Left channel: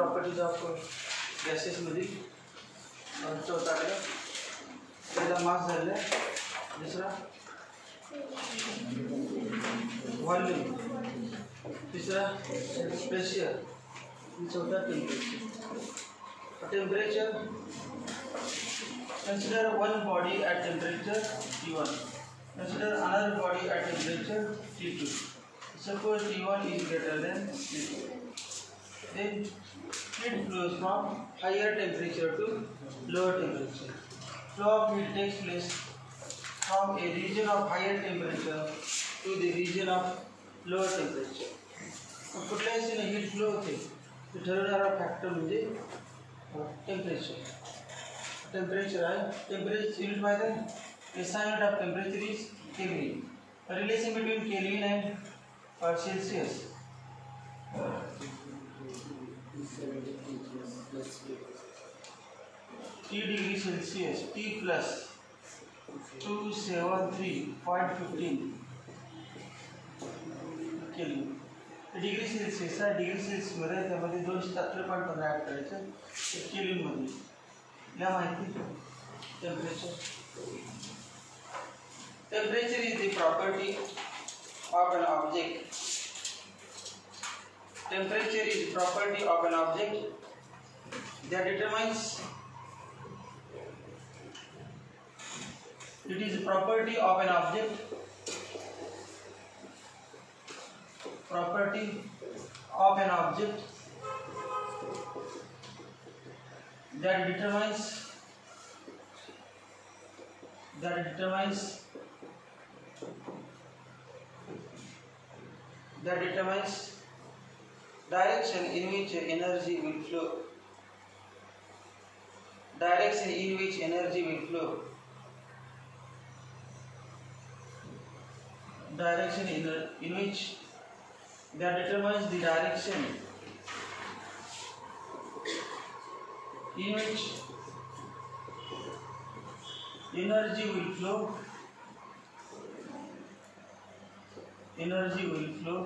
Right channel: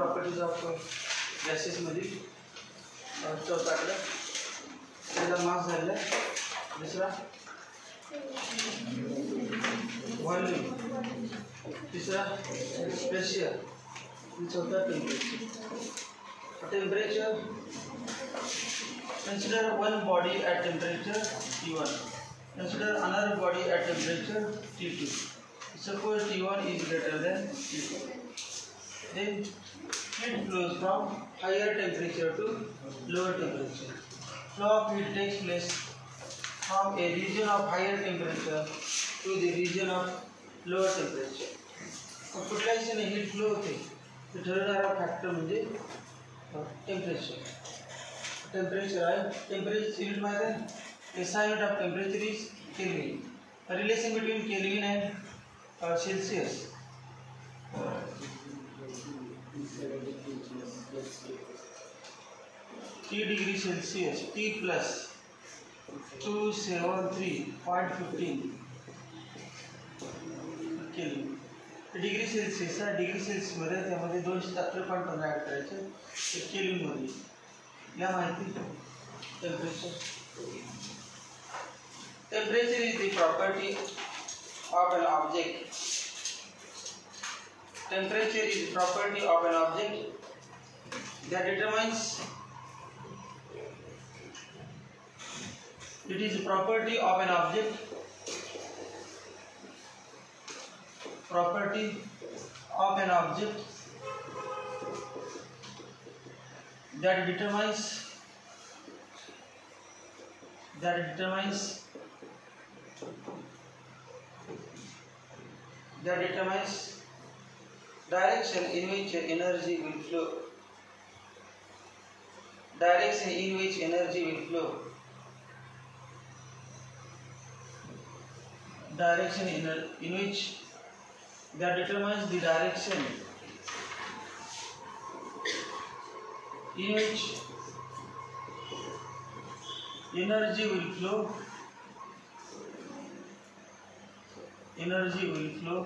Properties of गॅसेसमधील चौथाकडे पहिला मास झालेला आहे, दुसरा व्हॉल्यूम, तिसरा प्रेशर, चौथा temperature. Consider one body at temperature T1. Consider another body at temperature T2. Suppose T1 is greater than T2. Then heat flows from higher temperature to lower temperature. Flow of heat takes place from a region of higher temperature to the region of lower temperature. कुठल्याही दिशेने heat flow होते ते ठरवणारा फॅक्टर म्हणजे temperature. Temperature आहे, temperature unit माहिती आहे. SI unit of temperature is kelvin. Relation between kelvin and Celsius. T degree Celsius, T plus 273.15 kelvin. Degree Celsius आहे, डिग्री सेल्सियसमध्ये त्यामध्ये 270.15 ॲड करायचे केल्विनमध्ये. या माहिती temperature. Temperature is the property of an object. Temperature is property of an object that determines. It is property of an object. Property of an object that determines direction in which energy will flow. Direction in which energy will flow. Direction in which that determines the direction in which energy will flow. Energy will flow.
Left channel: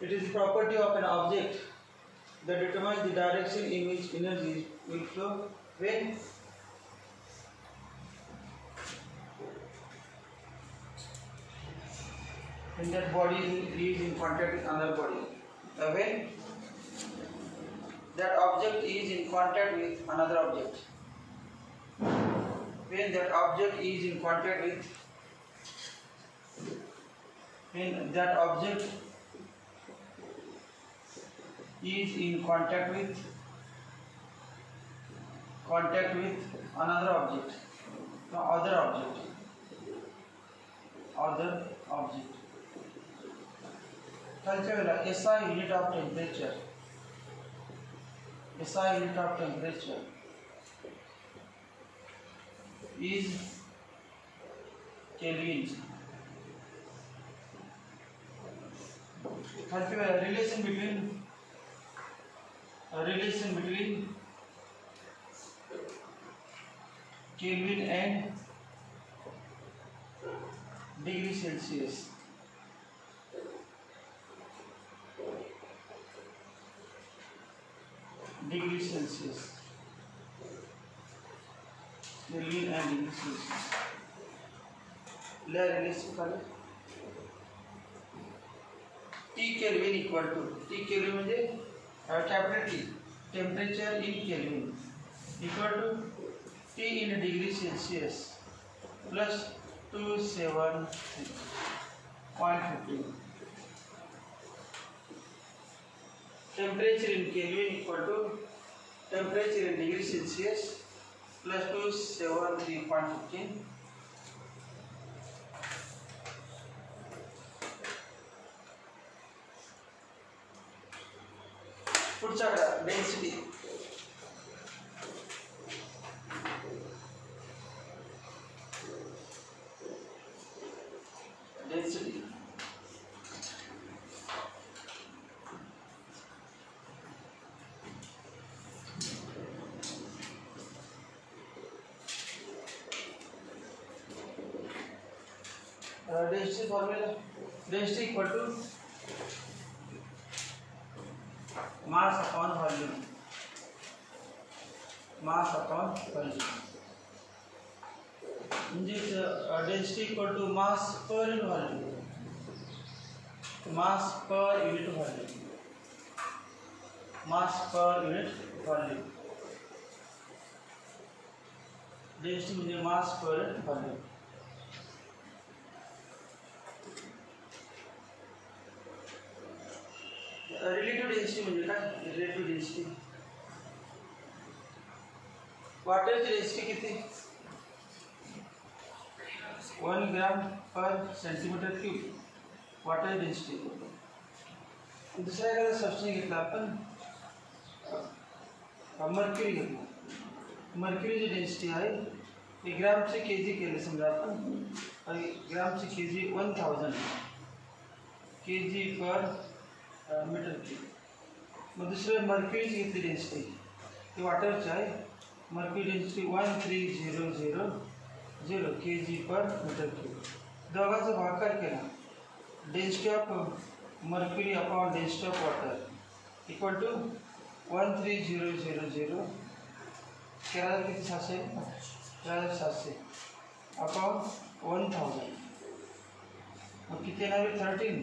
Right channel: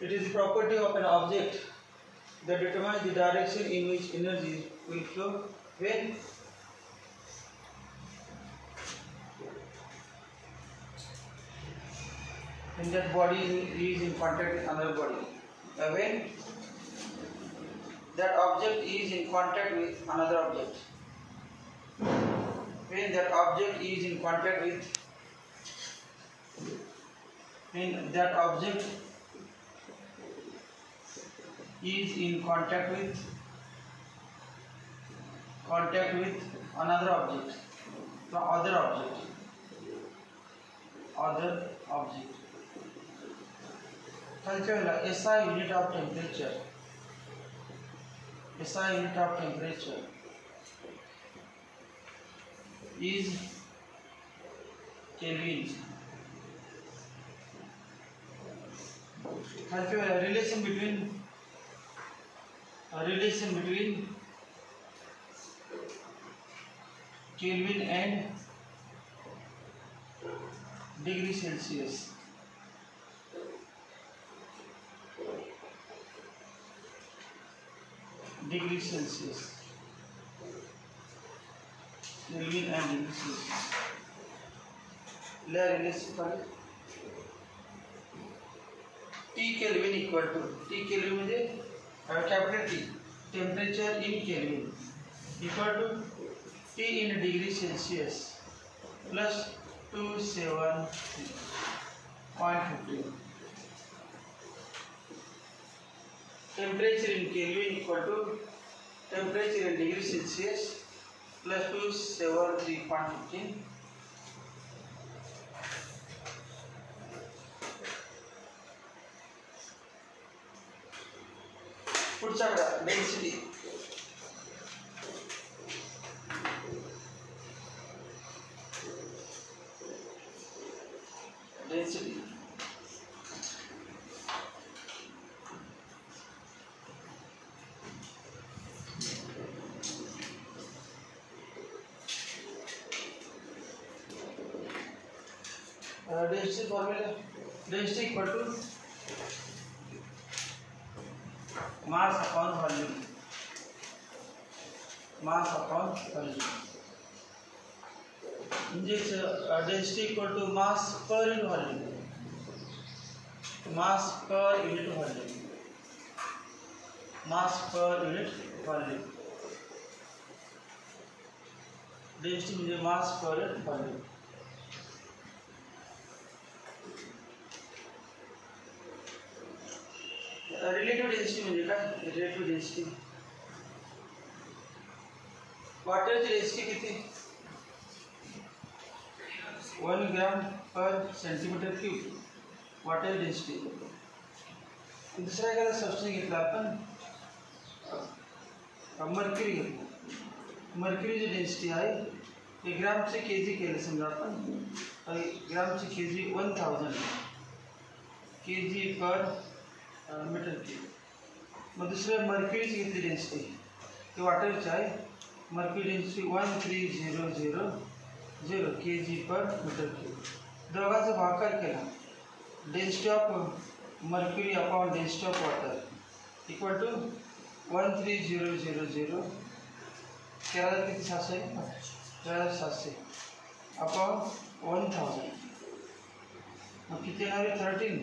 It is the property of an object that determines the direction in which energy will flow when that body is in contact with another body. When that object is in contact with another object. When that object is in contact with another object. No, other object. SI unit of temperature. SI unit of temperature is Kelvin. Relation between Kelvin and degree Celsius. Degree Celsius. Kelvin and degree Celsius. Relation करें. T Kelvin equal to T Kelvin म्हणजे capital T. Temperature in Kelvin equal to T in degree Celsius plus 273.15. Temperature in Kelvin equal to temperature in degree Celsius plus 273.15. पुढचा density. Density formula. Density equal to mass upon volume, mass upon volume. In this density equal to mass per unit volume, mass per unit volume, mass per unit volume. Density म्हणजे mass per unit volume. Relative density म्हणजे काय? Relative density, वॉटरची डेन्सिटी किती? 1 ग्राम पर centimetre cube water density. दुसरा एखादा सबस्टन्स घेतला आपण, मर्क्युरी घेतला. मर्क्युरीची डेन्सिटी आहे, हे ग्रामचे के जी केले समजा आपण, ग्रामचे के जी 1000 के जी पर मीटर क्यूब. मग दुसरे मर्क्युरीची घेतली डेन्सिटी, ती वॉटरची आहे, मर्क्युरी डेन्सिटी 13000 के जी पर मीटर क्यूब. दोघांचा भागाकार केला, density of mercury upon density of water equal to 13000 केला किती 700 700 अपॉन 1000. मग किती येणार आहे? 13.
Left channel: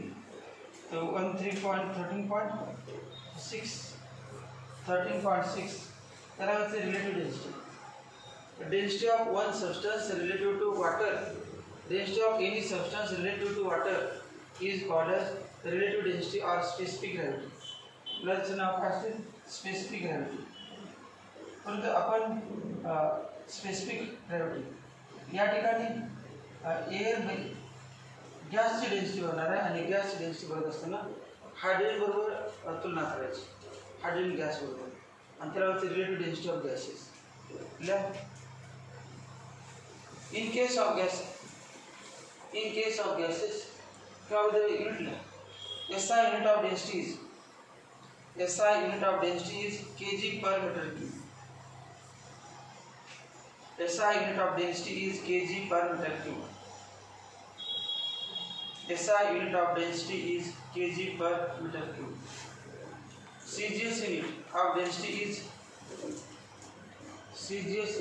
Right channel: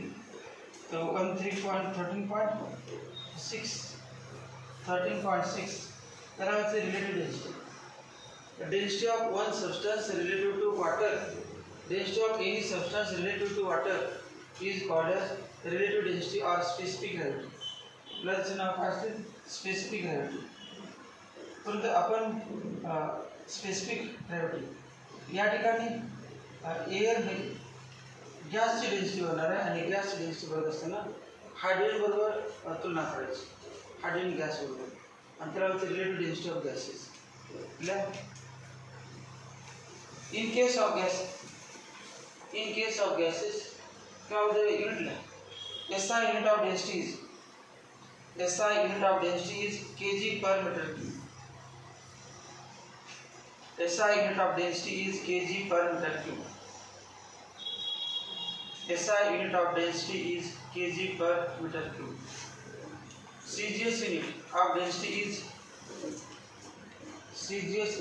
तो 13.6 त्याला relative density. Density of one substance relative to water, density of any substance relative to water is called as relative density or specific gravity. Plus नाव काय असते? Specific gravity. परंतु आपण स्पेसिफिक ग्रॅव्हिटी या ठिकाणी एअर गॅसची डेन्सिटी होणार आहे आणि गॅसची डेन्सिटी बघत असताना हायड्रोजन बरोबर तुलना करायची, हायड्रोजन गॅस बरोबर, आणि त्याला होते relative density of gases. In case of gases, क्या होता है? Unit SI unit of density is kg per meter cube. SI unit of density is kg per meter cube. SI unit of density is kg per meter cube. CGS unit of density is CGS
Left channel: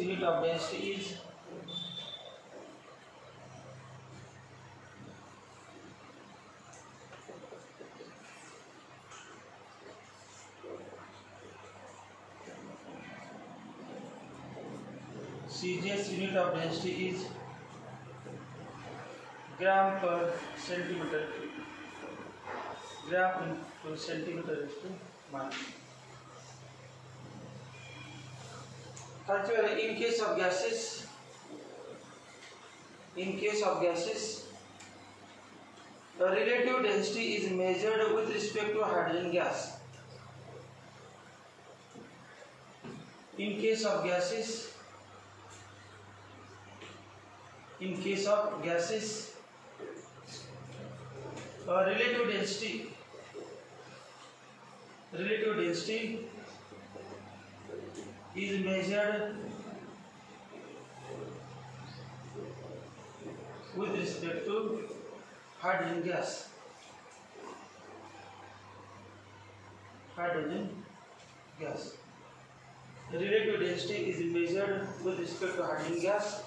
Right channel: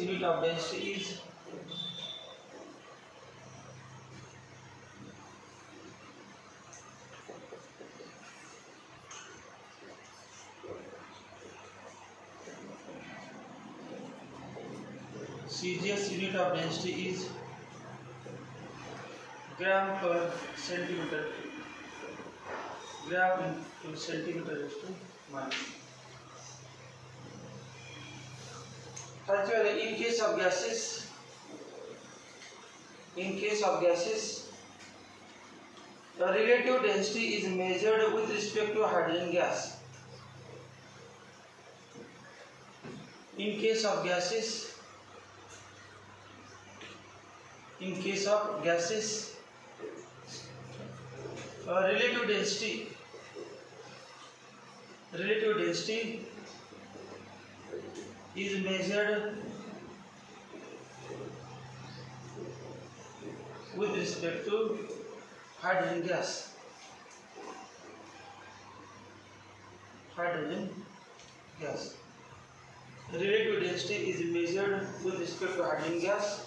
unit of density is gram per centimeter cube. Gram into centimeter is to minus. In case of gases, the relative density is measured with respect to hydrogen gas. In case of gases, relative density is measured with respect to hydrogen gas. Relative density is measured with respect to hydrogen gas,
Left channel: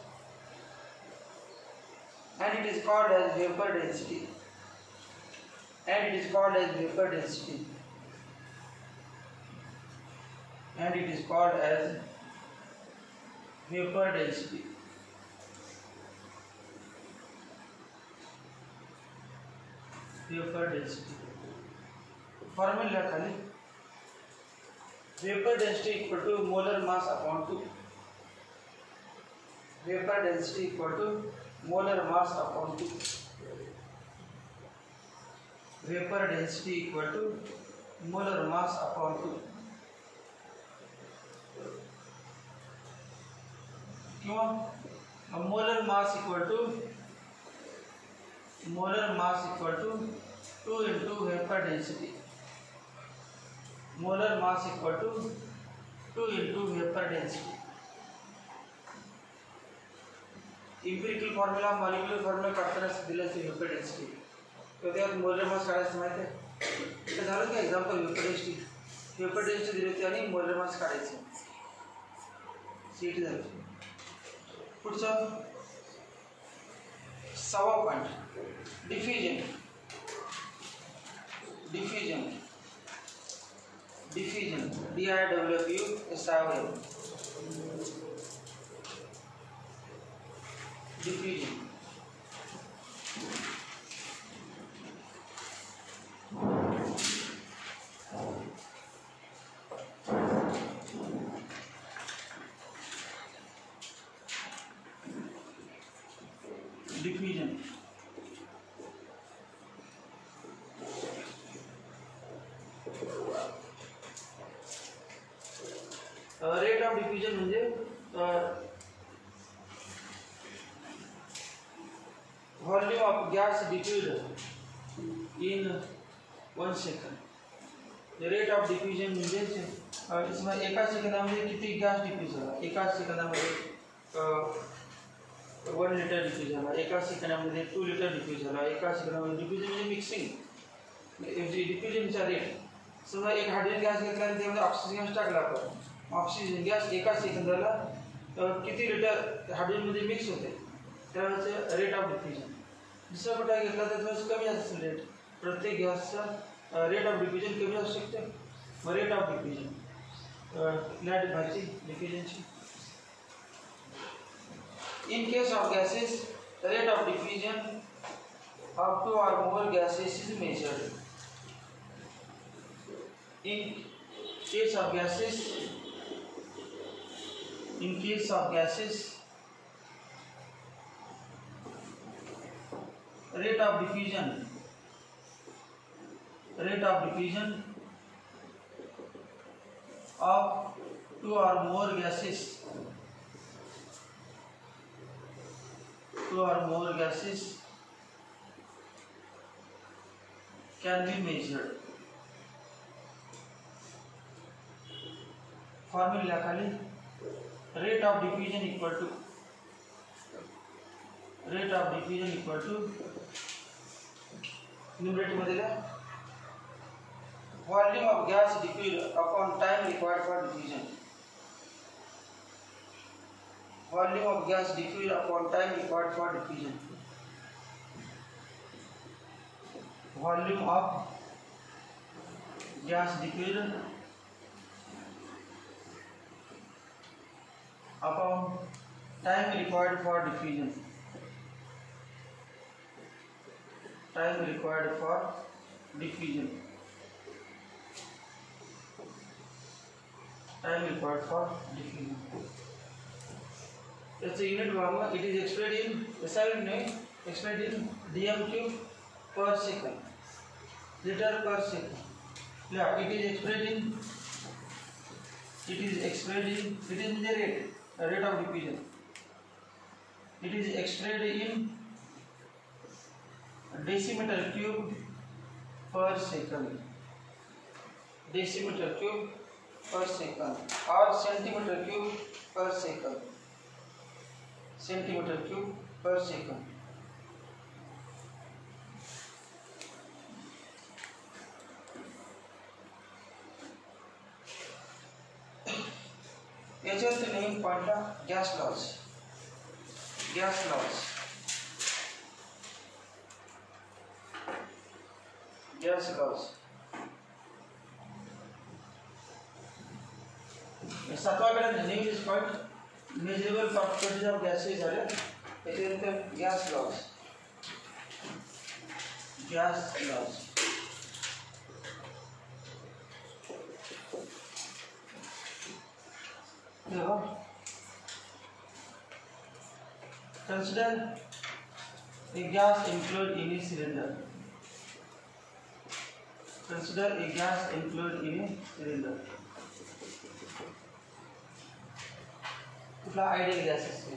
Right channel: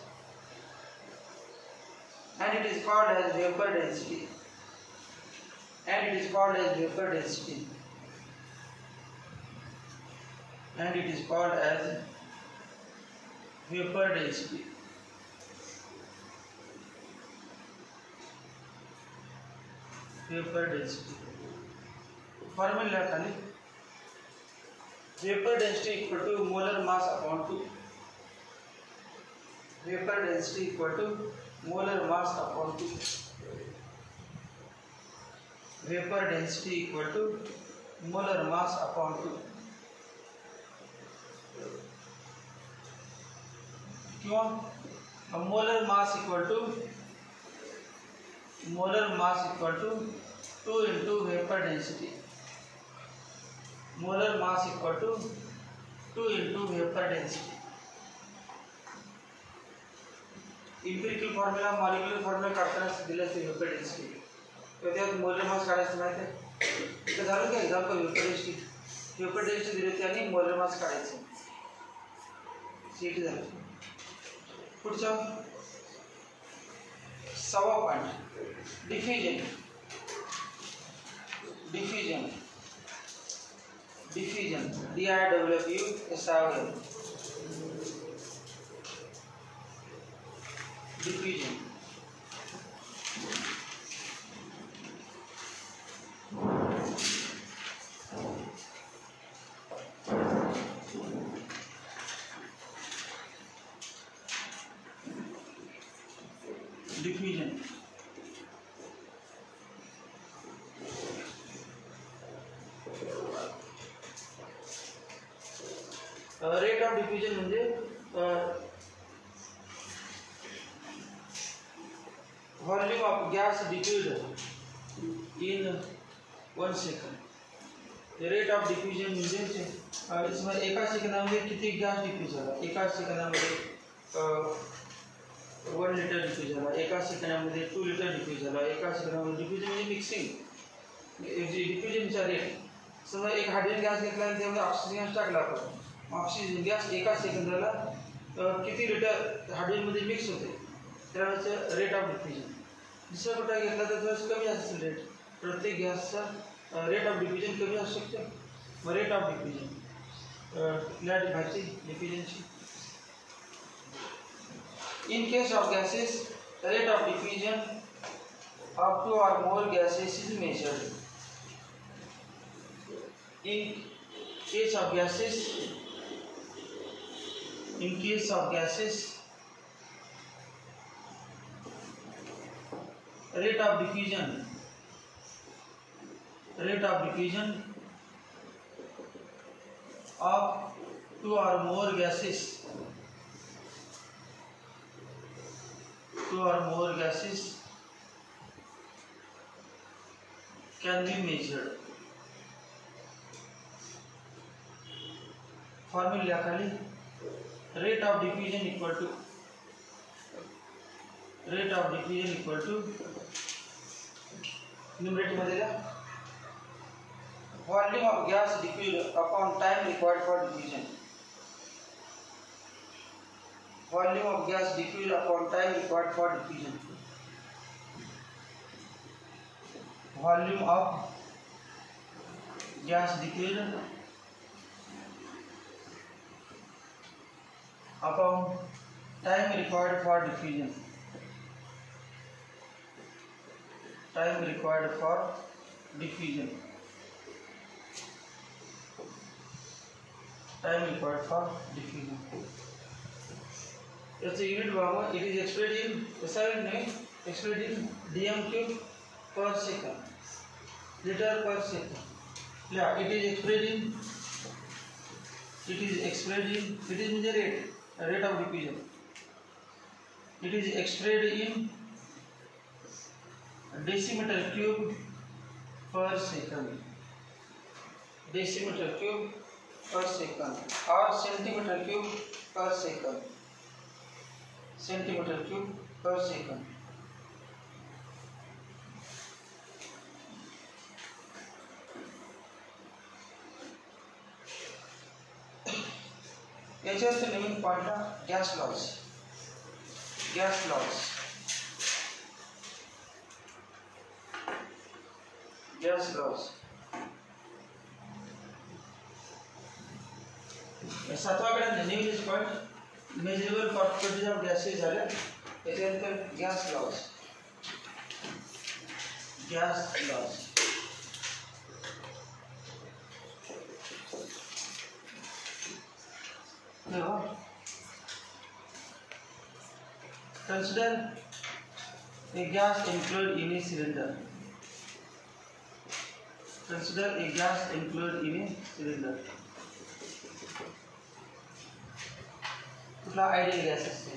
and it is called as vapor density. Formula खाली vapor density equal to molar mass upon 2. Vapor density equal to molar mass upon 2. Vapor density equal to molar mass upon 2. क्यों? Molar mass equal to 2 into vapor density. Molar mass equal to 2 into vapor density. Empirical formula, molecular formula काढताना दिलं ते vapor density. तर त्यात molar mass काढायचं माहिती आहे. तर झालं का example vapor density. Paper test दिली होती आणि मोलर मास काढायचं. सीट झालं. पुढचा 6वा point diffusion. Diffusion diffusion DIFFUSION. Diffusion diffusion rate of diffusion म्हणजे volume of gas diffuse in 1 second. Rate of diffusion म्हणजे इसमें एका सेकंदामध्ये किती गॅस डिफ्यूज झाला. एका सेकंदामध्ये 1 लिटर डिफ्यूज झाला. एका सेकंदामध्ये 2 लिटर डिफ्यूज झाला. एका सेकंदामध्ये डिफ्यूजन म्हणजे मिक्सिंग. डिफ्यूजनचा रेट समजा एक हायड्रोजन गॅस घेतला आणि त्यामध्ये ऑक्सिजन गॅस टाकला आपण. ऑक्सिजन गॅस एका सेकंदाला किती लिटर हायड्रोजनमध्ये मिक्स होते त्यावेळेचं रेट ऑफ डिफ्यूजन. दुसरा कुठला घेतला तर थोडंसं कमी असेल रेट. प्रत्येक गॅसचा रेट ऑफ डिफ्यूजन कमी असू शकते. मग रेट ऑफ डिफ्यूजन लॅट भाजी डिफ्यूजनची. In case of gases, the rate of diffusion of 2 or more gases is measured. In case of gases, rate of diffusion of 2 or more gases can be measured. Formula खाली rate of diffusion equal to numerator मध्ये लिहा volume of gas diffused upon time required for diffusion. Volume of gas diffused upon time required for diffusion. Volume of gas diffused upon time required for diffusion. Time required for diffusion. It's a unit bomber. It is expressed in dm cube per second, liter per second. Yeah, it is expressed in rate of diffusion. It is expressed in decimeter cube per second. Decimeter cube per second or centimeter cube per second. Centimeter cube per second. याच्यात नवीन पॉइंटला gas laws. सातवाकडे नवीन point measurable properties of gases झाले. त्याच्यानंतर gas laws. Consider a gas included in a cylinder. कुठला ideal gas असते.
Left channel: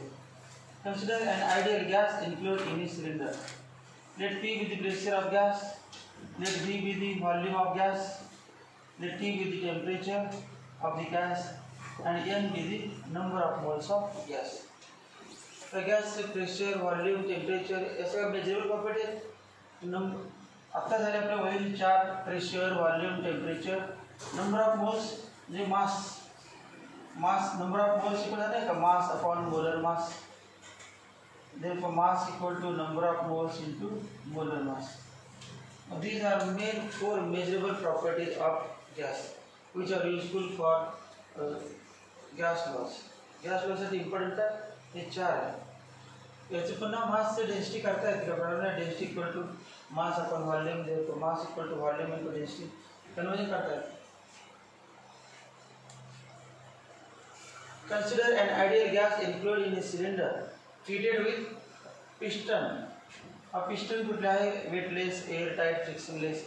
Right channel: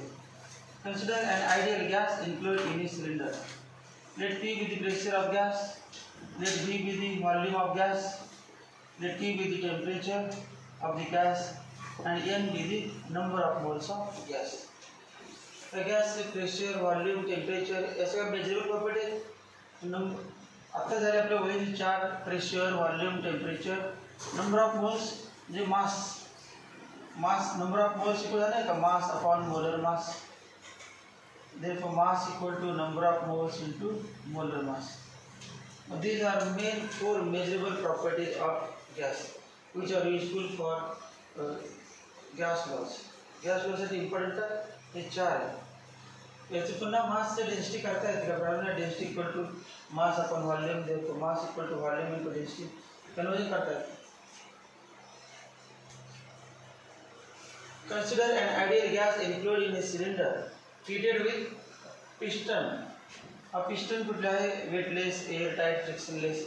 Consider an ideal gas included in a cylinder. Let P be the pressure of gas. Let V be the volume of gas. Let T be the temperature of the gas, and N be the number of moles of gas. The gas pressure, volume, temperature ऐसे measurable property आता झाले आपल्या वरील 4 pressure, volume, temperature number of moles J mass number of moles equal है ना mass upon molar mass. Therefore mass equal to number of moles into molar mass. These are main four measurable properties of gas which are useful for gas laws. gas laws साठी important हे चार आहे. याचे पुन्हा मास से डेन्सिटी करता येते का बरोबर density equal to mass upon volume देतो mass equal to volume into density conversion करता येते. Consider an ideal gas included in a cylinder fitted with piston. हा पिस्टन कुठला आहे weightless air tight frictionless.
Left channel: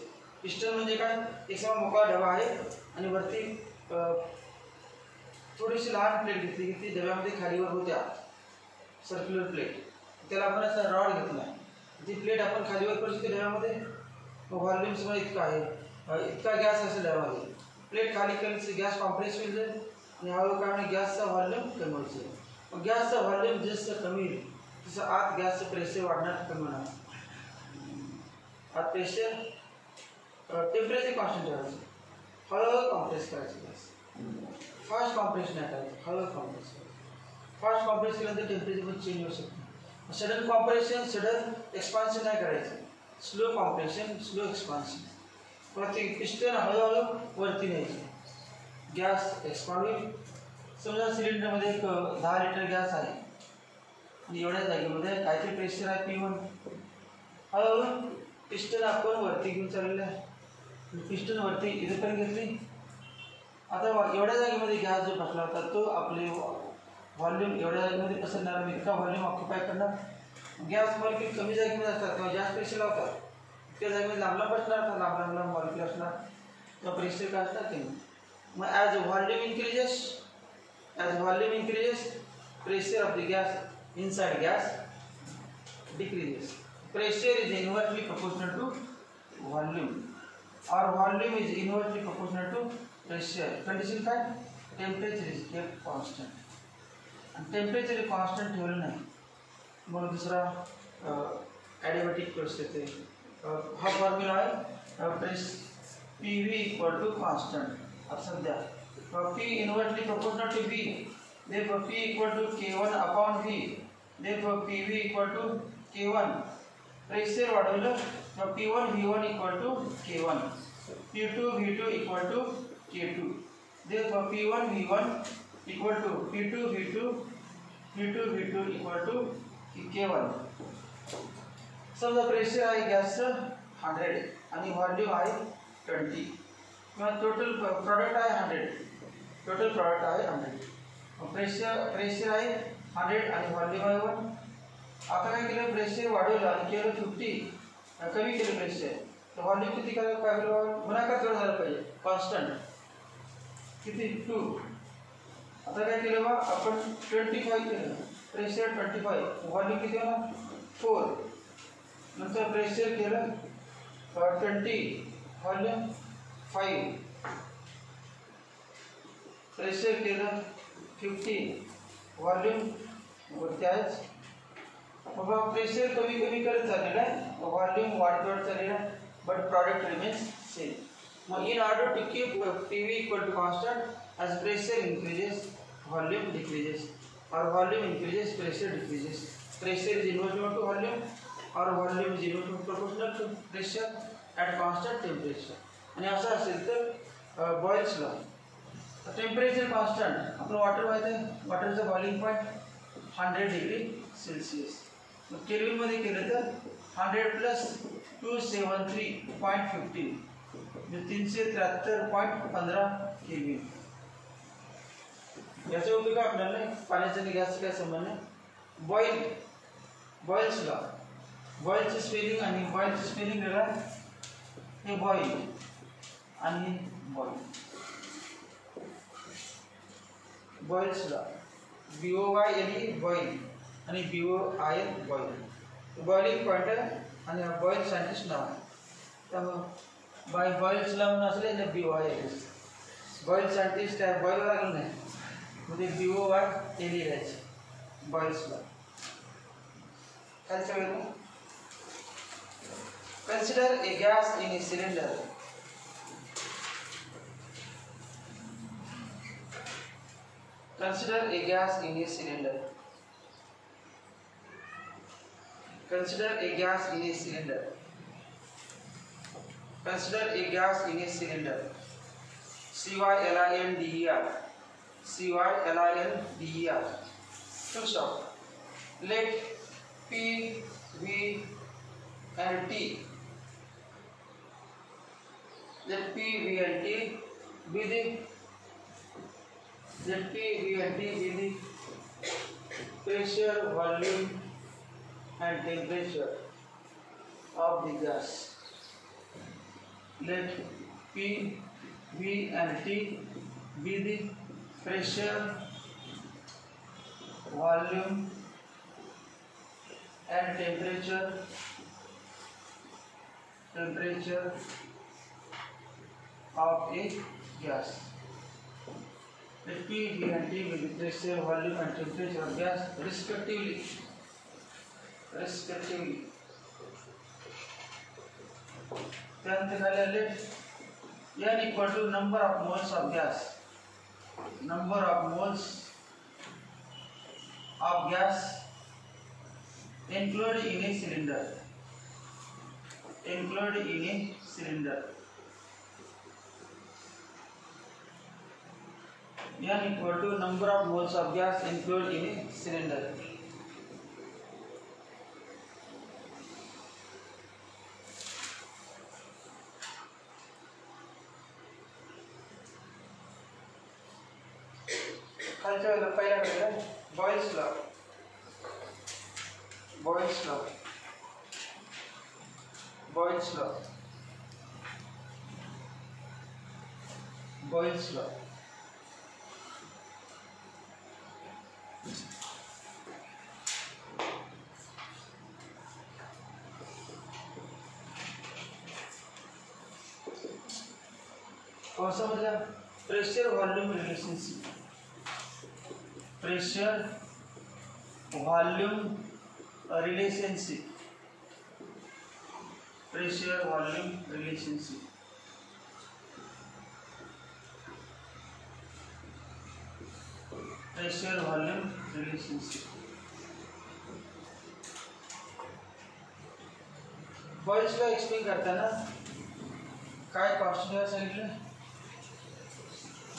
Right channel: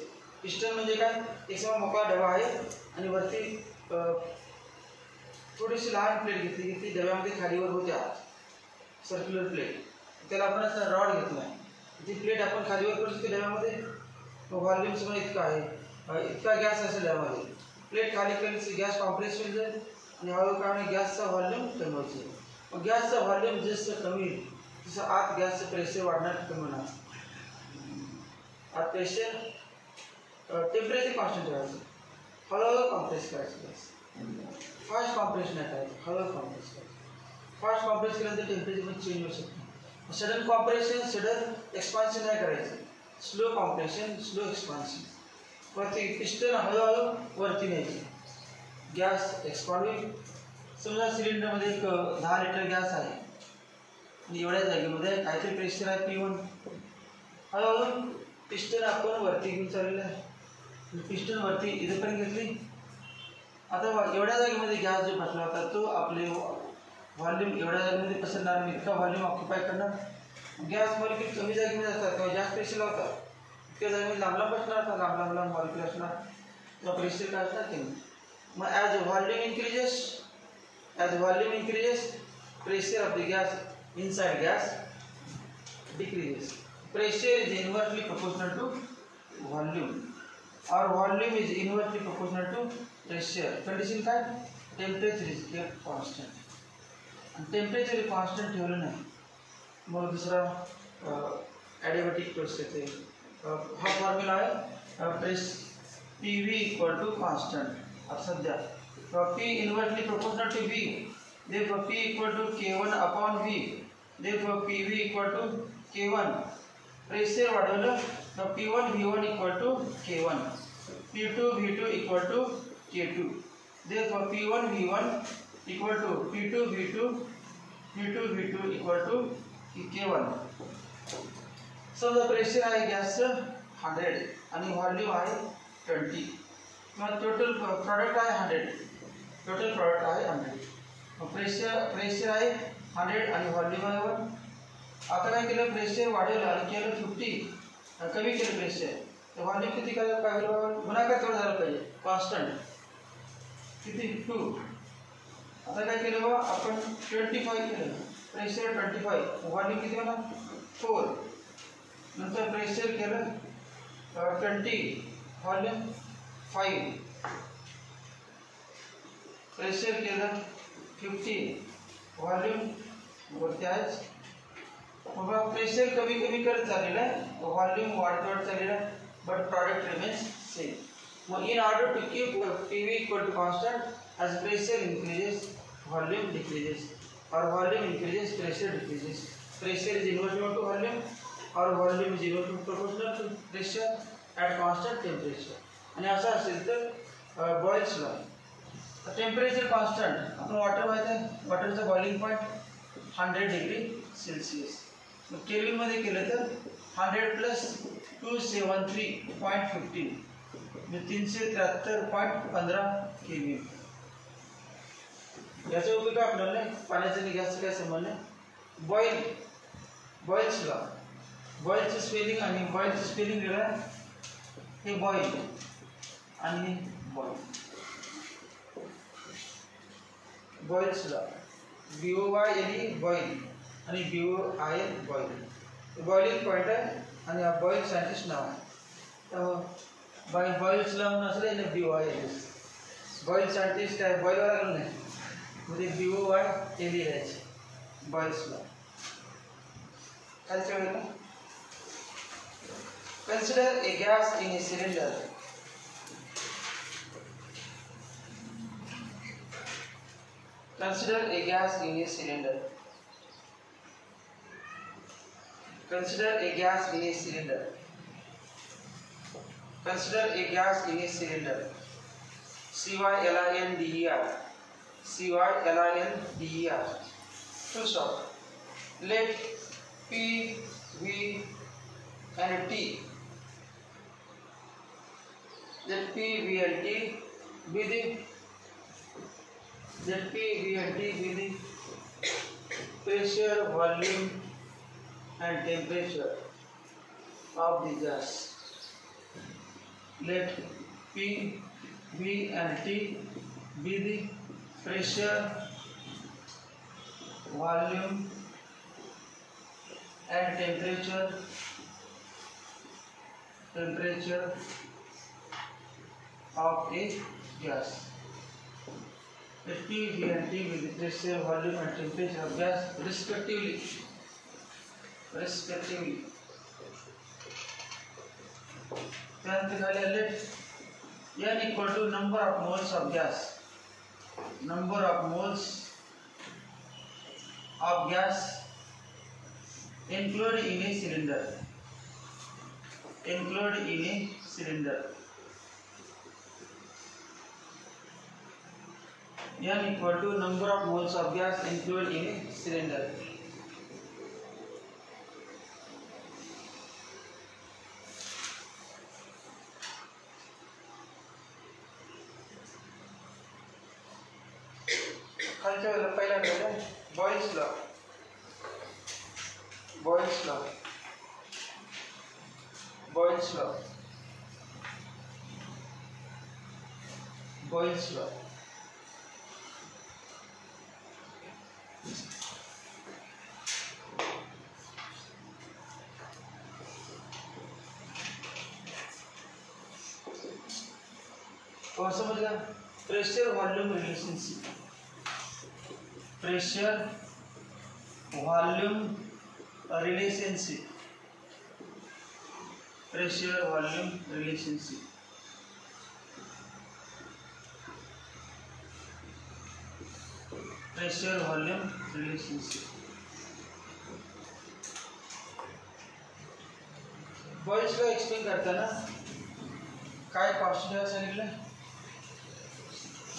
Piston म्हणजे काय एक समान मोकळा डबा आहे आणि वरती थोडीशी लहान प्लेट घेतली की ती डब्यामध्ये खालीवर होत्या सर्क्युलर प्लेट त्याला आपण असा रॉड घेतला ती प्लेट आपण खालीवर करू शकतो डब्यामध्ये व्हॉल्यूम समजा इतका आहे इतका गॅस असेल डब्यामध्ये प्लेट खाली केली गॅस कॉम्प्रेस होईल जाईल आणि हळूहळू काय गॅसचा व्हॉल्यूम कमी व्हायचं. गॅसचा व्हॉल्यूम जसं कमी होईल तसं आत गॅसचं प्रेशर वाढणार कमी होणार. आत प्रेशर टेम्परेचर कॉन्स्टंट ठेवायचं हळूहळू कॉम्प्रेस करायचं गॅस. फास्ट कॉम्प्रेस नाही करायचं हळूहळू कॉम्प्रेस करायचं. फास्ट कॉम्प्रेस केल्यानंतर टेम्परेचर पण चेंज होऊ शकतो. सडन कॉम्प्रेशन सडन एक्सपान्शन नाही करायचं. Slow compression slow expansion. वरती पिस्टन हळूहळू वरती न्यायची गॅस एक्सपांड होईल. समजा सिलेंडरमध्ये एक 10 लिटर गॅस आहे आणि एवढ्या जागेमध्ये काहीतरी प्रेशर आहे P1. हळूहळू पिस्टन आपण वरती घेऊन चाललेलं आहे. पिस्टन वरती इथेपर्यंत घेतली. आता एवढ्या जागेमध्ये गॅस जो बसला होता तो आपले व्हॉल्यूम एवढ्या जागेमध्ये पसरणार आणि इतका व्हॉल्यूम ऑक्युपाय करणार. गॅस मॉलिक्यूल कमी जागेमध्ये असतात तेव्हा जास्त प्रेशर लावतात इतक्या जागेमध्ये लांब लांब बसणार लांब मॉलिक्यूल असणार तेव्हा प्रेशर काय असणार ते. मग as volume increases pressure of the gas inside gas decreases. Pressure is inversely proportional to volume or volume is inversely proportional to pressure. Condition काय temperature is kept constant and temperature constant ठेवलं नाही मग दुसरा adiabatic process आहे. हा फॉर्म्युला आहे PV equal to constant. अब सध्या P inversely proportional to V. Therefore P equal to K1 upon V. Therefore PV equal to K1. Pressure वाढवलं तर P1 V1 equal to K1. P2 V2 equal to K2. Therefore P1 V1 equal to P2 V2 V2 equal to K1. समजा प्रेशर आहे गॅसचं 100 आणि व्हॉल्यूम आहे 20. मग total product आहे 100. Total product आहे 100. प्रेशर आहे 100 आणि व्हॉल्यूम आहे 1. आता काय केलं प्रेशर वाढवलं आणि केलं 50 कमी केलं प्रेशर तर व्हॉल्यूम किती करायला पाहिजे गुणाकार तेवढं झालं पाहिजे कॉन्स्टंट किती 2. आता काय केलं बा आपण 25 केलं प्रेशर 25 व्हॉल्यूम किती होणार 4. नंतर प्रेशर केलं 20 व्हॉल्यूम 5. प्रेशर केलं 50 व्हॉल्यूम वरती आहेच. मग प्रेशर कमी करत चाललेलं आहे व्हॉल्यूम वाढत चाललेलं आहे बट प्रॉडक्ट रिमेन्स सेम. मग in order to keep PV equal to constant as pressure increases volume decreases or volume increases pressure decreases. Pressure is inversely to volume or volume is inversely proportional to pressure at constant temperature. आणि असं असेल तर Boyle's law temperature constant आपण वॉटर माहिती आहे वॉटरचं boiling point 100 degree Celsius. मग केल्विनमध्ये केलं तर 100 प्लस 273.15 म्हणजे 373.15 केल्विन. याचा उपयोग आपल्याला पाण्याचा आणि गॅसचा काय संबंध बॉइल्स लॉ बॉइलचं स्पेलिंग आणि बॉइलचं स्पेलिंग वेगळं हे बॉइल आणि बॉइल्स लॉ BOYLE बॉइल आणि BOIL बॉइल बॉइलिंग पॉईंट आहे आणि बॉइल सायंटिस्ट नाव आहे त्यामुळे बॉइल्स लॉ म्हणून असलं ना BOIL बॉइल सायंटिस्ट आहे बॉइलवर लागलं नाही मध्ये BOILE लिहायचे बॉइल्स लॉ. खालच्या वेळेला consider a gas in a cylinder Consider a gas in a cylinder. Consider a gas in a cylinder. Consider a gas in a cylinder. cylinder. cylinder. Full stop. Let P, V, and T. Let P, V, and T be the pressure, volume, and temperature of the gas. Let P, V, and T be the pressure, volume, and temperature of a gas. Let P, V, and T be the pressure, volume, and temperature of gas respectively. Then let N equal to number of moles of gas. Number of moles of gas included in a cylinder. N equal to number of moles of gas included in a cylinder. पहिला करेगा Boyle's law. कौन सा बन गया? Pressure volume relationship. Pressure volume relationship. Boyle's law explain करता ना काय कॉन्स्टेंट सांगितलं.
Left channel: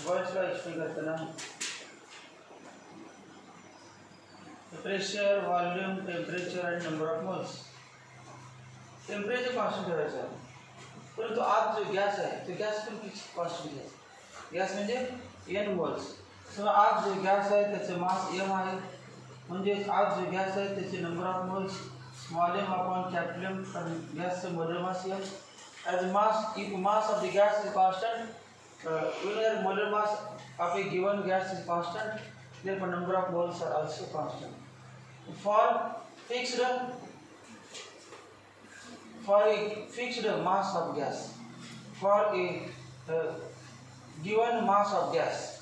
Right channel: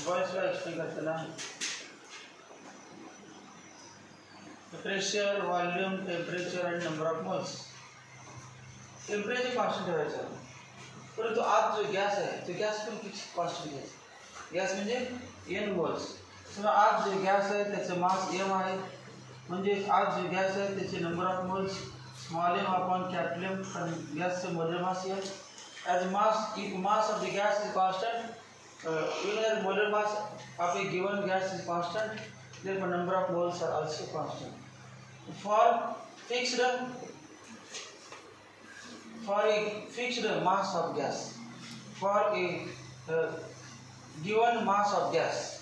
Boyle's law एक्सप्लेन करता ना pressure, volume, temperature and number of moles. Temperature constant ठेवायचा, परंतु आज जो गॅस आहे तो गॅस पण कॉन्स्टंट घ्यायचा. गॅस म्हणजे n मोल्स. समजा आज जो गॅस आहे त्याचे मास m आहे, म्हणजे आज जो गॅस आहे त्याचे number of moles small m upon capital M, कारण गॅसचे molar mass m. As mass of the gas is constant, whenever molar mass of a given gas is constant, therefore number of moles are also constant. For a fixed mass of gas, for a given mass of gas,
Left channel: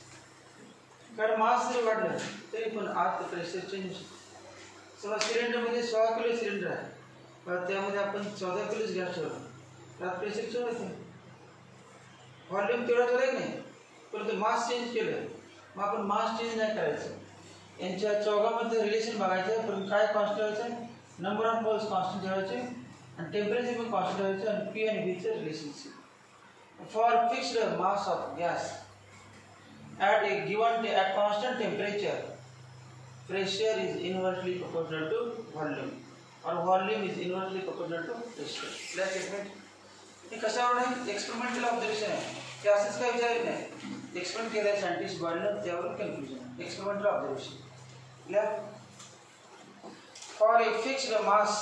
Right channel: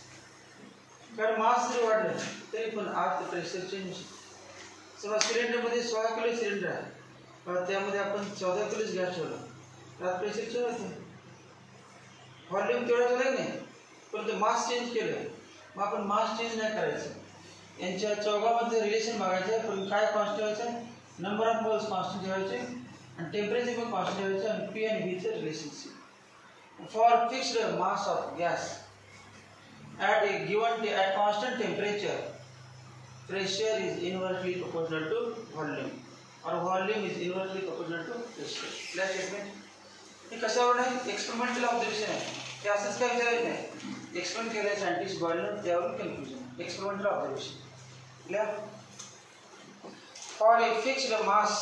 कारण मास जरी वाढलं तरी पण आत pressure change. समजा सिलेंडरमध्ये 16 kilo cylinder आहे, त्यामध्ये आपण 14 किलोच गॅस ठेवला तर आत प्रेशर चेंज होते. व्हॉल्यूम तेवढा ठेवला की नाही, परंतु मास चेंज केलं. मग आपण मास चेंज नाही करायचं, यांच्या चौघामध्ये रिलेशन बघायचं. पण काय कॉन्स्टंट ठेवायचं? नंबर ऑफ मोल्स कॉन्स्टंट ठेवायचे आणि टेम्परेचर पण कॉन्स्टंट ठेवायचं आणि पी आणि व्हीचं relationship. For fixed mass of gas at constant temperature, pressure is inversely proportional to volume or volume is inversely proportional to pressure. Clear statement. हे कशावर आहे? एक्सपेरिमेंटल ऑब्झर्वेशन आहे. ते असंच काय विचारत नाही, एक्सपेरिमेंट केलं सायंटिस्ट बॉयलनं, त्यावरून confusion. Experimental observation. Clear? For a fixed mass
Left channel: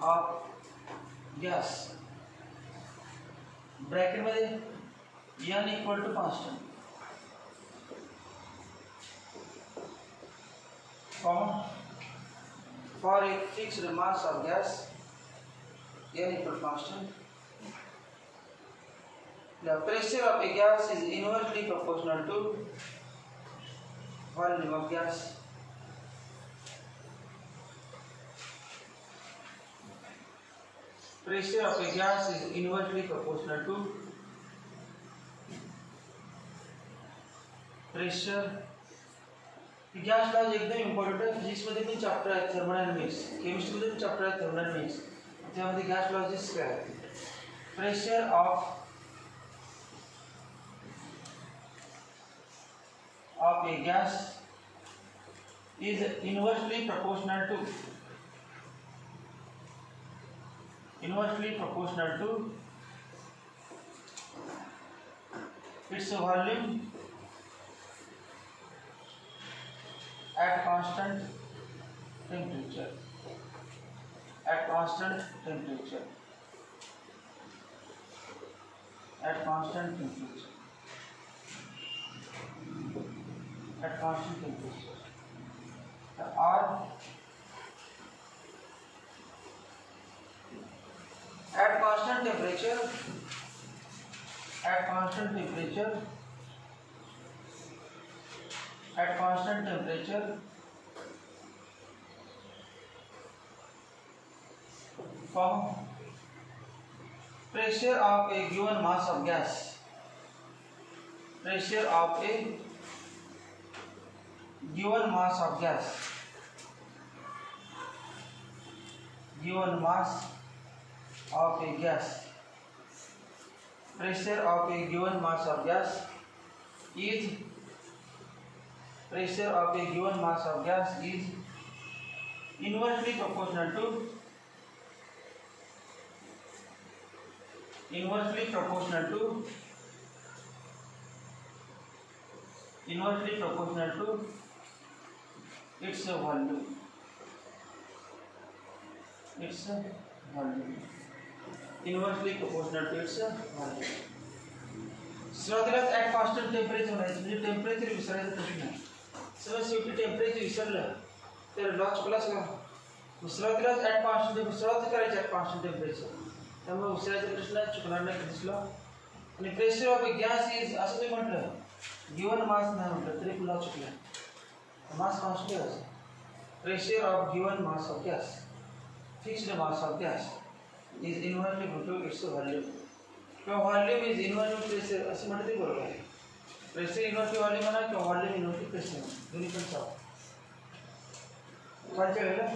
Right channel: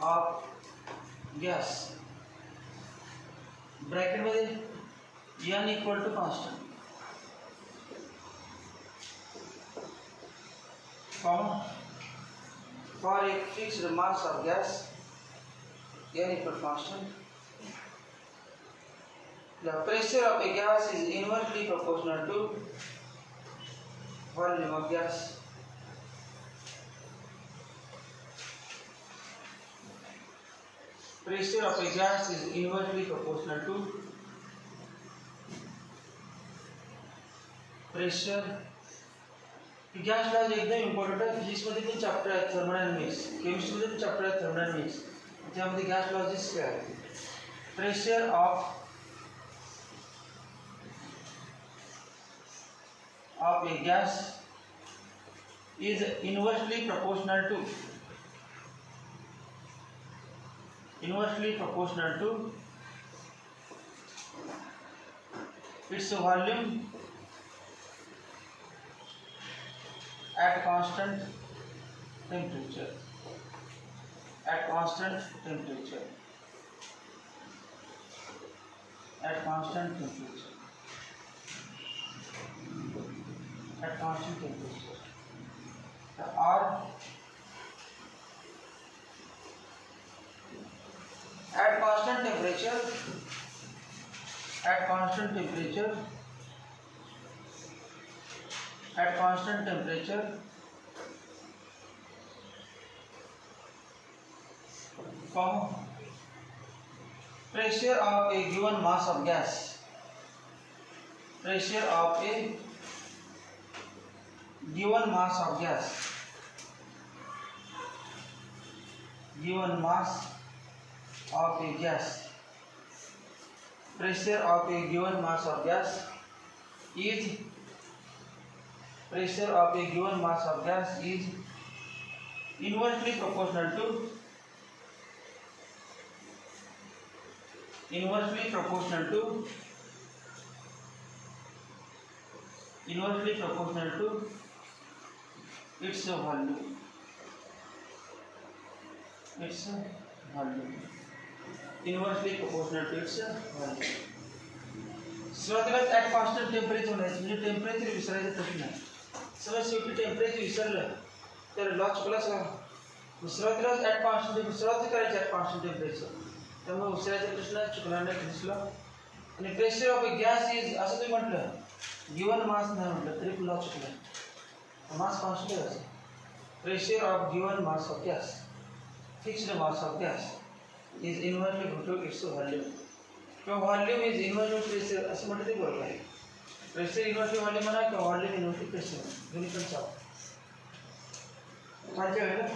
of gas, bracket मध्ये n equal to constant, for a fixed mass of gas n equal to constant, the pressure of a gas is inversely proportional to volume of gas. pressure of a gas is inversely proportional to pressure. Gas laws एकदम important आहे. फिजिक्समध्ये पण चॅप्टर आहे थर्मोडायनॅमिक्स, केमिस्ट्रीमध्ये पण चॅप्टर आहे थर्मोडायनॅमिक्स. त्यामध्ये gas lodges काय आहे? Pressure of a gas is inversely proportional to its volume at constant temperature. At constant temperature. At constant temperature. At constant temperature. Or at constant temperature. At constant temperature. At constant temperature. Pressure of a given mass of gas. Pressure of a given mass of gas. Given mass of a gas. Pressure of a given mass of gas is pressure of a given mass of gas is inversely proportional to its volume. Inversely proportional to its volume. सुरुवातीला at constant temperature म्हणायचं, म्हणजे टेम्परेचर विसरायचं प्रश्न आहे. समज शेवटी टेम्परेचर विसरलं तर लॉ चुकला सगळा. सुरुवातीलाच ॲट कॉन्स्टंट टेम्परेचर सुरुवात करायची ॲट कॉन्स्टंट टेम्परेचर, त्यामुळे विसरायचा प्रश्न चुकणार नाही दिसला. आणि pressure of a gas is असं तुम्ही म्हटलं, गिवन मास नाही म्हटलं तरी लॉ चुकला. मास कॉन्स्टंट आहे. Pressure of given mass of gas, fixed mass of gas, is inversely proportional to its volume. किंवा volume is inversely pressure असं म्हटलं ते बरोबर आहे. प्रेशर इन्व्हर्सली व्हॉल्यूम म्हणा किंवा व्हॉल्यूम इन्व्हर्सली प्रेशर, दोन्ही पण चालतं. खालच्या वेळेला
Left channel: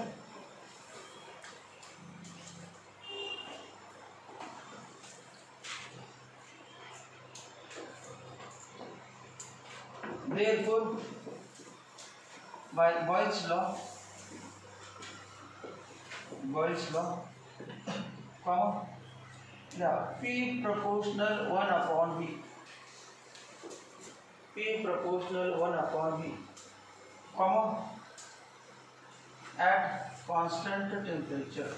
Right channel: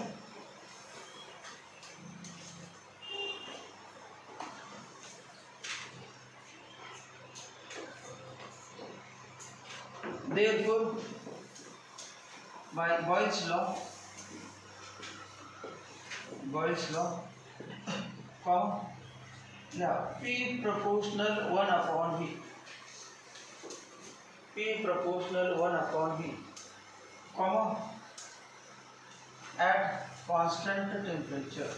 therefore by Boyle's law, P proportional 1 upon V. P proportional 1 upon V, at constant temperature.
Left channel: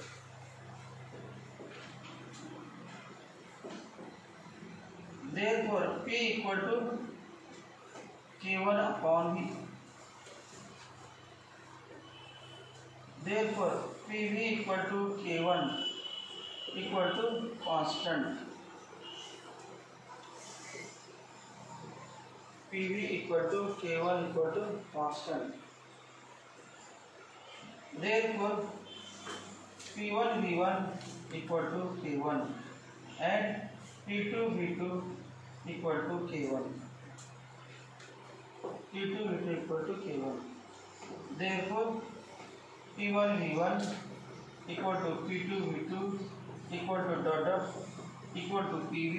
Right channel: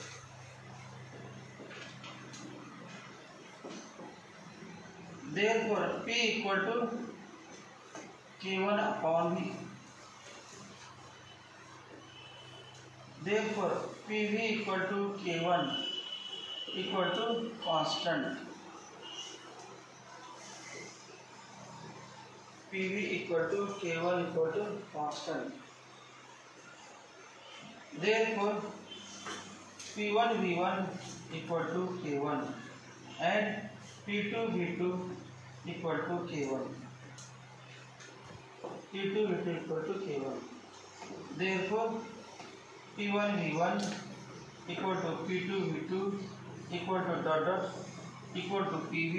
Therefore, P equal to K1 upon V. Therefore, PV equal to K1 equal to constant. PV equal to K1 equal to constant. Therefore, P1 V1 equal to K1 and P2 V2 equal to K1. P2 V2 equal to K1. Therefore, P1 V1 equal to P2 V2 equal to dot equal to PV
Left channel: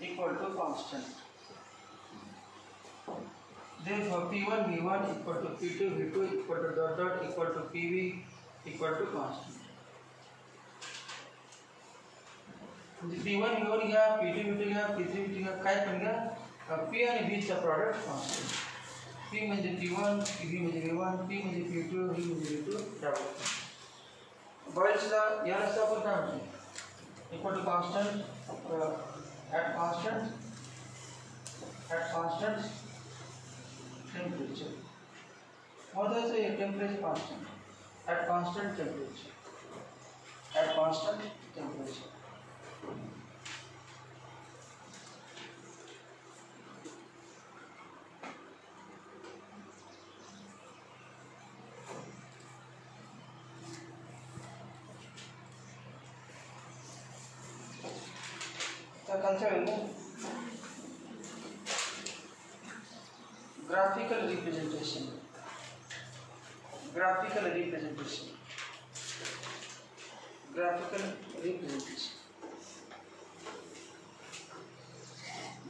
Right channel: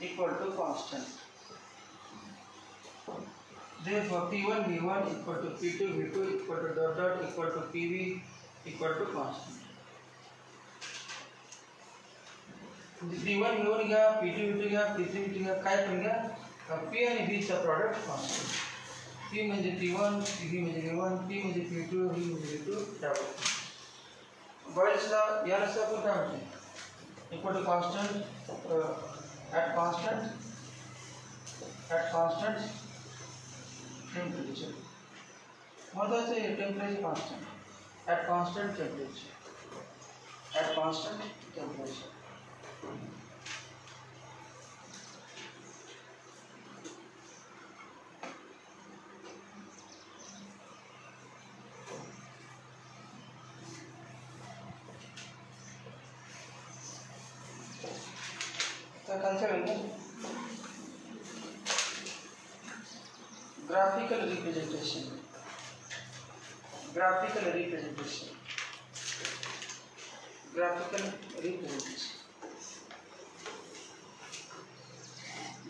equal to constant. Therefore, P1 V1 equal to P2 V2 equal to dot equal to PV equal to constant. P1 V1 घ्या, P2 V2 घ्या, P3 V3 घ्या, काय पण घ्या, P आणि V चा product constant. P म्हणजे P1, V म्हणजे V1, P म्हणजे P2, V म्हणजे V2 त्यावर. बॉयल्स लॉ याला आपण काय म्हणतो? Equal to constant at constant temperature. महत्त्वाचं आहे temperature constant at constant temperature. तर खालच्या graphical representation, graphical representation, graphical representation,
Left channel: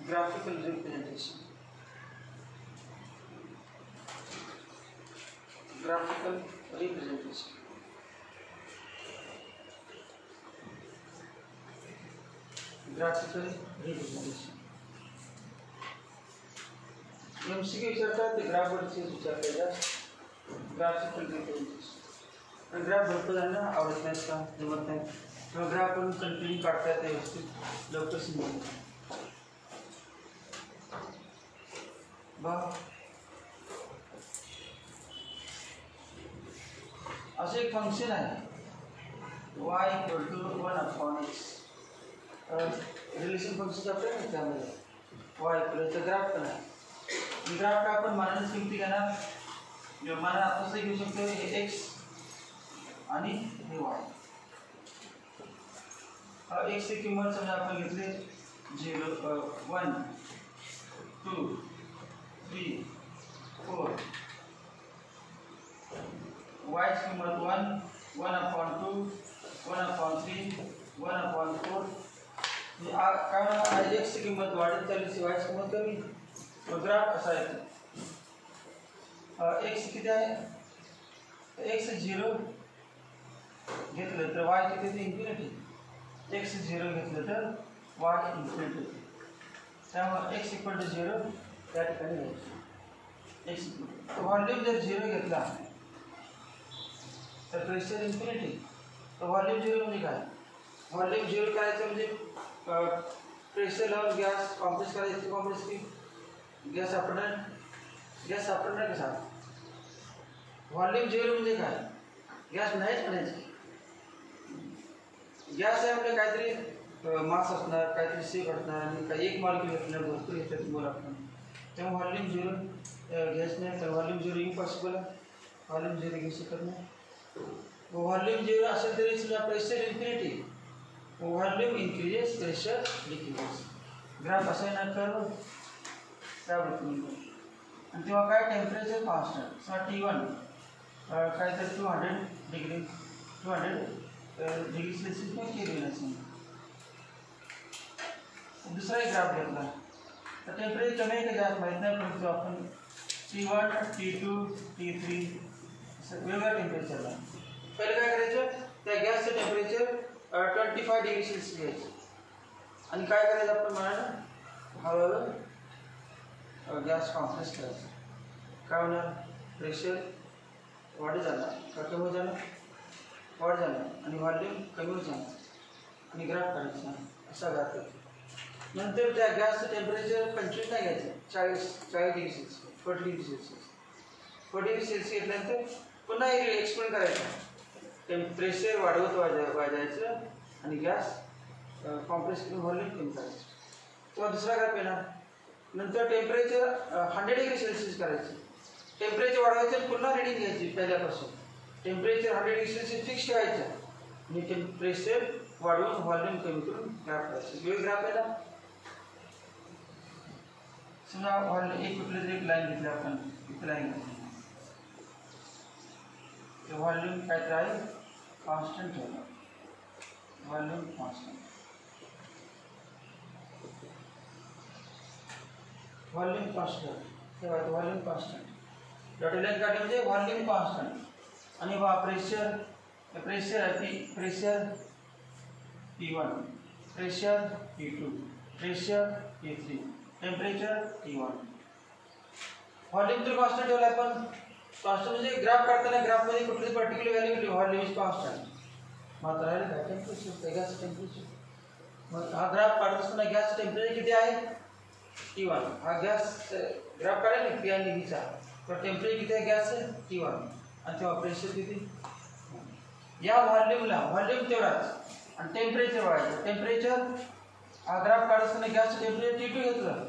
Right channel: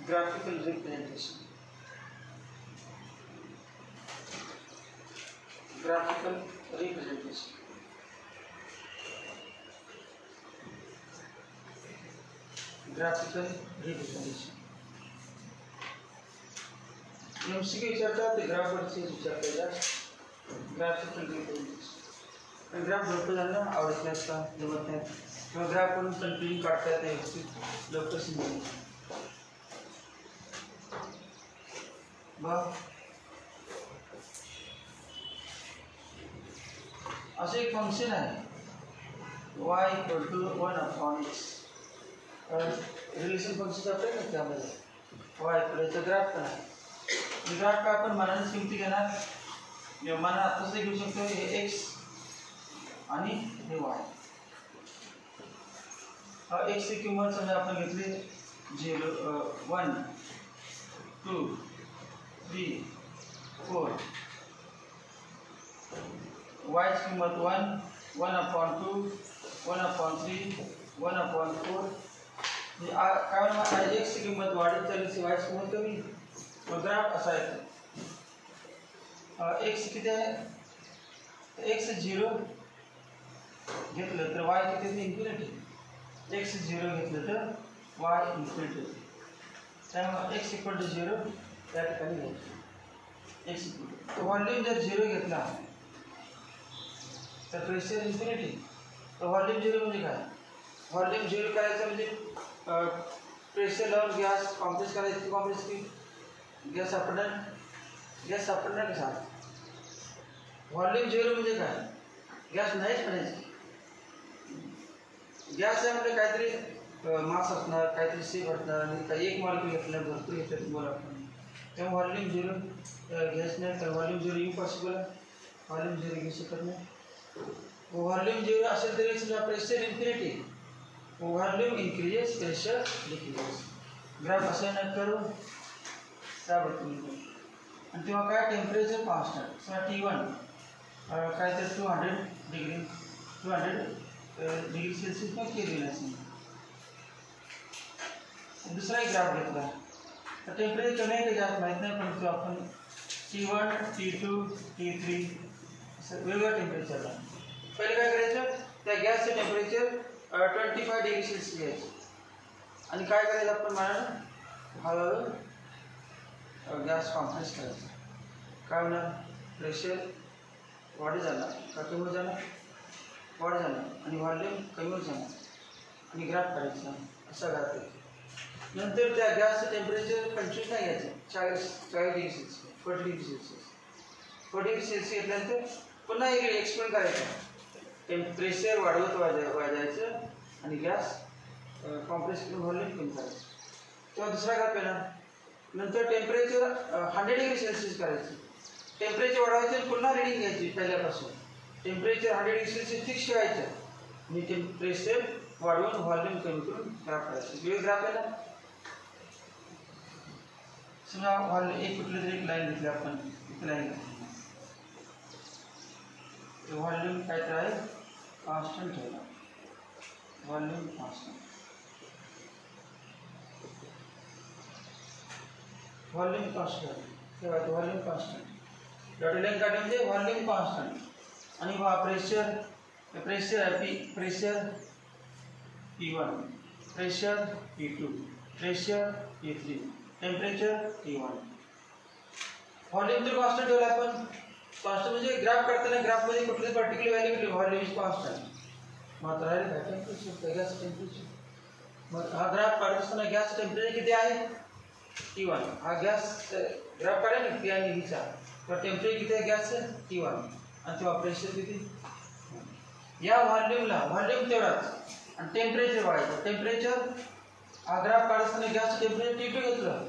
graphical representation, graphical representation. Graphical representation. MCQ विचारतात ते ग्राफ वरचे विचारतात ग्राफिकल रिप्रेझेंटेशन आणि ग्राफ भरपूर जणांना आवडत नाहीत का जमत नाही किंवा ग्राफ करून कंटिन्यू काढता येते व्यवस्थित लवकर समजेल बघ असं एक फंक्शन आहे y = 1/x रिलेशन फंक्शन आपल्या ना त्यामध्ये y = ग्राफ पण आहे ग्राफ का आपण मनाने किमती घेणार मना तसं घेऊ शकतो हे x आणि हे y x ची किंमत समजा आपण घेतली 0 1 2 3 4 y ची किंमत 1 1/2 1/3 1/4 काय x ची किंमत वाढत चालली y ची किंमत कमी ग्राफ असा आहे x किती आहे x 0 घेतलं तर y किती ते इन्फिनिटी x 0 घेतलं तर y इन्फिनिटी त्यामुळे x = 0 त्या ठिकाणी घ्यायचं x व्हॉल्यूम जर 0 घेतला तर प्रेशर इन्फिनिटी तर व्हॉल्यूम 0 म्हणजे काय व्हॉल्यूम 0 करायचं म्हणजे प्रेशर लावून गॅस कॉम्प्रेस करायचं कॉम्प्रेस की गॅस सापडणार कसा व्हॉल्यूम 0 म्हणजे काय गॅस नाहीच म्हणायचं गॅस आहे म्हणजे काहीतरी मास असणार काहीतरी शेप असणार आणि काही एक मॉलिक्यूल घेतलं भरपूर घेतलं तुम्हाला तेव्हा व्हॉल्यूम 0 गॅस नाही तर व्हॉल्यूम 0 इम्पॉसिबल व्हॉल्यूम 0 घेऊ शकत नाही व्हॉल्यूम 0 असेल तरी सुद्धा pressure infinity volume increases pressure decreases graph assign करून त्याबद्दल आणि तेव्हा काय टेम्परेचर कॉन्स्टंट समजा T1 काय तर 200 डिग्री सेल्सियस पण केलेलं असेल दुसरा एक ग्राफ घेतला तर टेम्परेचर कमी आहे का जास्त माहीत नाही परंतु आपण T1 T2 T3 वेगवेगळ्या टेम्परेचरला पहिले काय करायचं त्या गॅसचं टेम्परेचर 25 डिग्री सेल्सियस घ्यायचं आणि काय करायचं आपण म्हणाला हळूहळू गॅस कॉम्प्रेस करायचं काय होणार प्रेशर वाढी जाणार का कमी होत जाणार वाढ जाणार आणि व्हॉल्यूम कमी होत जाणार आणि ग्राफ करायचा असा ग्राफ आहे नंतर त्या गॅसचं टेम्परेचर 25 नाही घ्यायचं 40 degree Celsius 40 degree Celsius 40 degree Celsius घेतल्यानंतर पुन्हा एक्सपेंड करायचं प्रेशर वाढवत वाजायचं आणि गॅस कॉम्प्रेस करून व्हॉल्यूम कमी करायचं तेव्हा दुसरा ग्राफ येणार नंतर टेम्परेचर 100 डिग्री सेल्सियस करायचं टेम्परेचर वाढवायचं आणि पुन्हा रिडिंग घ्यायची पहिल्यापासून टेम्परेचर 100 डिग्री सेल्सियस फिक्स ठेवायचं आणि टेम्परेचर वाढवून व्हॉल्यूम कमी करून ग्राफ करायचं वेळ ग्राफ आहे ना समजा एक कुठली तरी एक लाईन घेतली आपण एक लाईन घेतली व्हॉल्यूम काय तर आहे कॉन्स्टंट ठेवला व्हॉल्यूम कॉन्स्टंट व्हॉल्यूम कॉन्स्टंट ठेवायचं व्हॉल्यूम कॉन्स्टंट डॉटेड लाईन काढली म्हणजे व्हॉल्यूम कॉन्स्टंट आणि pressure pressure P1 pressure P2 pressure P3 temperature T1 volume तर कॉन्स्टंट ठेवला आपण कॉन्स्टंट म्हणजे ग्राफ काढताना ग्राफमध्ये कुठली पर्टिक्युलर व्हॅल्यू घेतली व्हॉल्यूम इज कॉन्स्टंट मात्र आहे का टेम्परेचर गॅस टेम्परेचर मग हा ग्राफ काढत असताना गॅस टेम्परेचर किती आहे T1 हा गॅस ग्राफ काढायला ना P आणि Vचा तर टेम्परेचर किती आहे गॅसचं T1 आणि तेव्हा प्रेशर किती या व्हॉल्यूमला व्हॉल्यूम तेवढाच आणि टेम्परेचर वाढायचं टेम्परेचर हा ग्राफ काढत असताना गॅसचं टेम्परेचर T2 घेतलं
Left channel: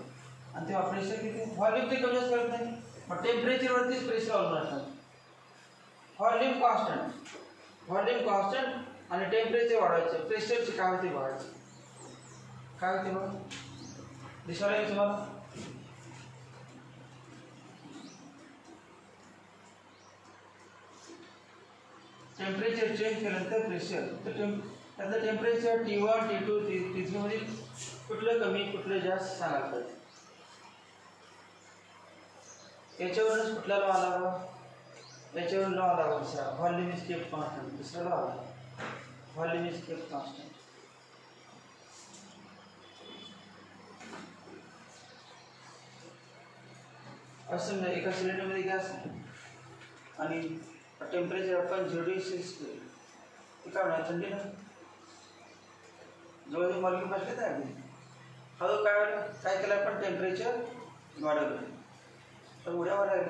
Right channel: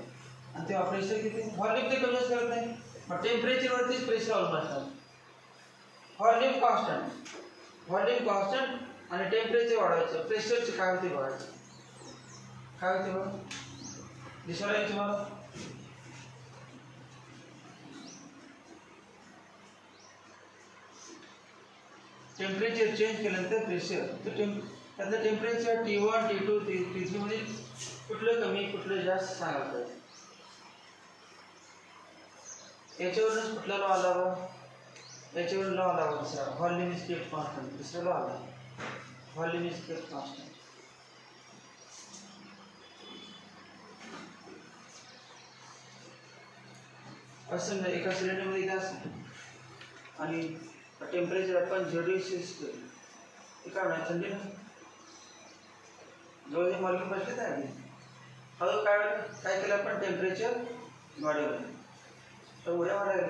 आणि तेव्हा प्रेशर किती व्हॉल्यूम ते कमी जास्त करत नाही मग टेम्परेचरवरतीच प्रेशर अवलंबून असतं व्हॉल्यूम कॉन्स्टंट आणि टेम्परेचर वाढवायचं प्रेशरचं काय होते बघायचं काय होते बघ दिसायला येईल तुम्हाला टेम्परेचर चेंज केल्यानंतर प्रेशर तर त्यातलं टेम्परेचर T1 T2 T3 मध्ये कुठलं कमी कुठलं जास्त सांगायला पाहिजे याच्यावरूनच कुठला लॉ आला बा याच्यावरून लॉ आला बघा व्हॉल्यूम इज केप्ट कॉन्स्टंट दुसरा लॉ आला व्हॉल्यूम इज केप्ट कॉन्स्टंट असं नाही एका सिलेंडरमध्ये गॅस आणि टेम्परेचर आपण 0°C ते काय नाही थंडी ना जवळ मॉलिक्यूल बसले तर आधी हळू काय केलं आपण टेम्परेचर वाढवलं तर उड्या वाढायला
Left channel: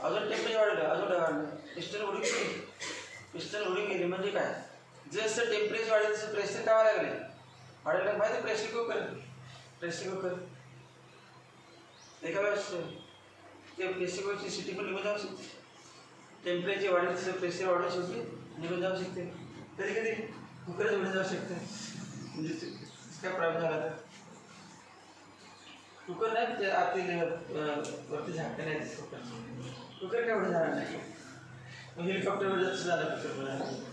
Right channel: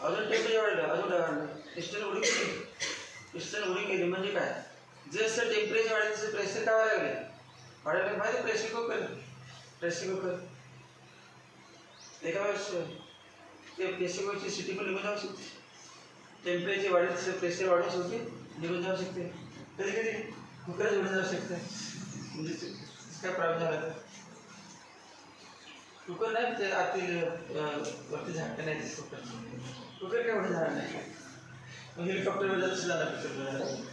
अजून टेम्परेचर वाढलं अजून वाढलं पिस्टन उडी केली म्हणजे काय जसं टेम्परेचर वाढेल तसं प्रेशर काय वाढायला माहिती प्रेशर कुकर एका वेळेस ते प्रेशर कुकरची सिटी पण निघून जाऊ शकते टेम्परेचर वाढेल तसं प्रेशर वाढू शकते निघून जाऊ शकते कधी कधी कुकरच उडून जाऊ शकते म्हणजे काय प्रॉब्लेम झाला तर कुकर नाही ते आतील वरती झाकते नाही ते कुकर काय एवढं झालं नाही हेलिकॉप्टरवर जास्त झालं कुकर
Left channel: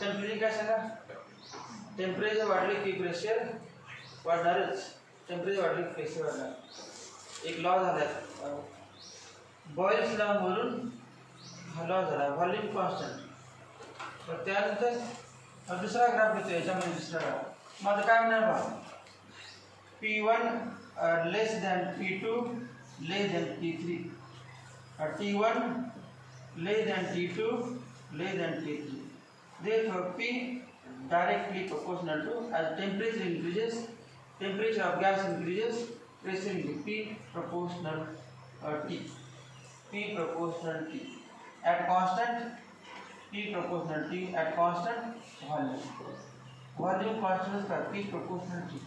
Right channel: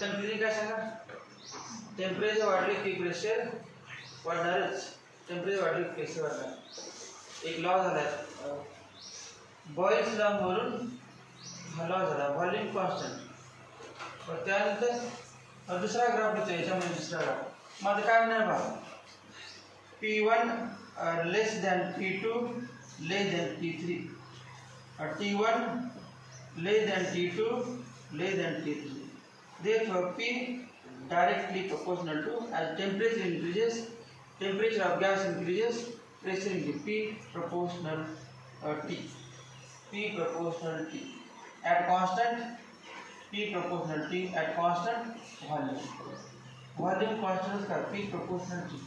कन्फ्युजन काय सांगा टेम्परेचर वाढले की प्रेशर वाढणारच टेम्परेचर वाढले की प्रेशर वाढणार एक लॉ झाला बॉयल्स लॉ म्हणून हा लॉ झाला व्हॉल्यूम कॉन्स्टंट पण त्यानंतर दुसरा ग्राफ होतो याच्यामध्ये दुसरा ग्राफ मग आता काय म्हणणार बा P1 less than P2 less than P3 T1 less than T2 less than T3 therefore P directly proportional to as temperature increases temperature of gas increases pressure increases P proportional T P proportional T at constant P proportional T at constant volume constant का P proportional T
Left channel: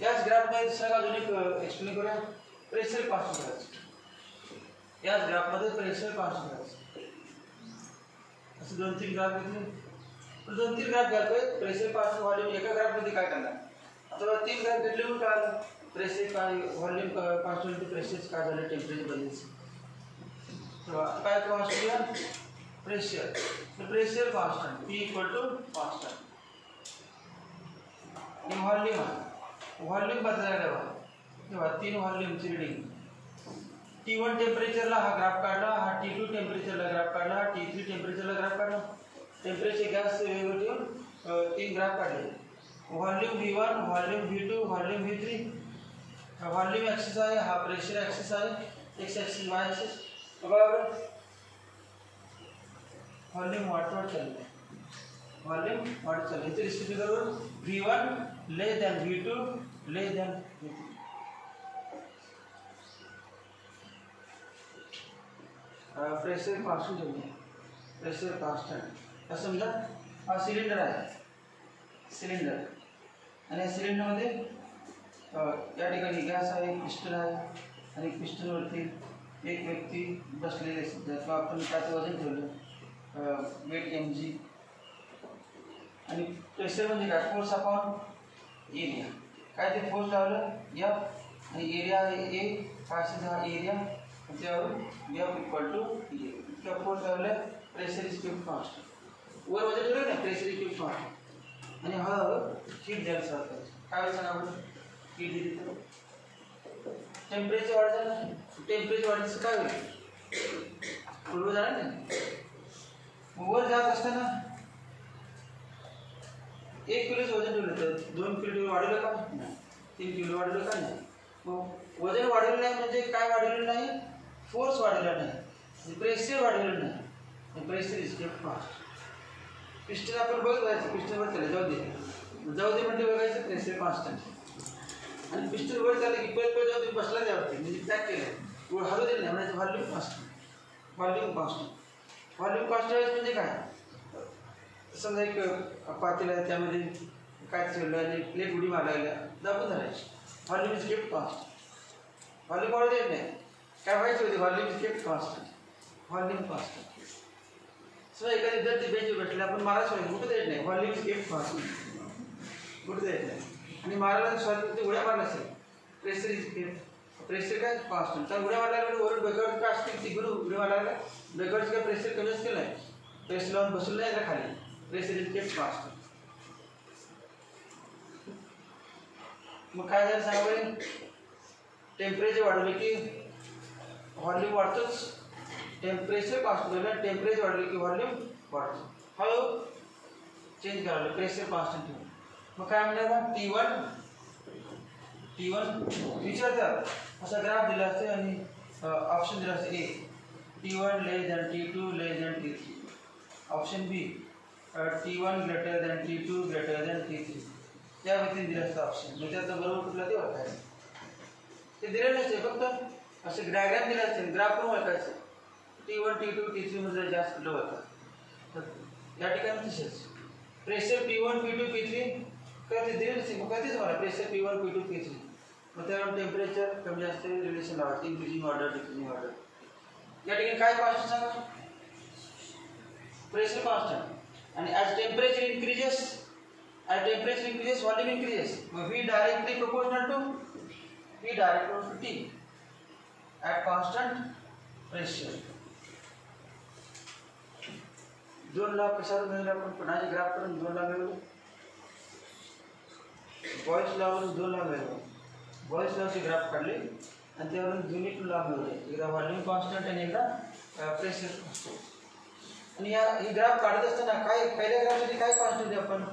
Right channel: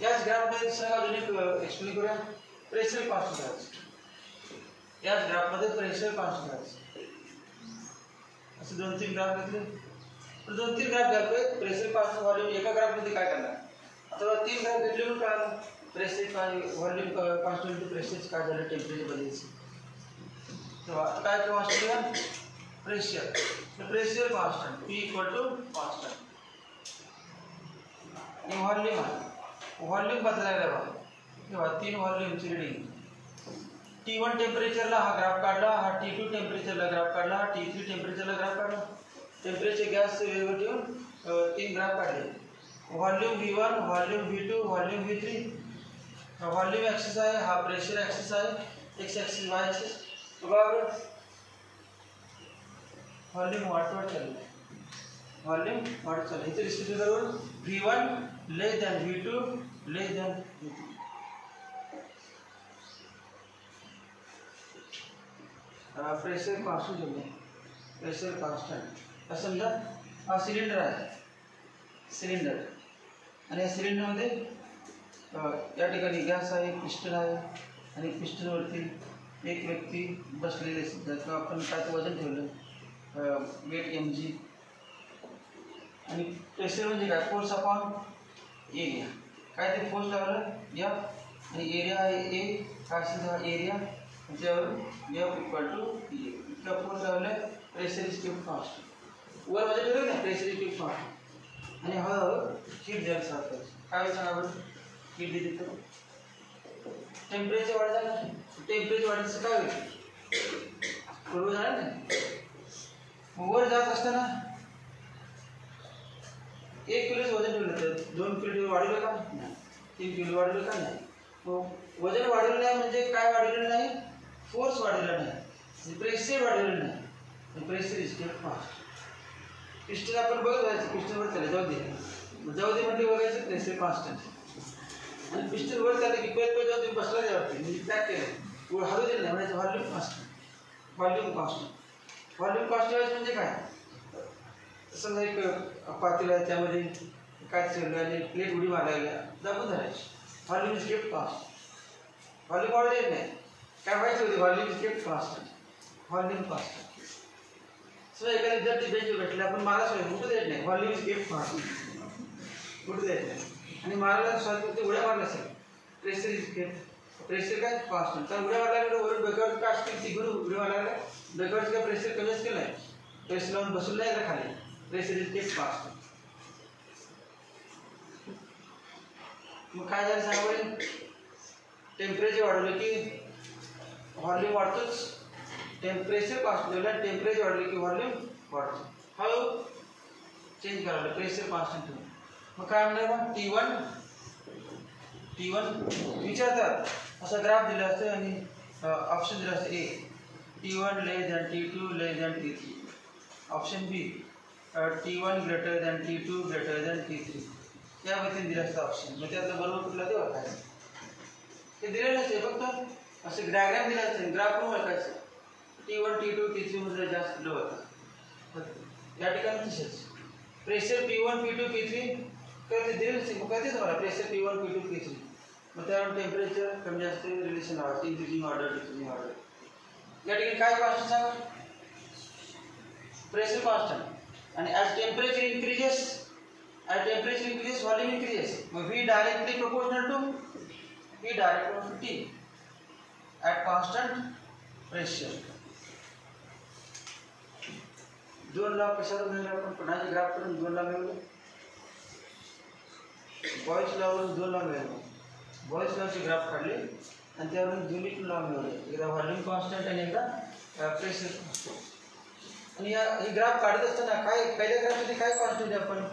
याच ग्राफ मध्ये दुसरा अजून एक एक्सप्लेन करूया pressure constant करायचं याच ग्राफ मध्ये प्रेशर कॉन्स्टंट करायचं असं 2-3 ग्राफ घेतले 2-3 ग्राफ घ्यायचे प्रेशर कॉन्स्टंट व्हॉल्यूम एका ग्राफ मध्ये काय करणार आता 3 ग्राफ घेतले म्हणून काय प्रेशर काय व्हॉल्यूम कॉन्स्टंट टू प्रेशर काय झालं टेम्परेचर बदलायचं तेव्हा काय constant pressure constant P equal to constant आणि व्हॉल्यूम बदलायला बघा तेव्हा 3 व्हॉल्यूमची रीडिंग T1 टेम्परेचरला हा ग्राफ काढला हा T2 टेम्परेचरला ग्राफ काढला T3 टेम्परेचरला ग्राफ काढला टेम्परेचर गॅस वेगवेगळे ठेवून 3 ग्राफ काढले volume V1 volume V2 volume V3 volume axis आहे हा प्रेशर ॲक्सिस आहे एक्स ॲक्सिस वाय ॲक्सिस बरोबर व्हॉल्यूम वाढत चाललं व्हॉल्यूम वाढत चाललं इथे डिस्ट्रीब्यूट करून V1 less than V2 less than V3 pressure constant ठेवले प्रेशर कॉन्स्टंट असं समजा हा सिलेंडर आहे सिलेंडर आणि या सिलेंडरमध्ये या ठिकाणी गॅस आहे पिस्टन आहे आणि पिस्टनवरती एक व्यक्ती बसलेले किंवा आपण त्याचं वजन ठेवलं वेट mg आणि प्रेशर म्हणजे काय फोर्स अपॉन एरिया काय ते फोर्स लावलं F आणि एरिया आहे A काय असेल हा एरिया त्याच्यावर F इक्वल टू E इतका फोर्स लावला प्रेशर इज केप्ट कॉन्स्टंट वर वजन ठेवलं ना प्रेशर इज केप्ट कॉन्स्टंट आणि हळूहळू हीट द्यायला स्टार्ट करायचं काय सांगा बरं हीट दिली तर टेम्परेचर वाढतं ना टेम्परेचर वाढायचं काय होईल पूर्व जाणार नाही वर जात असताना 1 किलोचं वजन ठेवलं तर 2 किलो वाढवलं का नाही 3 किलो वाढवलं का नाही मग वजन वाढवलं नाही म्हणजे काय वाढवलं नाही फोर्स वाढवला नाही प्रेशर वाढवलं नाही pressure is kept fast piston आपण बघायचं पिस्टनवर चाललं जाऊ दे म्हणजे बघायचं प्रेशर कॉन्स्टंट आणि पिस्टन वर चाललं की पहिले जाऊन तुम्ही बसला त्यावरती म्हणजे पॅक केलं हलू दिलं नाही म्हणजे व्हॉल्यूम कॉन्स्टंट म्हणजे काय समजा एक पातेल आहे त्यामध्ये काय चाललं आणि प्लेट उडी मारायला दाबून धरायची volume is kept constant volume वाढू देत नाही काय व्हायचं होते volume is kept constant so एखादा विद्यार्थी बेंचवर बसला आपण मारा सोय कुठे देत नाही व्हॉल्यूम इज एफ फास्ट कुठे देत नाही आणि मारायला स्वातंत्र्य ते उड्या मारला असेल प्रेशर इज एफ प्रेशर काय कॉन्स्टंट तर उड्या मारला लागले वरून डोक्यावर काय असतील तिकडे उड्या मारला लागले डोक्यावरचं काय प्रेशर कमी असतील नाही प्रेशर लावून बसलं नाही का खाली प्रेशर इज एफ कॉन्स्टंट मग काय झालं सांगा बरं टेम्परेचर वाढवलं की व्हॉल्यूम वाढतोच टेम्परेचर कॉन्स्टंट आहे टेम्परेचर वाढलं की व्हॉल्यूम वाढतो हळू चेंज करायला प्रेशर कॉन्स्टंट ठेवून मग काय म्हणणार T1 विचारतात असा ग्राफ दिला असतं आणि ऑप्शन दिला असतं A T1 less than T2 less than T3 option B T1 greater than T2 greater than T3 या व्यक्तीने दिलं असतं ऑप्शन मग त्याचं बरोबर कुठला ते ओळखायचं ते दिलेलं नसते फक्त असं डायग्राम दिला असते ग्राफ पण ओळखायचं T1 T2 T3 मध्ये जास्त लो होता या ठिकाणी तसेच प्रेशर P1 P2 P3 काय ते दिलेलं नसते मग काय तेच मला प्रेशर P1 P2 P3 मग त्यावर टेम्परेचर कमी जास्त रिलेशन लावायचं इंक्रीजिंग ऑर्डर डिक्रीजिंग ऑर्डर या ठिकाणी काय कॉन्स्टंट सांगा प्रेशर कॉन्स्टंट आणि as temperature increases volume increases मग V directly proportional to T at constant pressure 2 ला कशावर मिळवले आपण पुन्हा ग्राफ करून 2 ला मिळवलं बॉयज लॉवरून 2 ला मिळवलं बॉयज लॉचे ग्राफ काढले आणि त्यावरून दोन्ही 2 ला मिळवले एकदा व्हॉल्यूम कॉन्स्टंट आणि एकदा प्रेशर कॉन्स्टंट आणि ही ग्राफ काढत असताना काय पहिल्या ग्राफसाठी काय कॉन्स्टंट आहे आपण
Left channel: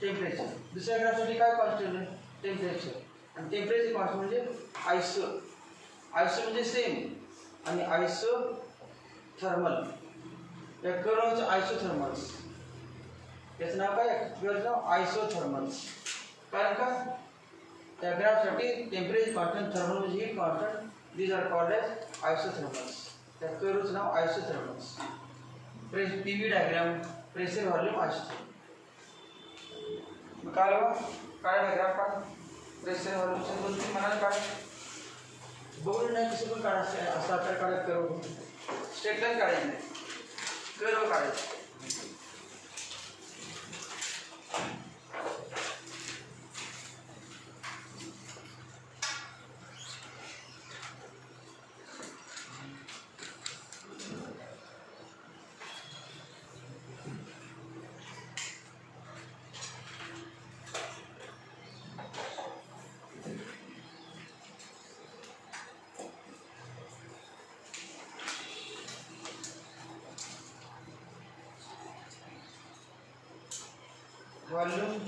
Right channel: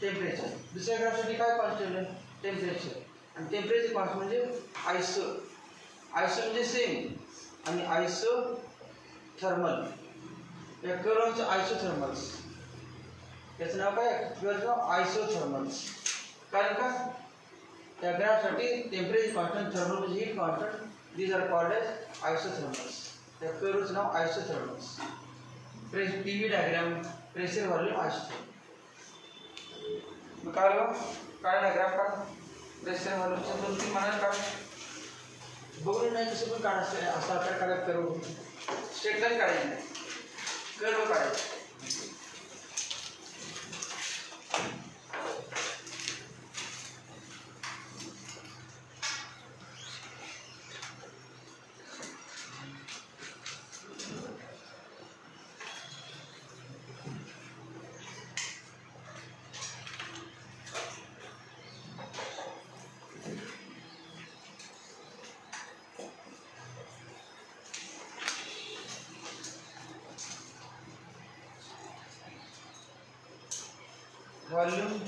टेम्परेचर दुसऱ्या ग्राफसाठी काय कॉन्स्टंट आहे टेम्परेचर आणि टेम्परेचर कॉन्स्टंट म्हणजे आयसो म्हणजे सेम आणि आयसो थर्मल या कर्वचं आयसोथर्मल्स याचं नाव काय कर्वचं नाव आयसोथर्मल्स कारण का त्या ग्राफसाठी टेम्परेचर कॉन्स्टंट थर्मल म्हणजे heat constant these are called as isothermals त्या कर्वचं नाव isothermals PV diagram pressure volume isothermal मग काढ ग्राफ काढ प्रेशर व्हॉल्यूमचे 2-3 मनात काढ बघून नाही कसं पण काढायचं असं आकार काढत कर्व स्ट्रेट लाईन काढायची नाही कर्व काढायचं व्हॉल्यूम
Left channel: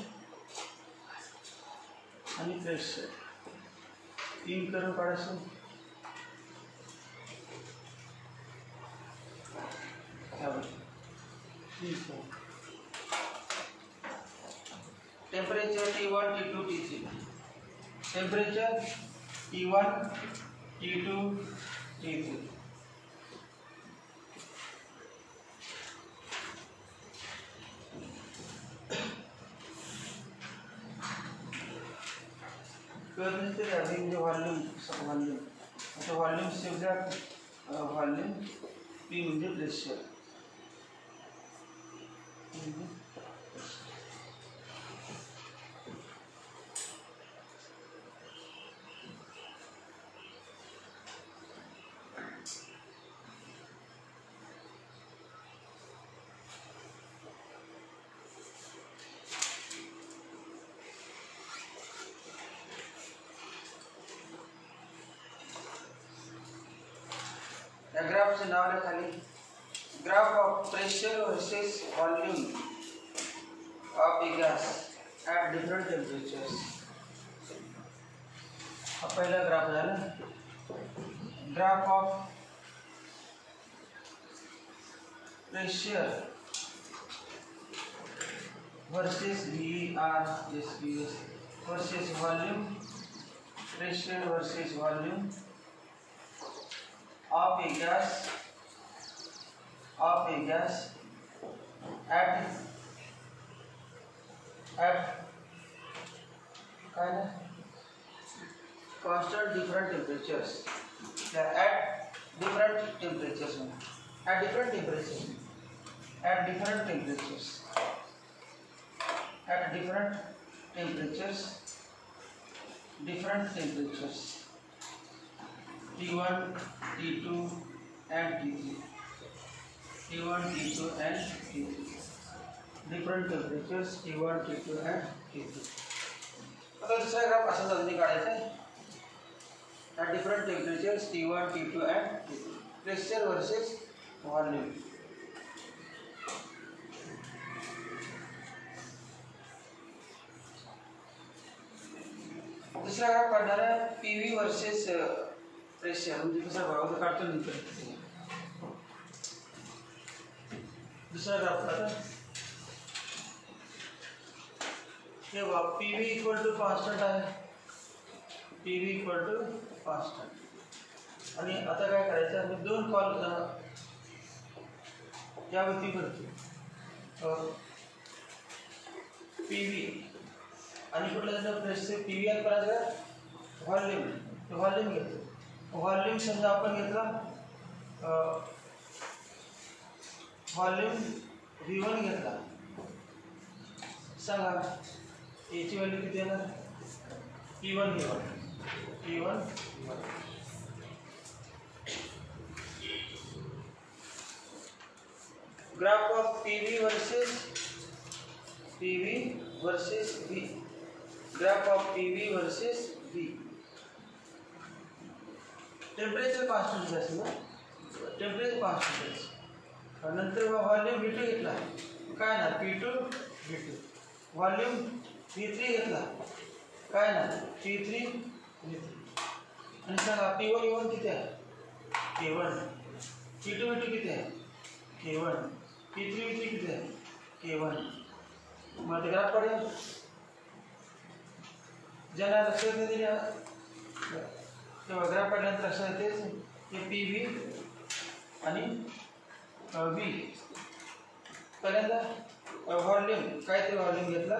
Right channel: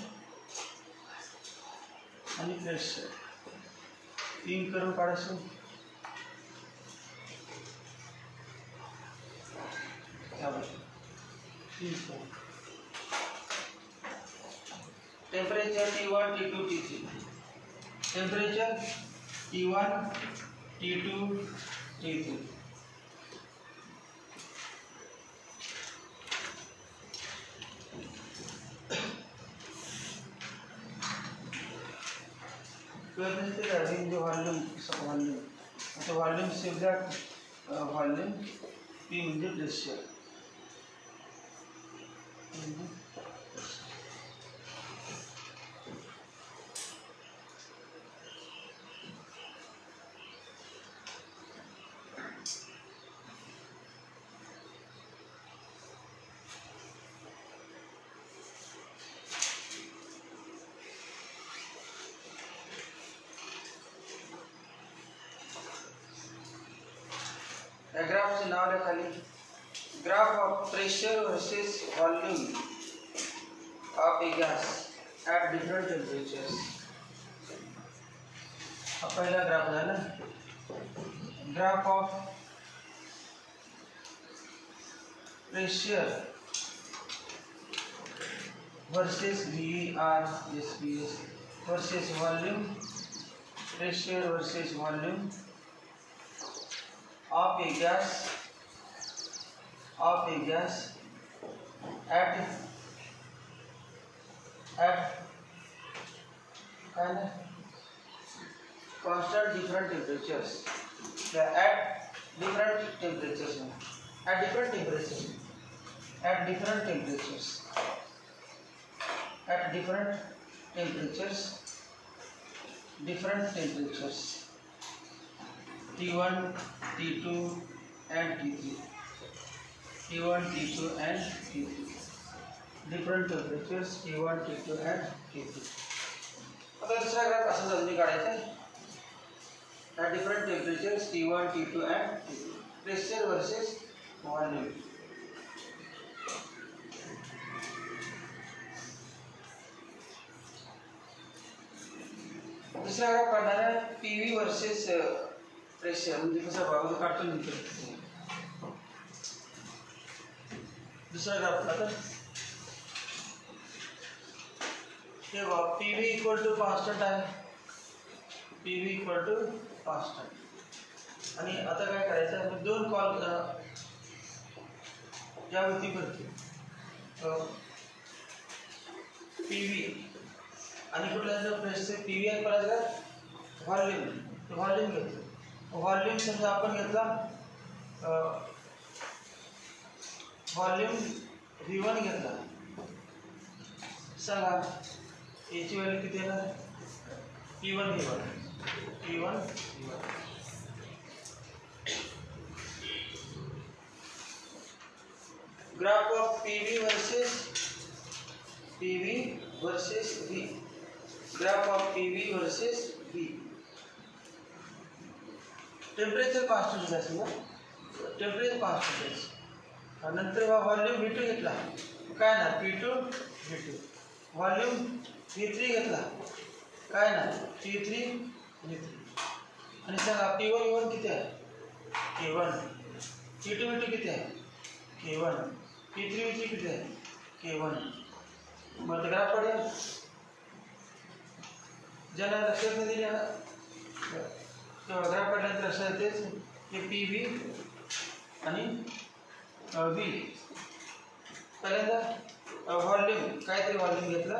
आणि प्रेशर 3 करून काढायचं temperature T1 T2 T3 temperature T1 T2 T3 current is having the volume so volume save that volume P म्हणजे pressure ग्राफचं नाव आहे खाली graph of pressure versus volume of A gas at different temperatures हा पहिला ग्राफ झाला graph of pressure versus VAR versus volume pressure versus volume of a gas at constant different temperatures at different temperatures at different temperatures, at different temperatures, at different temperatures, different temperatures, T1, T2 and T3, T1, T2 and T3, different temperatures T1, T2 and T3. आता दूसरा ग्राफ असं अजून काढायचा आहे. at different temperatures T1, T2 and T3, pressure versus volume. दूसरा ग्राफ काढणार आहे PV versus pressure, म्हणजे कसा बघा काढतो नंतर. दूसरा ग्राफ आता हे PV इक्वल टू कॉन्स्टंट आहे, PV इक्वल टू कॉन्स्टंट. आणि आता काय करायचं आहे, दोन कॉल यावरती करतो PV आणि कुठला प्रेशर PV आणि करायचं व्हॉल्यूम. व्हॉल्यूम घेतो. व्हॉल्यूम समजा आपण घेतला व्हॉल्यूम V1 घेतला. सांगा याची व्हॅल्यू किती येणार? P1 V1 graph of PV versus V, graph of PV versus V. Temperature constant असेल ना, टेम्परेचर कॉन्स्टंट असेल. नंतर व्हॉल्यूम V2 घेतला काय ना P2 V2, व्हॉल्यूम V3 घेतला काय ना T3 V3. आणि सांगा P1 V1 किती आहे? K1. P2 V2 किती आहे? K1. P3 V3 किती आहे? K1. मग ग्राफ पडेल. ज्यांना लक्षात नाही दिल्या तेव्हा ग्राफ काढल्यानंतर लक्षात येते की PV आणि V. पहिल्यांदा व्हॉल्यूम काय ते व्हॉल्यूम घेतला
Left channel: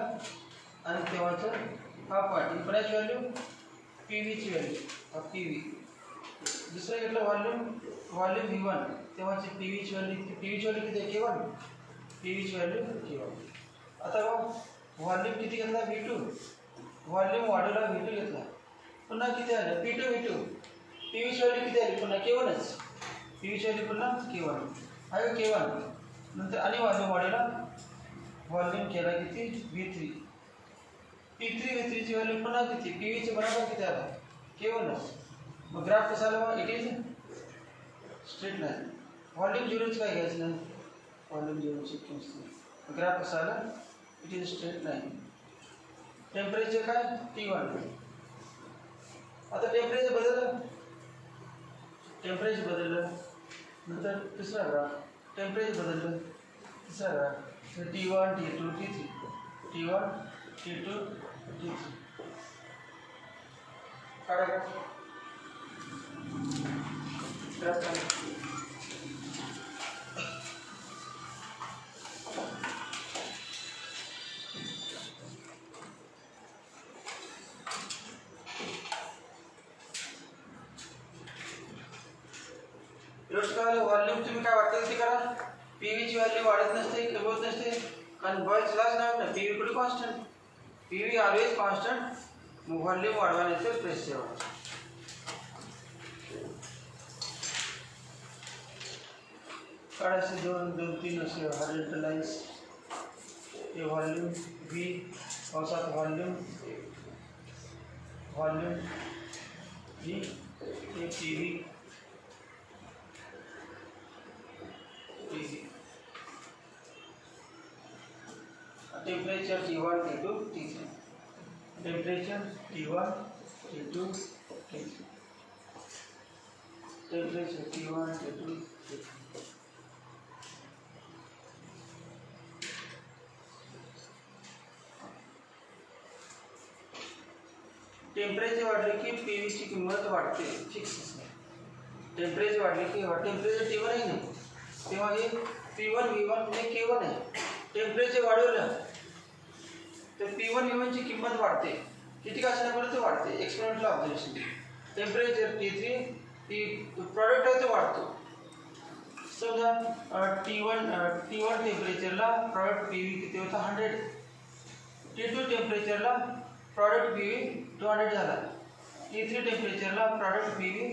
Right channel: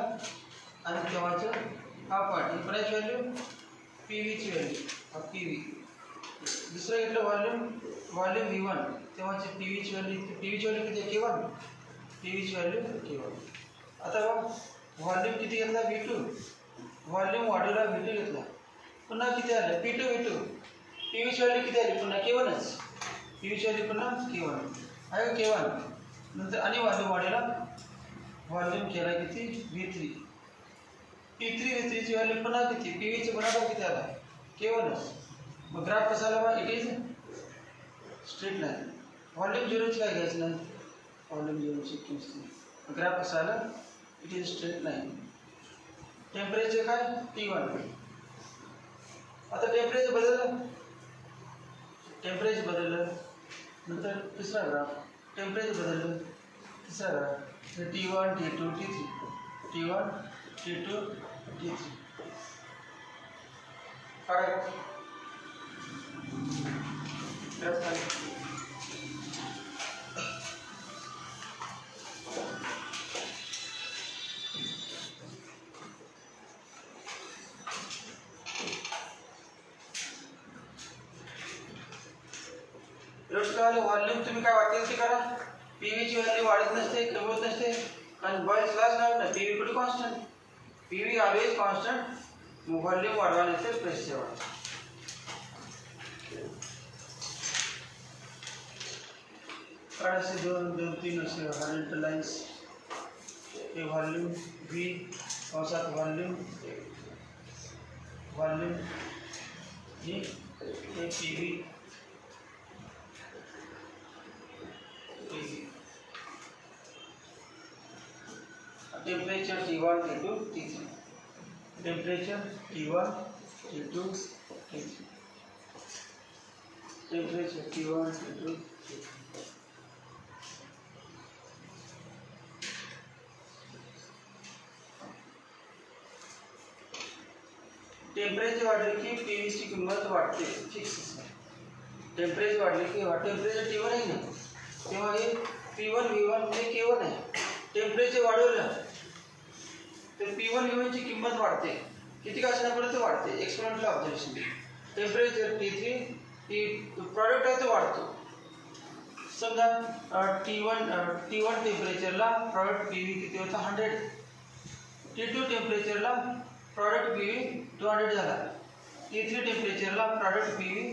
आणि तेव्हाचं हा पार्ट इम्पराईज व्हॅल्यू PVची व्हॅल्यू PV. दुसरं घेतलं व्हॉल्यूम V1 तेव्हाची PVची व्हॅल्यू किती आहे? K1. PVची व्हॅल्यू K1. आता व्हॉल्यूम किती घेतला V2, व्हॉल्यूम वाढवला V2 घेतला, पुन्हा किती आलं P2 V2. PVची व्हॅल्यू किती आली? पुन्हा K1च. PVची व्हॅल्यू पुन्हा K1 आहे K1. नंतर आणि व्हॉल्यूम वाढवला, व्हॉल्यूम केला किती V3. P3 V3ची व्हॅल्यू पुन्हा किती? PVची बरोबर किती आला? K1च. मग ग्राफ कसा आला? It is straight line. Volume झिरोच काय घ्यायचं नाही, व्हॉल्यूम झिरोची किंमत. ग्राफ कसा आला? It is straight line. Temperature काय T1. आता टेम्परेचर बदललं, नंतर तिसरा ग्राफ टेम्परेचर बदललं, तिसरा graph T1 T2 T3, T1 T2 T3 काढा ग्राफ. व्हॉल्यूम तुम्ही काय वाटेल ते करा. PVची व्हॅल्यू वाढत नसते, कमी होत नसते, कारण बॉयल्स लाच नाही. PV कुठे कॉन्स्टंट, PV ऑलवेज कॉन्स्टंट. मग व्हॉल्यूम वाढवा नसेल प्रेशर वाढवा. काढायचे दोन तीन असे हॉरिझॉन्टल लाईन्स. हे व्हॉल्यूम V औषध व्हॉल्यूम ही हे PV temperature T1 T2 T3, temperature T1 T2 T3, temperature T1 T2 T3. Temperature वाढले की PVची किंमत वाढते, फिक्स. टेम्परेचर वाढले की टेम्परेचर T1 आहे ना, तेव्हा हे P1 V1 हे K1 आहे. टेम्परेचर वाढवलं तर P1 V1ची किंमत वाढते, किती का असण्यापर्यंत वाढते. Experimental observation. Temperature T3 product आहे तो वाढतो. समजा T1 टेम्परेचरला प्रॉडक्ट पी व्ही किती होता 100, T2 टेम्परेचरला प्रॉडक्ट पी व्ही 200 झाला, T3 टेम्परेचरला प्रॉडक्ट पी व्ही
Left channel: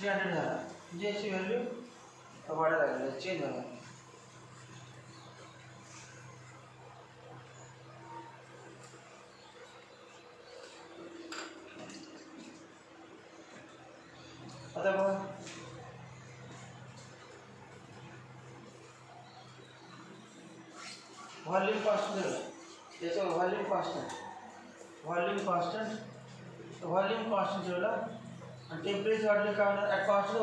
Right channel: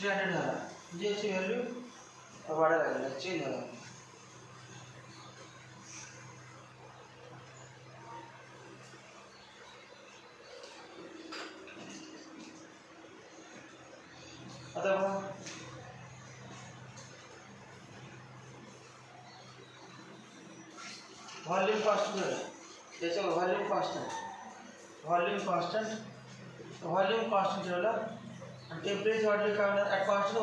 300 झाला. म्हणजे याची व्हॅल्यू वाढायला लागली, चेंज झाला. आता बघा व्हॉल्यूम कॉन्स्टंट झालं, त्याच्यावर व्हॉल्यूम कॉन्स्टंट ठेवला आणि टेम्परेचर वाढले काय होणार. At constant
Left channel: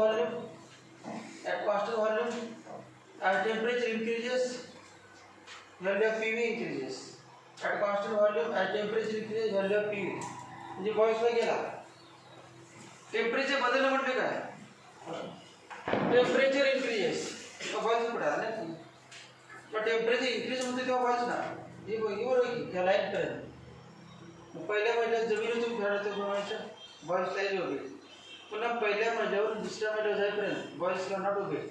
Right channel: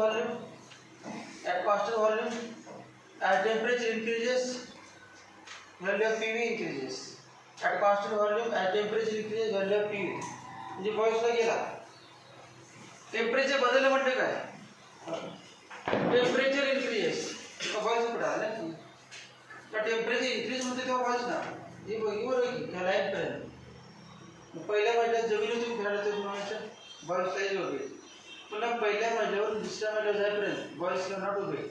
volume at temperature increases value of P V increases. At constant volume at temperature increases value of P V. म्हणजे बॉईल्सला गेला, टेम्परेचर बदललं म्हणजे काय, टेम्परेचर इन्क्रीजेस बॉईल्स कुठे आला नाही. तर टेम्परेचर इन्क्रीज होते तेव्हा बॉईल्स ना हे बरोबर की ह्या लाईनपर्यंत. पहिल्या महिन्यात जमिनीवर तुम्ही खेळायला तर तुम्हाला बॉईल्स साईज उभे, पुन्हा पहिल्या महिन्यावर दुसऱ्या महिन्यावर जाईपर्यंत बॉईल्सला नॉट उभे,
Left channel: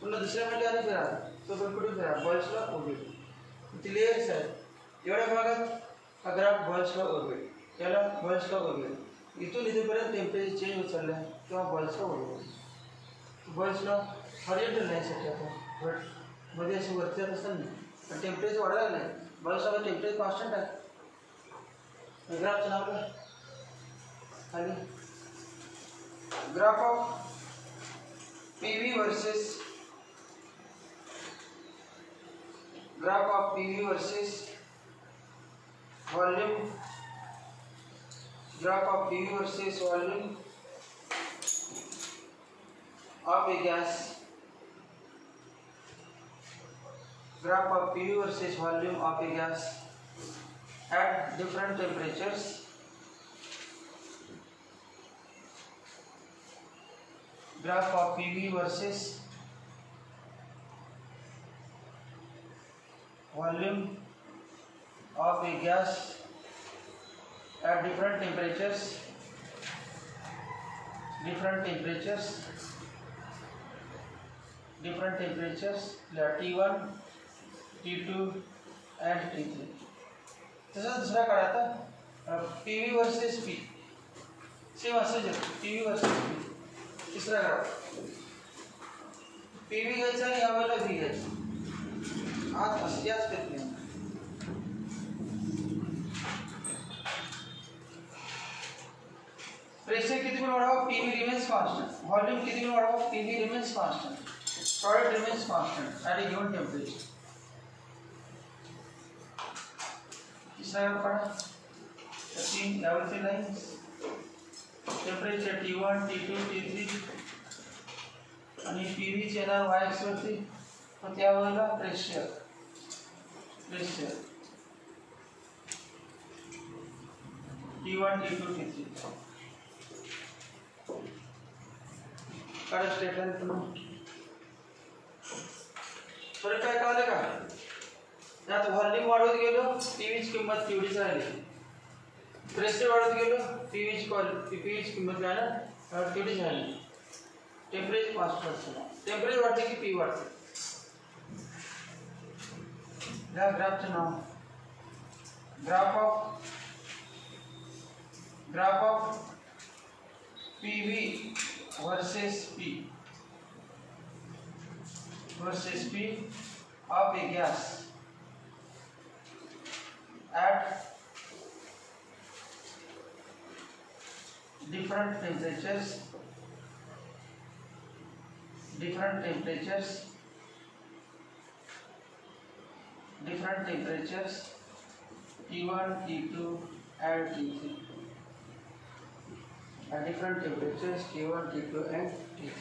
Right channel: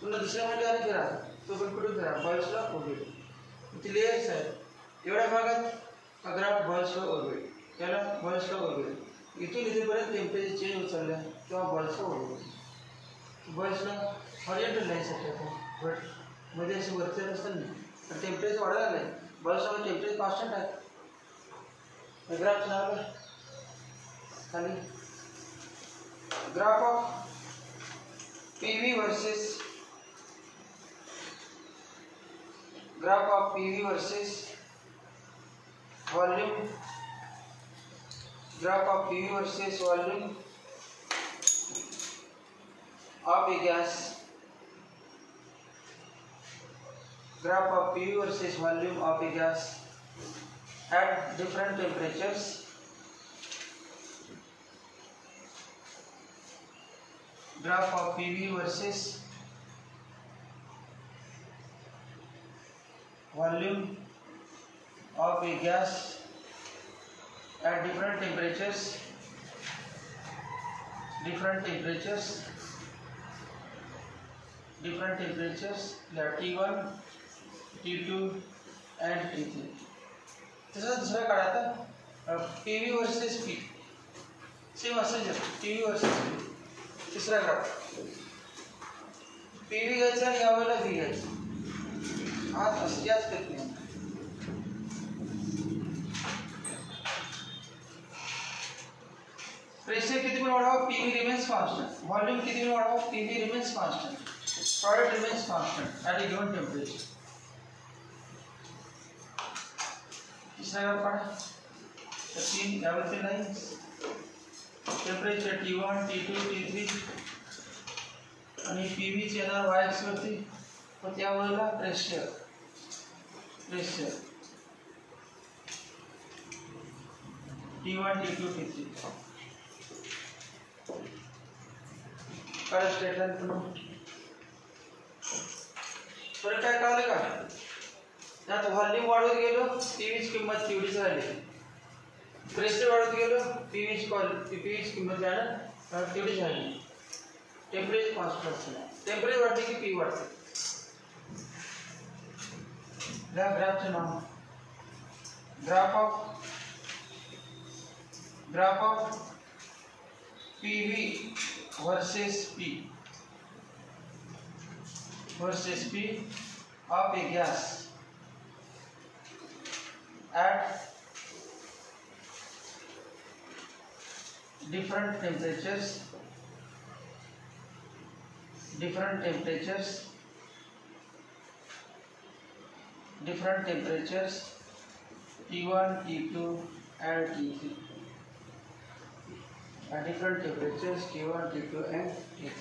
पुन्हा दुसऱ्या महिन्यावर आणि फिरा तो पण कुठून फिरा बॉईल्सला उभे. ती लेयर्स आहेत, एवढ्या भागात हा ग्राफ बॉईल्सला उभे, त्याला बॉईल्सला उभे. इथून इथेपर्यंत टेम्परेचर चेंज होत चाललं तेव्हा बॉईल्सला उभे. बॉईल्सला हॉरिझॉन्टल लाईनसाठी आपण बट मध्ये असे वरती असतात नाही, पण टेम्परेचर वाढायला नाही. बॉईल्सला टेम्परेचर कॉन्स्टंट आहे. ग्राफचं नाव काय खाली, graph of P V versus volume, graph of PV versus volume of a gas, graph of PV versus volume of a gas at different temperatures, graph of PV versus volume of a gas at different temperatures yeah, T1, T2 and T3. तसं दुसरा काढायचा PV versus P, same असंच आहे PV versus P. तिसरा काढा PV घ्यायचा आणि यावेळेला V घ्यायचं, आत असं याच करत नाही. प्रेशर किती पण वाढवा पीवी रिमेन्स कॉन्स्टंट, व्हॉल्यूम किती पण वाढवा PV remains constant, product remains constant at a given temperature. तिसरा काढा तीन यावरती lines, temperature T1, T2, T3 आणि पीव्हीचे येणार वाय एक्सवरती, पण त्यावेळेला प्रेशर T1, T2, T3 काढा स्ट्रेट लाईन पुन्हा. फरक काय कळालं का, त्यात व्हॉल्यूम वाढवत गेलो पीव्हीची किंमत तेवढीच राहिली, प्रेशर वाढत गेलो पीव्हीची किंमत तेवढीच राहिली. टेम्परेचर कॉन्स्टंट, टेम्परेचर वाढते की पी वाढते. ग्राफचं नाव graph of PV versus P of a gas at different temperatures T1, T2 and T3 at different temperatures T1, T2 and T3.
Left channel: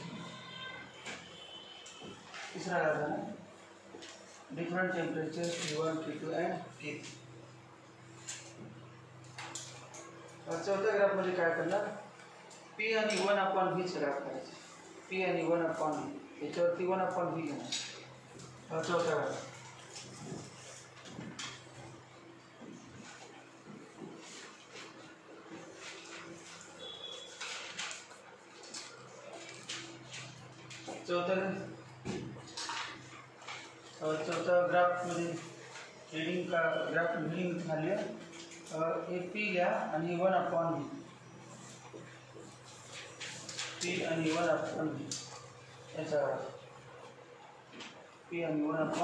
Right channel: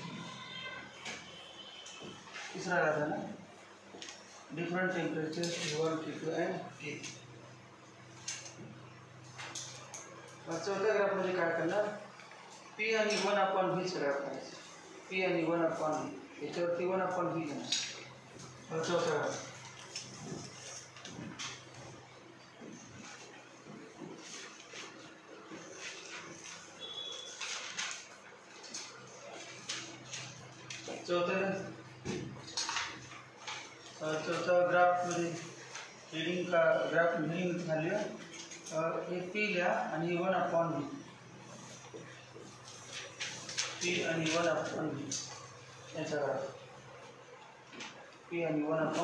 तीसरा आता ना different temperatures T1, T2 and T3. चौथ्या ग्राफ मध्ये काय करणार, P आणि 1/V ग्राफ करायचं. P आणि 1/V याच्यावरती 1/V घेणार. चौथा ग्राफ चौथा ग्राफ मध्ये रीडिंग का ग्राफ रीडिंग झाली हे पी लिहा आणि 1/v पी आणि 1/v याचा पी आणि 1/v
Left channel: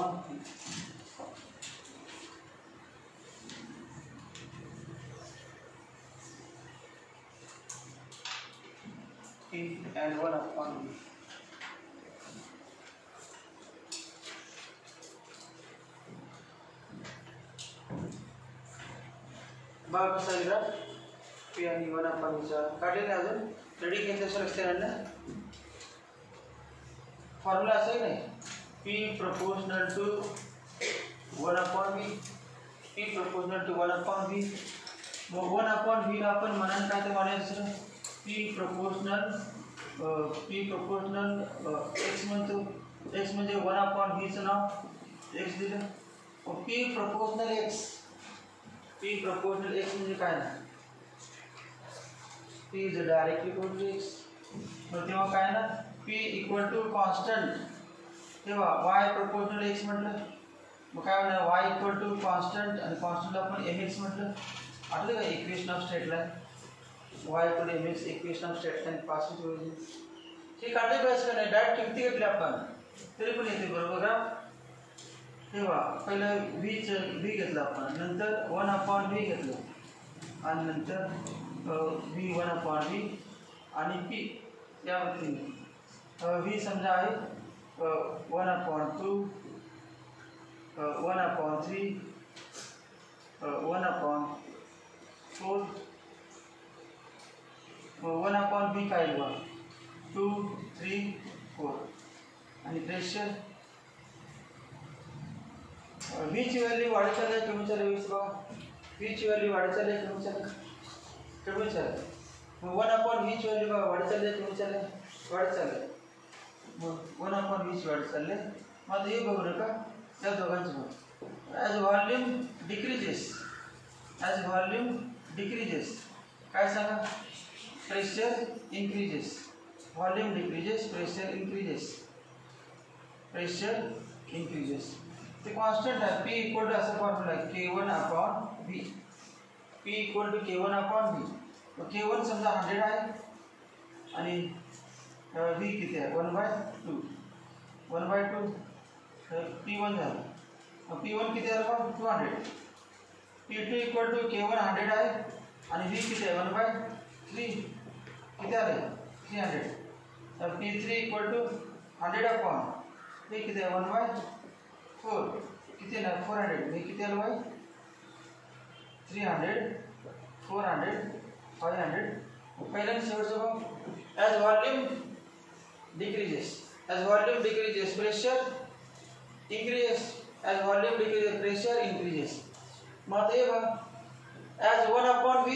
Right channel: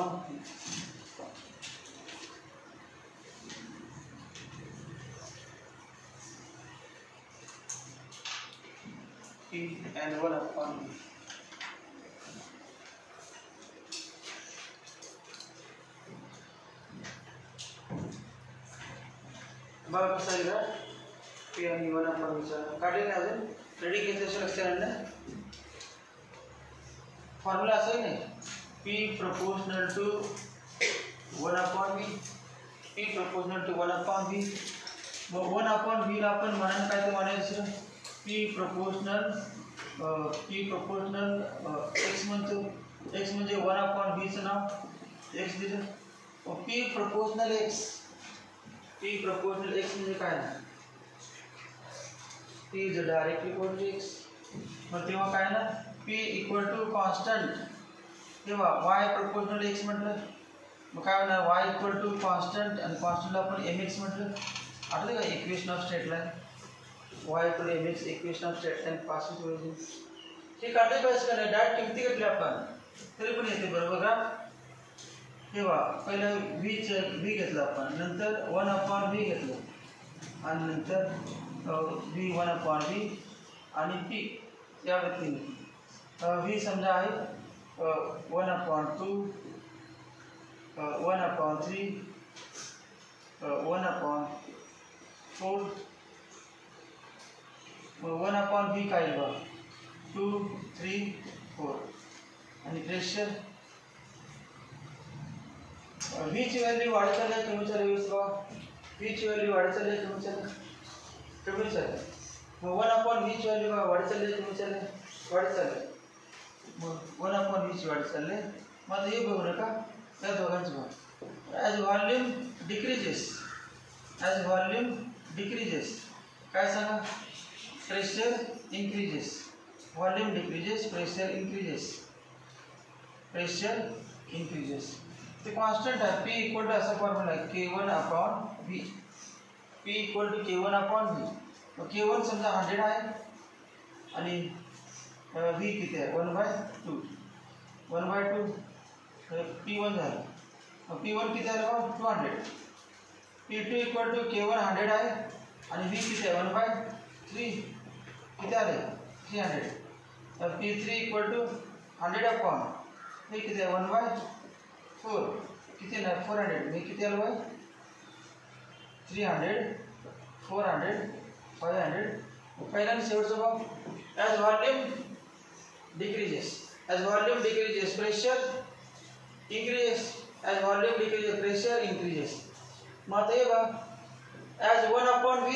P and 1/v. बघा कसा आहे ग्राफ P आणि 1/v काढलेला अजून रेडी केसेशन असते ना फॉर्म्युला असं नाही P proportional to 1/v P proportional to 1/v मग 1/v ला आपण म्हणायला काय ते म्हणायचं P proportional x म्हणतो x म्हणजे 1/v चं नाव x दिलं P proportional x म्हणजे काय ना P is directly equal to x मग तेव्हा काय ना P equal to constant तेव्हा y proportional x म्हटलं मग काय होणार y equal to constant आणि constant ला आपण mx म्हटलं आठवतं का equation of straight line y equal to mx equation of straight line passing through origin हे काढले का असं नाही डायरेक्ट किती घेतले आपण तरी पण येते बरोबर का तेव्हा पहिला v घेतला आपण नंतर 1/v घेतलं आणि नंतर v 1/v आणि p या व्यक्तीने v समजा आहे 1/2 1/3 1/4 1/v काय बघा 2 3 4 आणि प्रेशर v ची व्हॅल्यू वाढत चालली कमी चालली बघा v ची व्हॅल्यू वाढत चालली कमी चालली मग 1/v ची व्हॅल्यू बघा वाढत चालली कमी चालली वाढत चालली मग 1/v ची वाढत चालली मग हे बघू नका त्या दोघांचं बघा ॲज व्हॉल्यूम डिक्रीजेस काय सांगा pressure increases volume decreases pressure increases ते कॉन्स्टंट आहे P इक्वल टू असा फॉर्म्युला आहे K1/v P equal to K1/v मग K1 समजा 100 आहे आणि v किती आहे 1/2 P1 झालं मग P1 किती आलं 200 P2 इक्वल टू K1 100 आहे आणि v किती आहे 1/3 किती आले 300 तर P3 इक्वल टू 100/v किती आहे 1/4 किती नाही 400 मी किती आलं बाय 300 400 500 पहिला आणि शेवटचं बघ as volume decreases pressure increases as volume decreases pressure increases मग हे बघ as 1/v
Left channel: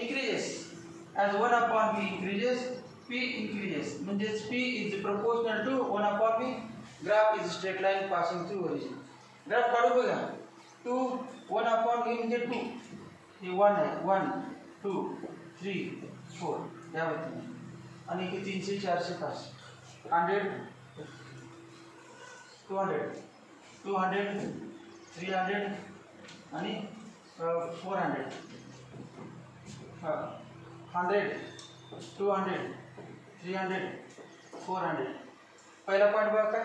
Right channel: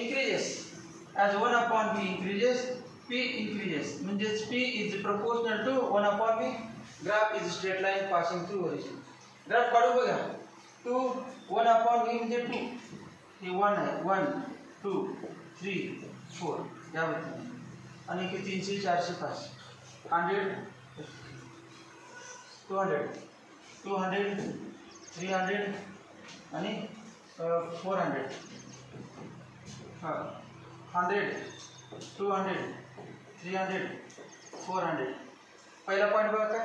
increases P increases म्हणजे P is proportional to 1/v graph is straight line passing through origin graph काढू बघा 2 1/v म्हणजे 2 हे 1 आहे 1 2 3 4 या व्यक्ती आणि किती 300 400 500 100 200 300 आणि 400 100 200 300 400 पहिला पॉइंट बघा काय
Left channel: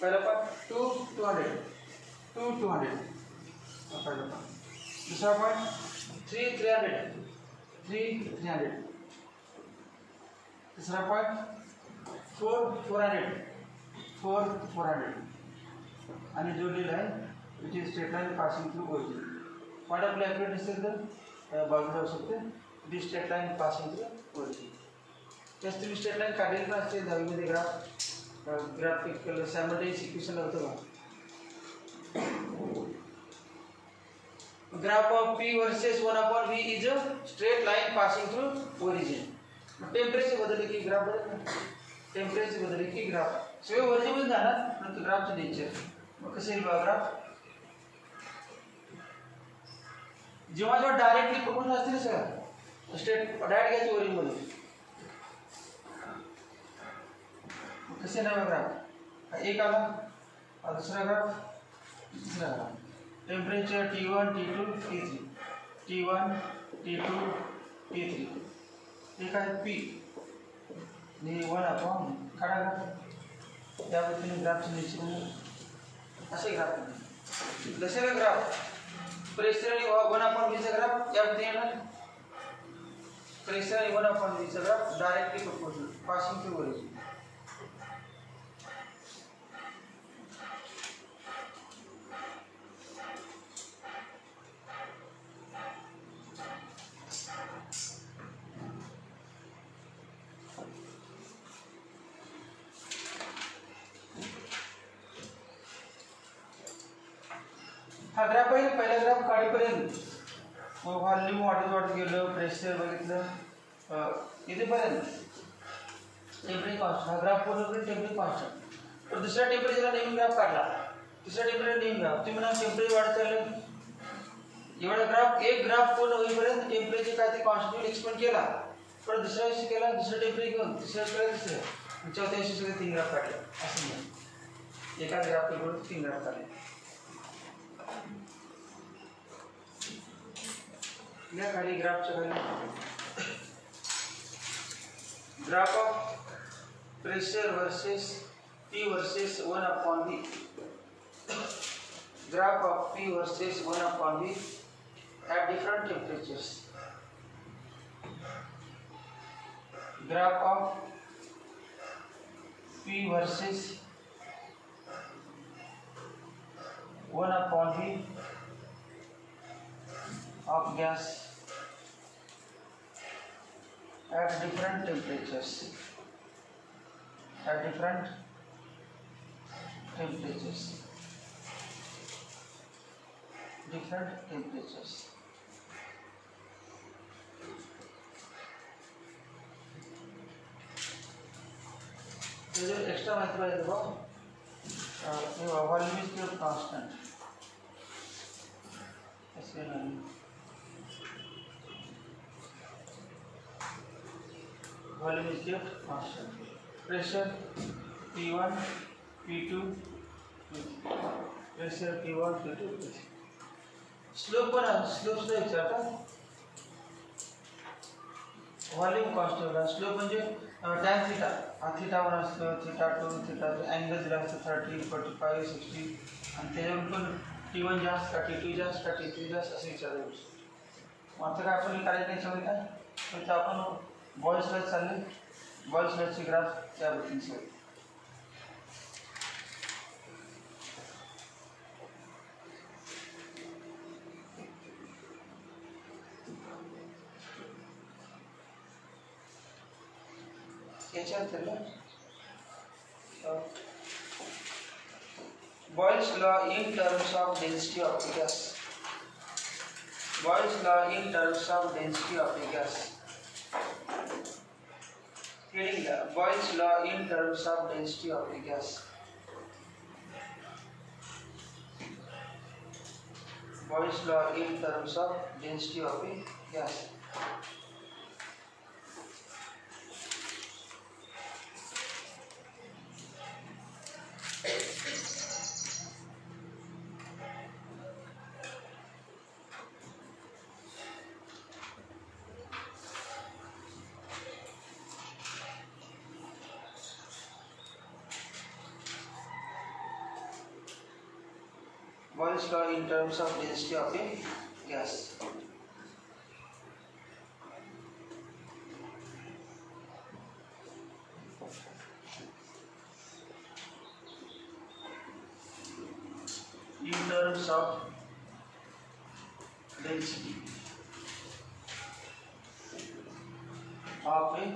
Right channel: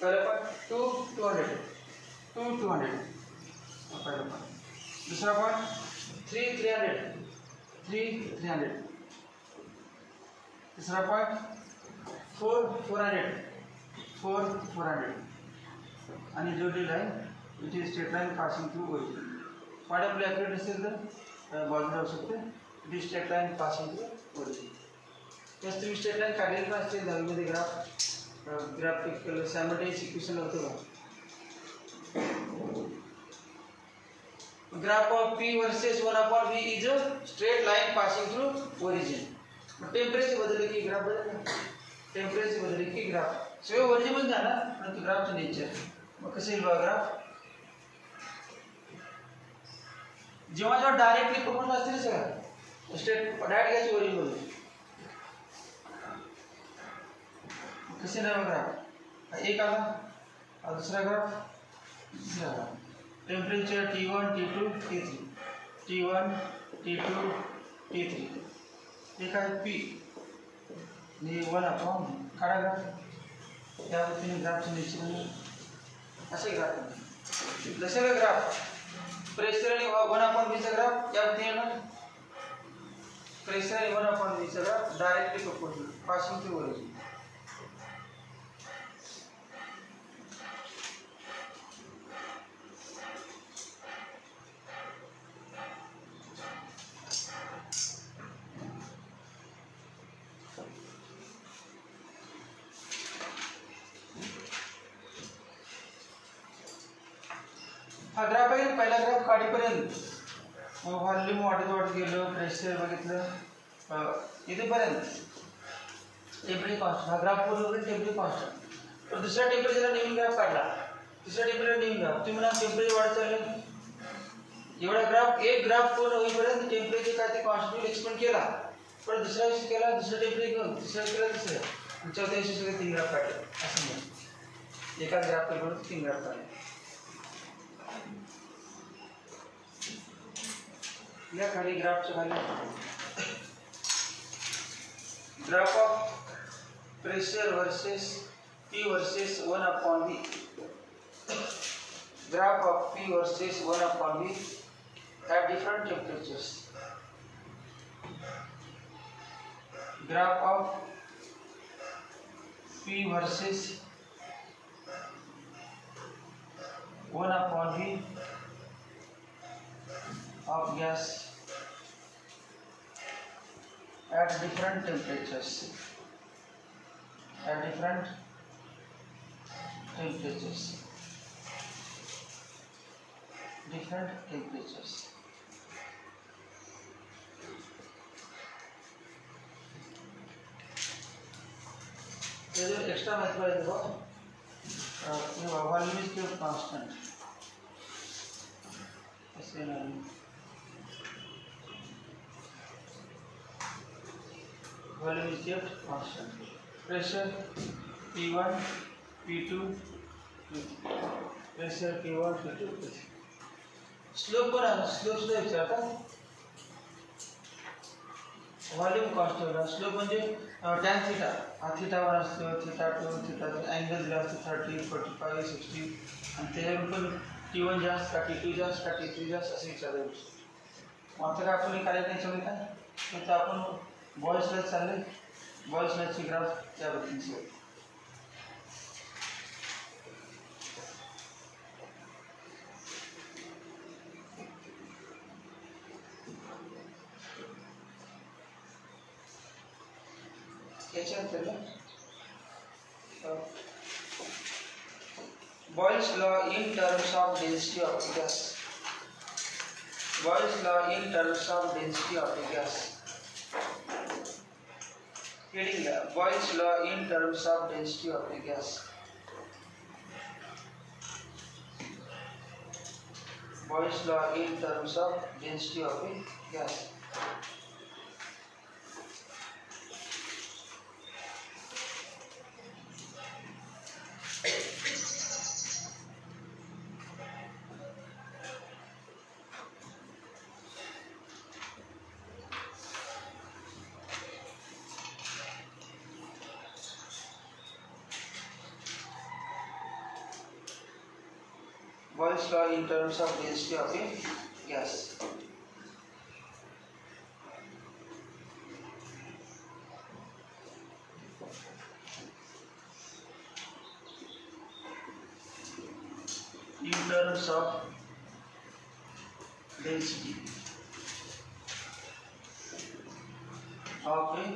पहिला पॉइंट 200 पहिला पॉइंट दूसरा पॉइंट 300 तीसरा पॉइंट 400 आणि जोडलेला आहे it is straight line passing through origin point आपल्या ॲक्युरेट असेल तर बाजूला जाऊ शकते it is straight line passing through origin त्याच तुम्ही स्ट्रेट लाईन काढलेली पण असते दहावीमध्ये ग्राफिकल सॅमल्टेनियस इक्वेशन होतं का graph of P versus 1/v is a straight line passing through origin मग टेम्परेचर बदलले की ग्राफ बदलले की ग्राफ सगळं ओरिजिन झाला परंतु ग्राफचं नेचर मग कसं येईल बघा ग्राफ जेव्हा डायरेक्टली पकडून असतील सगळं स्ट्रेट डायरेक्ट घ्यायची ओरिजिन मध्ये कैसे रहेगा ग्राफ, एक आला और दूसरा ग्राफ तीसरा graph. Temperature T1 T2 T3, T1 T2 T3, एक आहे P नि 1/, काढा ग्राफ, त्या पद्धतीने ग्राफचे निश्चित असे ग्राफ जसे ग्राफ प्रेशर आणि 1/v चा ग्राफ या पद्धतीने येणार। प्रेशर आणि 1/v चा graph directly proportional passing through origin. हा ग्राफ आहे, पहिला ग्राफ काढीपर्यंत मग व्हॉल्यूम वाढत गेलं, प्रेशर बघितलं इथेपर्यंत टेम्परेचर कॉन्स्टंट, हा ग्राफ पूर्ण करून टेम्परेचर कॉन्स्टंट। तर दुसऱ्या टेम्परेचरला नवीन ग्राफ काढला, तिसऱ्या टेम्परेचरला नवीन ग्राफ, तुम्ही म्हणा टेम्परेचर वाढत चाललं, एवढा ग्राफ एक ग्राफ पूर्ण होईपर्यंत टेम्परेचर काय ते कॉन्स्टंट एक्सपेंड केला, पण दुसऱ्या दिवशी केला दुसरं टेम्परेचर घेऊन, तिसऱ्या केला तिसरं, चौथ्या दिवशी सगळे 3 ग्राफ काढले, असं नाही एका ग्राफ करून 3 ग्राफ काढले। या खाली ग्राफच्या खाली graph of pressure versus P versus 1/v, graph of P versus 1/v at different temperatures, graph of P versus 1/v of gas at different temperatures, at different temperatures, different temperatures। ये जो एक्स्ट्रा मात्रा है देखो, ये वॉल्यूम इज केप्ट कांस्टेंट, ऐसे नहीं, volume is kept constant. Pressure P1 P2 pressure P1 P2 P3, slope पर स्लोप से विचारता वॉल्यूम कांस्टेंट, स्लोप म्हणजे tan थीटा, थीटा 1 असतो, थीटा 2 थीटा 3, अँगल दिला असतो 30 45 60, आणि त्याच्यावर पण T1 जास्त का T2 जास्त का T3 जास्त असे विचारलं। आता काय आपण करायचं नाही सगळं काय, तर आपण बॉयल्स लॉ चालले, बॉयल्स लॉची ग्राफ त्या पद्धतीने Boyle's law in terms of density of the gas, Boyle's law in terms of density of the gas, heading Boyle's law in terms of density of the gas, Boyle's law in terms of density of the gas। Boyle's law in terms of density of a gas, in terms of density of a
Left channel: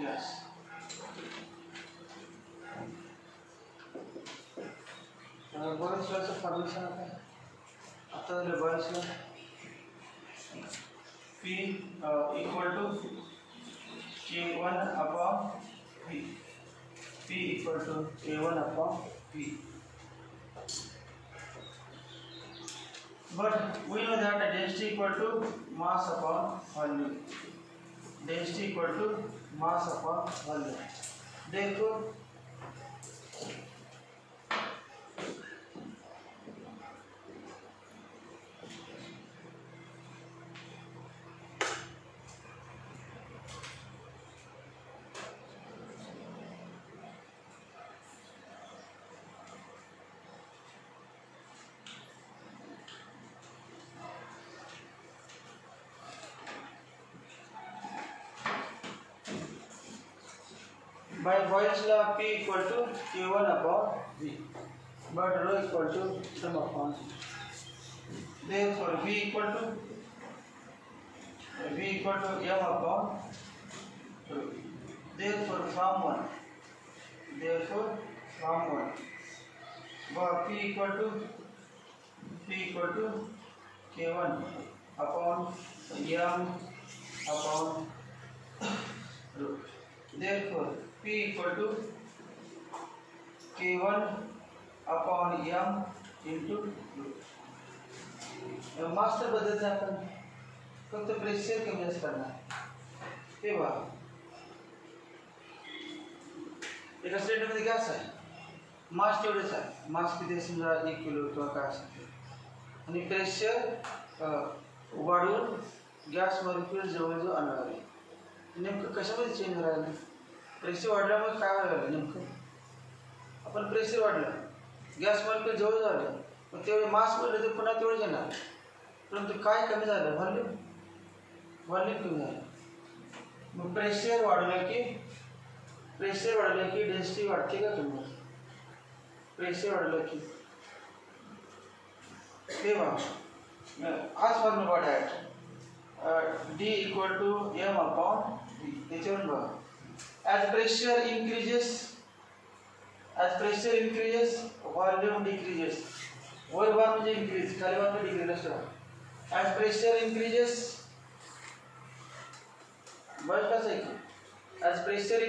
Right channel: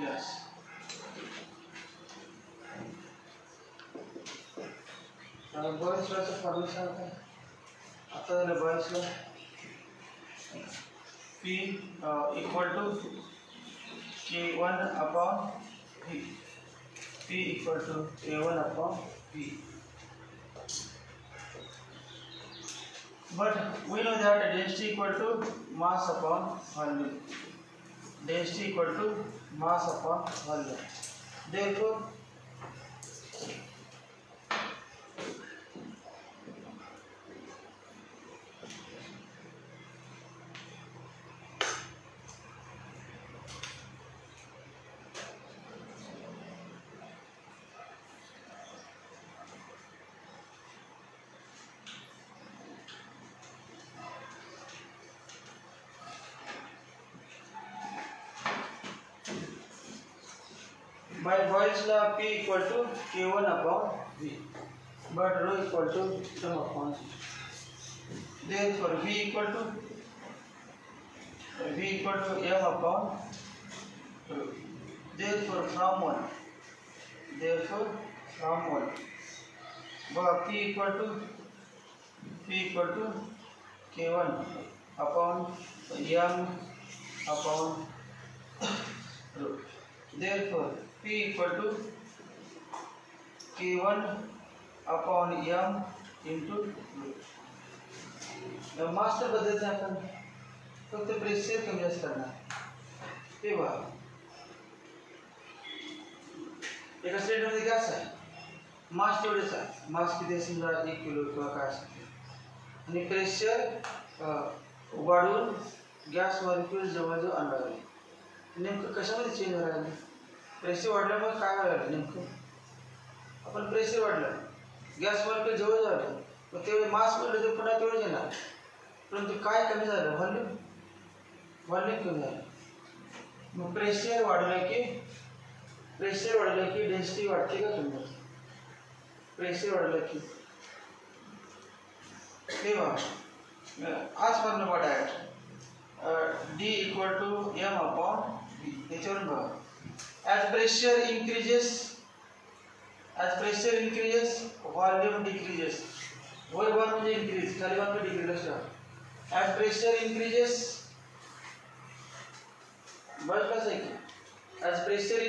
gas। Boyle's law formula सांगता है, आता Boyle's law P equal to K1/V, P equal to K1/V, but we know that density equal to mass upon volume, density equal to mass upon volume, therefore By Boyle's law, P equal to Q1 upon V, but rho equal to sum upon C. Therefore, V equal to M upon rho. Therefore, from 1, but P equal to K1 upon M upon rho. Therefore, P equal to K1 upon M into rho. Master बदलते आपण फक्त प्रेशर कमी जास्त करणार तेव्हा एका सिलेंडरमध्ये गॅस आहे मास तेवढेच आहे मास किती असेल 1 किलो किंवा काय असेल आणि प्रेशर वाढवून गॅस मॉलिक्यूल जवळजवळ आणणार आहे नेमकं कशामध्ये चेंज व्हायला लागलं प्रेशर वाढल्यामुळे काय व्हायला लागलं नेमकं आपण प्रेशर वाढलं गॅस मॉलिक्यूल जवळ झालं मग तेवढे मास वाढलं तर पुन्हा तेवढे येणार परंतु काय कमी झालं व्हॉल्यूम कमी झालं मग प्रेशर वाढलं की डेन्सिटी वाढते का कमी होते प्रेशर वाढलं की तेव्हा आज फॉर्म्युला व्हॉट आहे D equal to M upon V. याच्यावरून बघा as pressure increases volume decreases वर बार म्हणजे increase खाली बार म्हणजे decrease असतो as pressure increases बस कसं आहे as pressure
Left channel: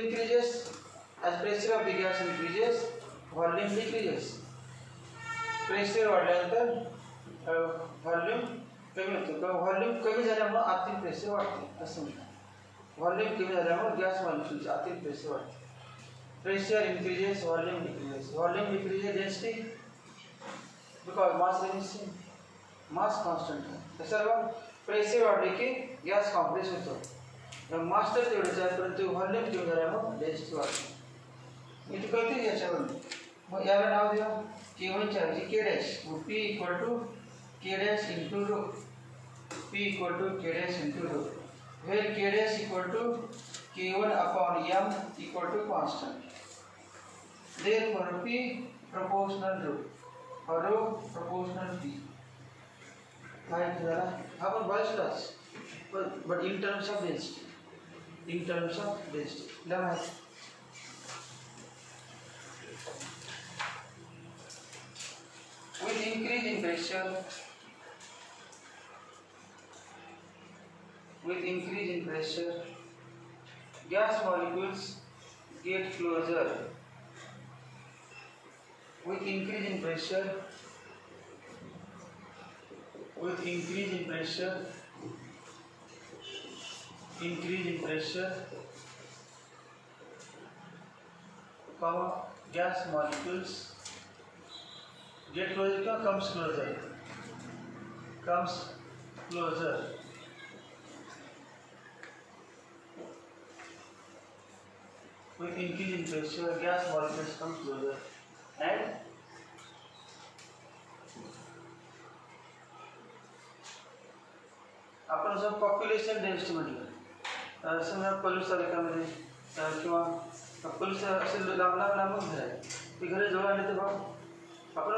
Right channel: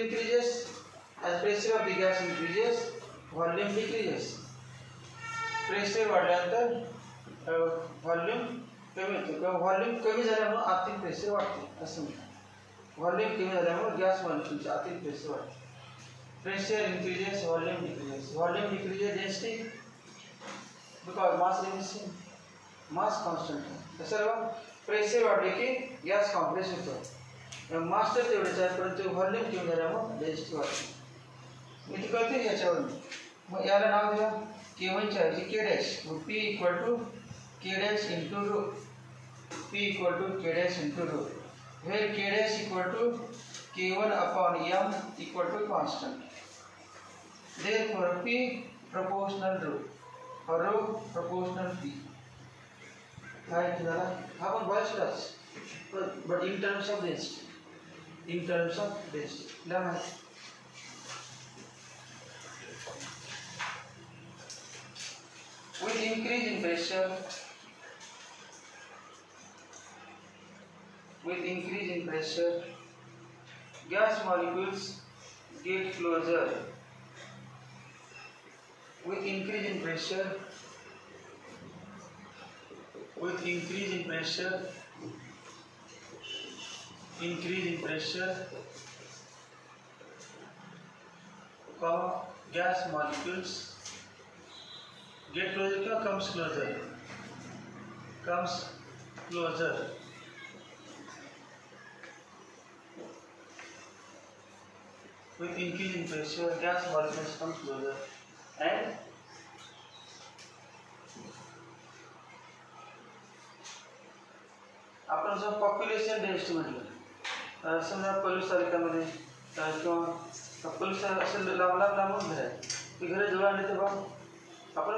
of the gas increases volume decreases pressure वाढल्यानंतर volume कमी होतं किंवा व्हॉल्यूम कमी झाल्यामुळे आतील प्रेशर वाढते असं म्हणतात व्हॉल्यूम कमी झाल्यामुळे गॅस मॉलिक्यूलचे आतील प्रेशर वाढते pressure increases volume decreases density because mass constant आहे सर्व प्रेशर वाढले की गॅस कॉम्प्रेस होतो मास तर तेवढेच आहे परंतु व्हॉल्यूम कमी झाल्यामुळे डेन्सिटी वाढते मी ते कळते याच्यावर मग याला नाव देऊया K1च्या ऐवजी K dash P equal to K dash into rho P equal to K dash into rho, where K dash equal to K1 upon M equal to constant. Therefore, P proportional rho or rho proportional P. Right, Zara? How about Boyle's laws? But in terms of density. Now, with increase in pressure. With increase in pressure, gas molecules get closer. With increase in pressure, gas molecules get closer. Comes closer. With increase in pressure, gas molecules come closer and आपण जर population density म्हटलं समजा पलूस तालुक्यामध्ये किंवा पलूस असे लांब घर आहे ते घर जवळ आले तर बघ आपण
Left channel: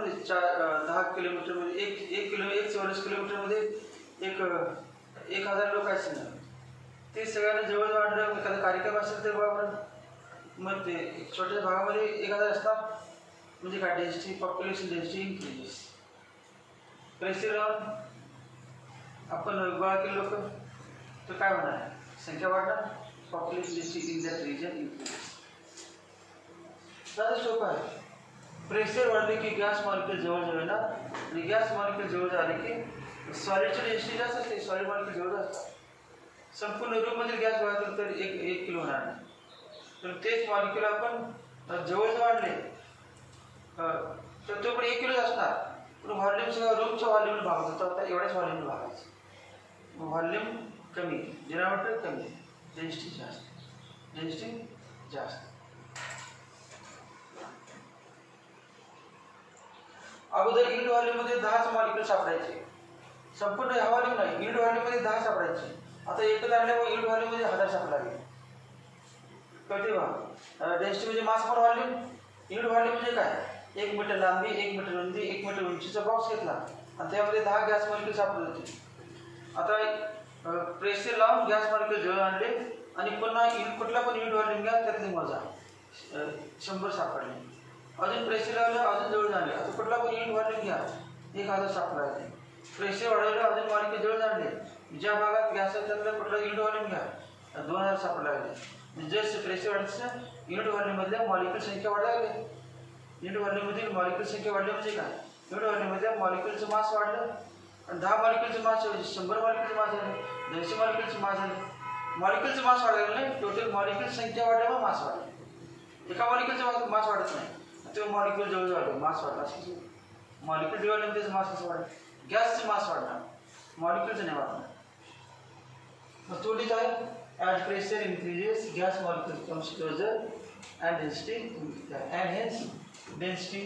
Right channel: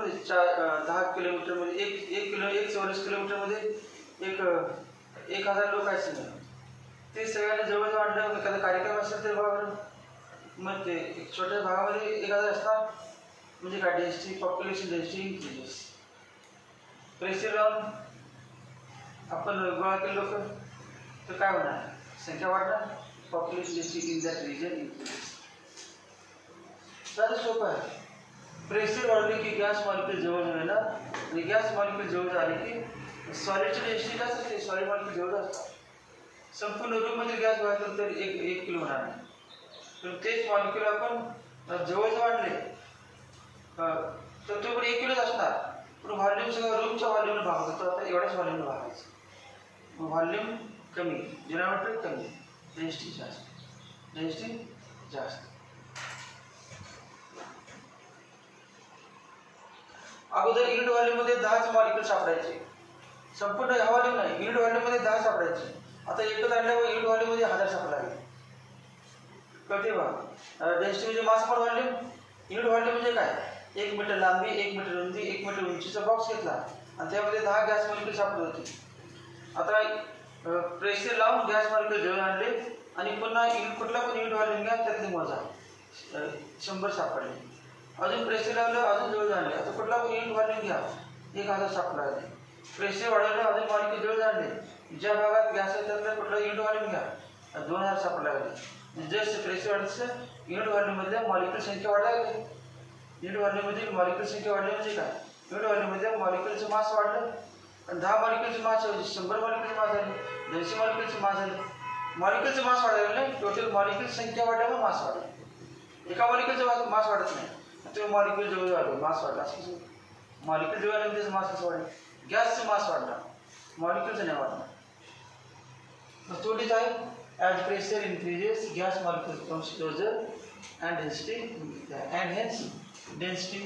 10 किलोमीटरमध्ये एक चौरस किलोमीटरमध्ये 1000 लोक आहेत समजा ते सगळ्यांना जवळ वाढलं एखादा कार्यक्रम असेल तर बघा मग ते छोट्या भागामध्ये 1000 असतात म्हणजे काय density population density increases pressure लावून आपण गोळा केले लोक तर काय होणार संख्या वाढणार population density in that region increases साधं सोपं आहे प्रेशर वाढले की गॅस मॉलिक्यूल जवळ येणार आणि गॅस मॉलिक्यूल जवळ झाले की सॉलिडची डेन्सिटी जास्त असते सॉलिड मॉलिक्यूल जवळ असतात संपूर्ण रूममध्ये गॅस वाढतो तर 1 किलो होणार तर तेच मॉलिक्यूल आपण जवळ वाढले तर तो पण 1 किलोच असणार, पण व्हॉल्यूम सगळं रूमच्या व्हॉल्यूमने भागतो. आता एवढ्याच व्हॉल्यूमने भागायचं. व्हॉल्यूम कमी, डिनॉमिनेटर कमी, डेन्सिटी जास्त, डेन्सिटी जास्त. अगोदर युनिट व्हॉल्यूममध्ये 10च मॉलिक्यूल सापडायचे, संपूर्ण ह्या व्हॉल्यूम नाही, युनिट व्हॉल्यूममध्ये 10 सापडायचे. आता एकच आणल्यामुळे युनिट व्हॉल्यूममध्ये 1000 सापडावे. कळते बा? डेन्सिटी म्हणजे मास पर व्हॉल्यूम. युनिट व्हॉल्यूम म्हणजे काय? 1 मीटर लांबी, 1 मीटर रुंदी, 1 मीटर उंचीचा बॉक्स घेतला आणि त्यामध्ये 10 गॅस मॉलिक्यूल सापडत होते. आता प्रेशर लावून गॅस मॉलिक्यूल जवळ आणले आणि पुन्हा कुठला पण युनिट व्हॉल्यूम घ्या, त्यातली मोजा, 100 सापडले. अजून प्रेशर लावलं, अजून जवळ आणले. आता कुठला पण युनिट व्हॉल्यूम घ्या, 1000 सापडले. प्रेशर वाढवलं, अजून मॉलिक्यूल जवळ आणले. ज्या भागात गॅस आहे त्यातला कुठला युनिट व्हॉल्यूम घ्या, 2000 सापडले. जस्ट प्रेशर वाढलं, युनिट व्हॉल्यूममधल्या मॉलिक्यूल संख्या वाढायला लागली. युनिट व्हॉल्यूममधील मॉलिक्यूल संख्या वाढली म्हणजे काय? युनिट व्हॉल्यूममधल्या मॉलिक्यूलचं मास वाढलं आणि 10 मॉलिक्यूलचं मास 100 मॉलिक्यूलचं मास झालं, 200 मॉलिक्यूलचं मास झालं. मॉलिक्यूलचं मास वाढायला लागलं, टोटल मॉलिक्यूल संख्या वाढल्यामुळे मास वाढलं. एका मॉलिक्यूलचं मास वाढत नाही, तो मॉलिक्यूल जवळ वाढलं, मास वाढला. मॉलिक्यूल जवळ आलं त्याचं मास कसं वाढलं? गॅसचं मास वाढला, मॉलिक्यूलचं नाही वाढलं. मग तोडीच आहे, as pressure increases, gas molecule comes closer and density and hence density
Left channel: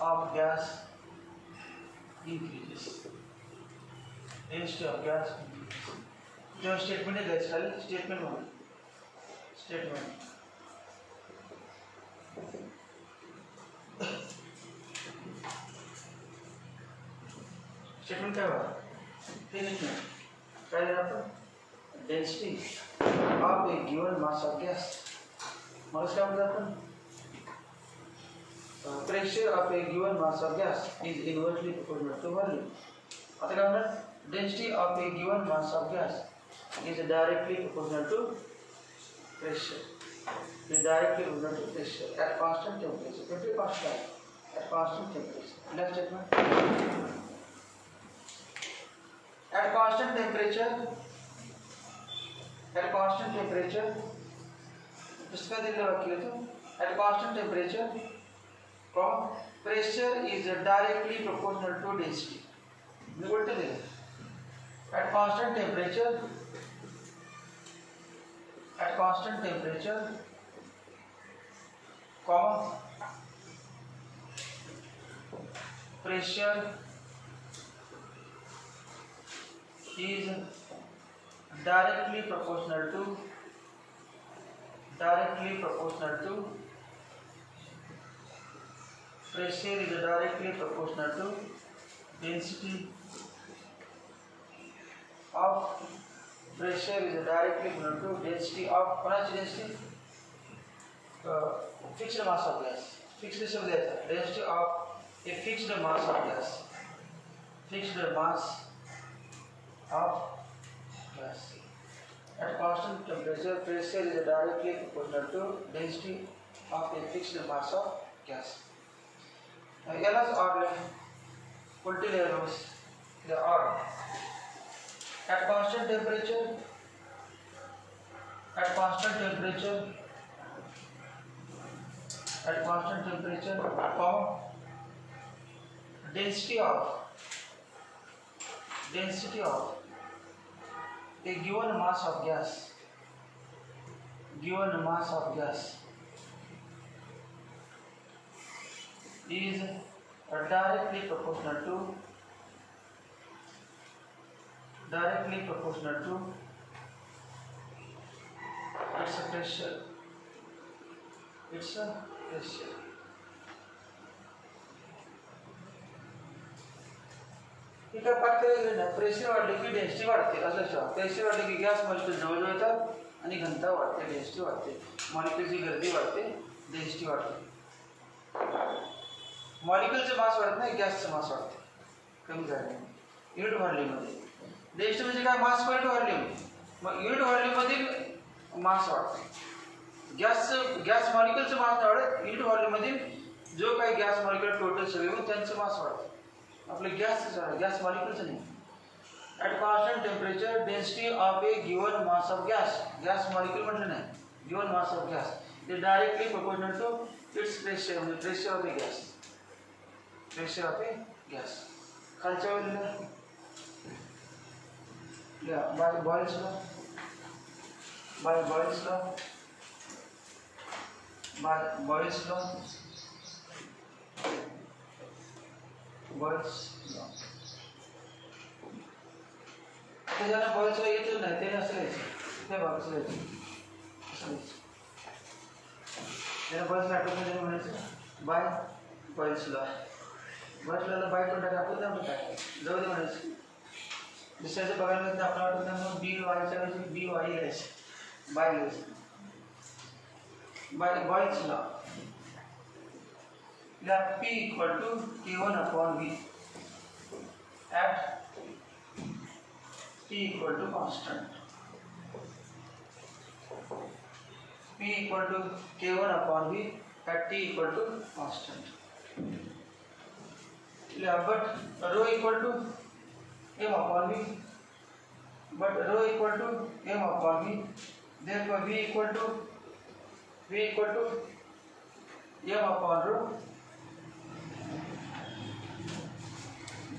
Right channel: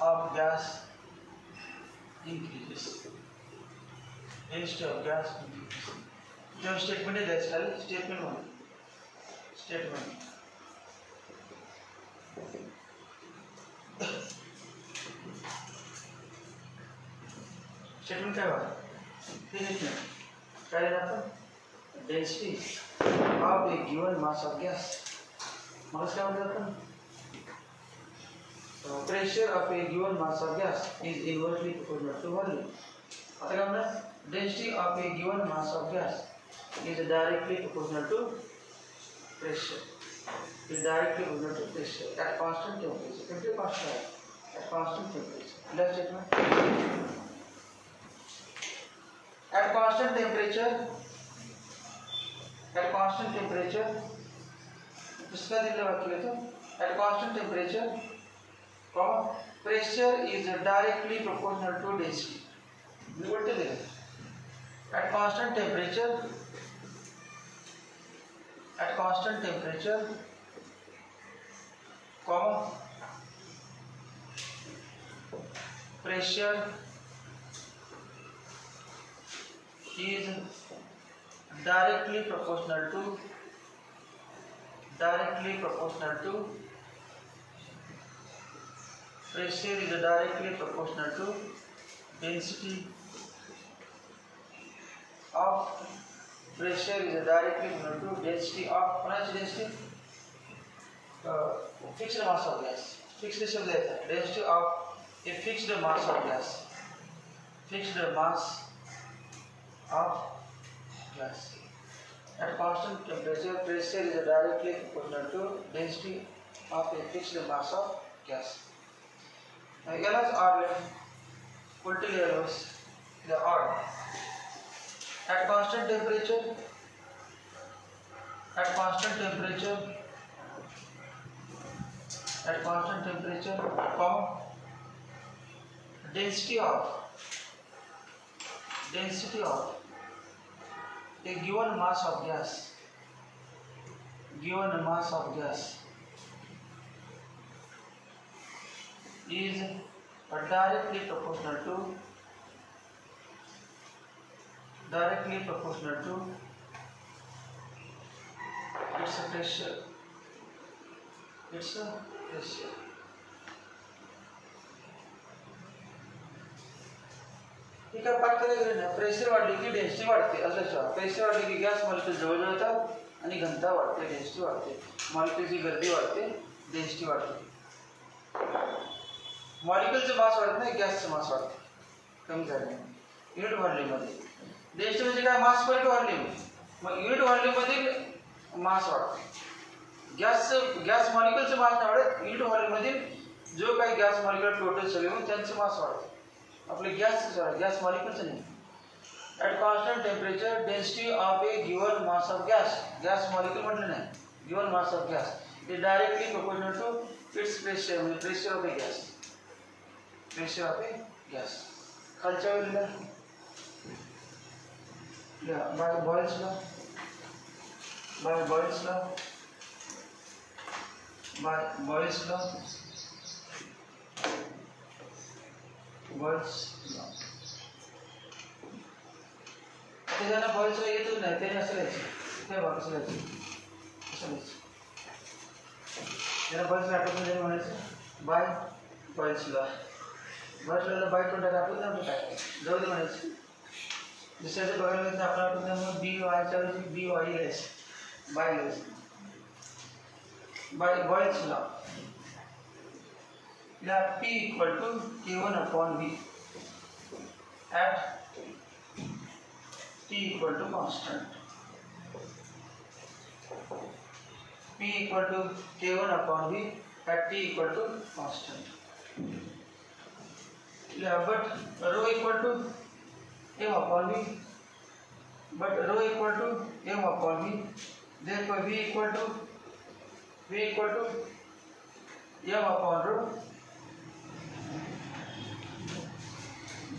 of gas increases. Density of gas increases. जो स्टेटमेंट है दैट्स खाली स्टेटमेंट 1. स्टेटमेंट स्टेटमेंट काय बघा, काय लिहिलं आपण? Density of a given mass of gas. मग काय म्हणतात आपण? Pressure of a given mass of gas is inversely proportional to volume. आता काय म्हणतात? Density of a given mass of gas is directly proportional to pressure. Is directly proportional to pressure at constant temperature. Temperature constant. At constant temperature. Next statement. At constant temperature. At constant temperature. इसका दिल वाक्य लेते. At constant temperature, pressure is directly proportional to density. बोलते थे. At constant temperature. At constant temperature, pressure is directly proportional to pressure is directly proportional to density of pressure is directly proportional to density of density fixed mass of gas. Fixed शब्द है density of a fixed mass of gas. Fixed mass of gas. At constant temperature, pressure is directly proportional to density of a fixed mass of gas. LS or voltage the odd. At constant temperature, density of a given mass of gas is directly proportional to its pressure. ठीक आहे, पाठ करायचं ना. प्रेशर वाढले की डेन्सिटी वाढते असं लक्षात. प्रेशर वाढले की गॅस मॉलिक्यूल जवळ येतात आणि घनता वाढते, डेन्सिटी वाढते. मॉलिक्यूलची गर्दी वाढते, डेन्सिटी वाढते. मॉलिक्यूलचं मास वाढत नाही, गॅसचं मास वाढते, कमी झाले युनिट व्हॉल्यूममध्ये. डेन्सिटी म्हणजे काय? मास पर युनिट व्हॉल्यूम. मग युनिट व्हॉल्यूममधील मास वाढते. गॅस मॉलिक्यूलचं मास नाही वाढत, युनिट व्हॉल्यूममधील जो काही गॅस मॉलिक्यूल टोटल सगळे म्हणून त्यांचं मास वाढतं. आपले गॅस मॉलिक्यूलचं नाही. At constant temperature, density of a given mass of gas molecule म्हटलं नाही, given mass of gas is directly proportional to its pressure of a gas. Pressure of a gas. खालच्या वेळेला by Boyle's law. ज्यांना Boyle's law येतच नाही त्याने असं लिहायचं, काय बघ असं लिहायचं, ज्यांना बॉयल्स आठवत नाही त्याने म्हणायचं बाय बॉयल्स लॉ. बॉयल्स लॉला बाय कोण टाका आपण त्यामुळे काय जाऊ दे म्हणायचं. दुसऱ्याचं बघायला लागतं आपलं आठवत नाही मग बी वायच्या वेळी बी वाय लिहायचं, बाय लिहायचं. बाय बॉयल्स लॉ या P equal to K1 upon V at T equal to constant. P equal to K1 upon V at T equal to constant. Yeah, but rho equal to M upon V. But rho equal to M upon V. Therefore V equal to M upon rho.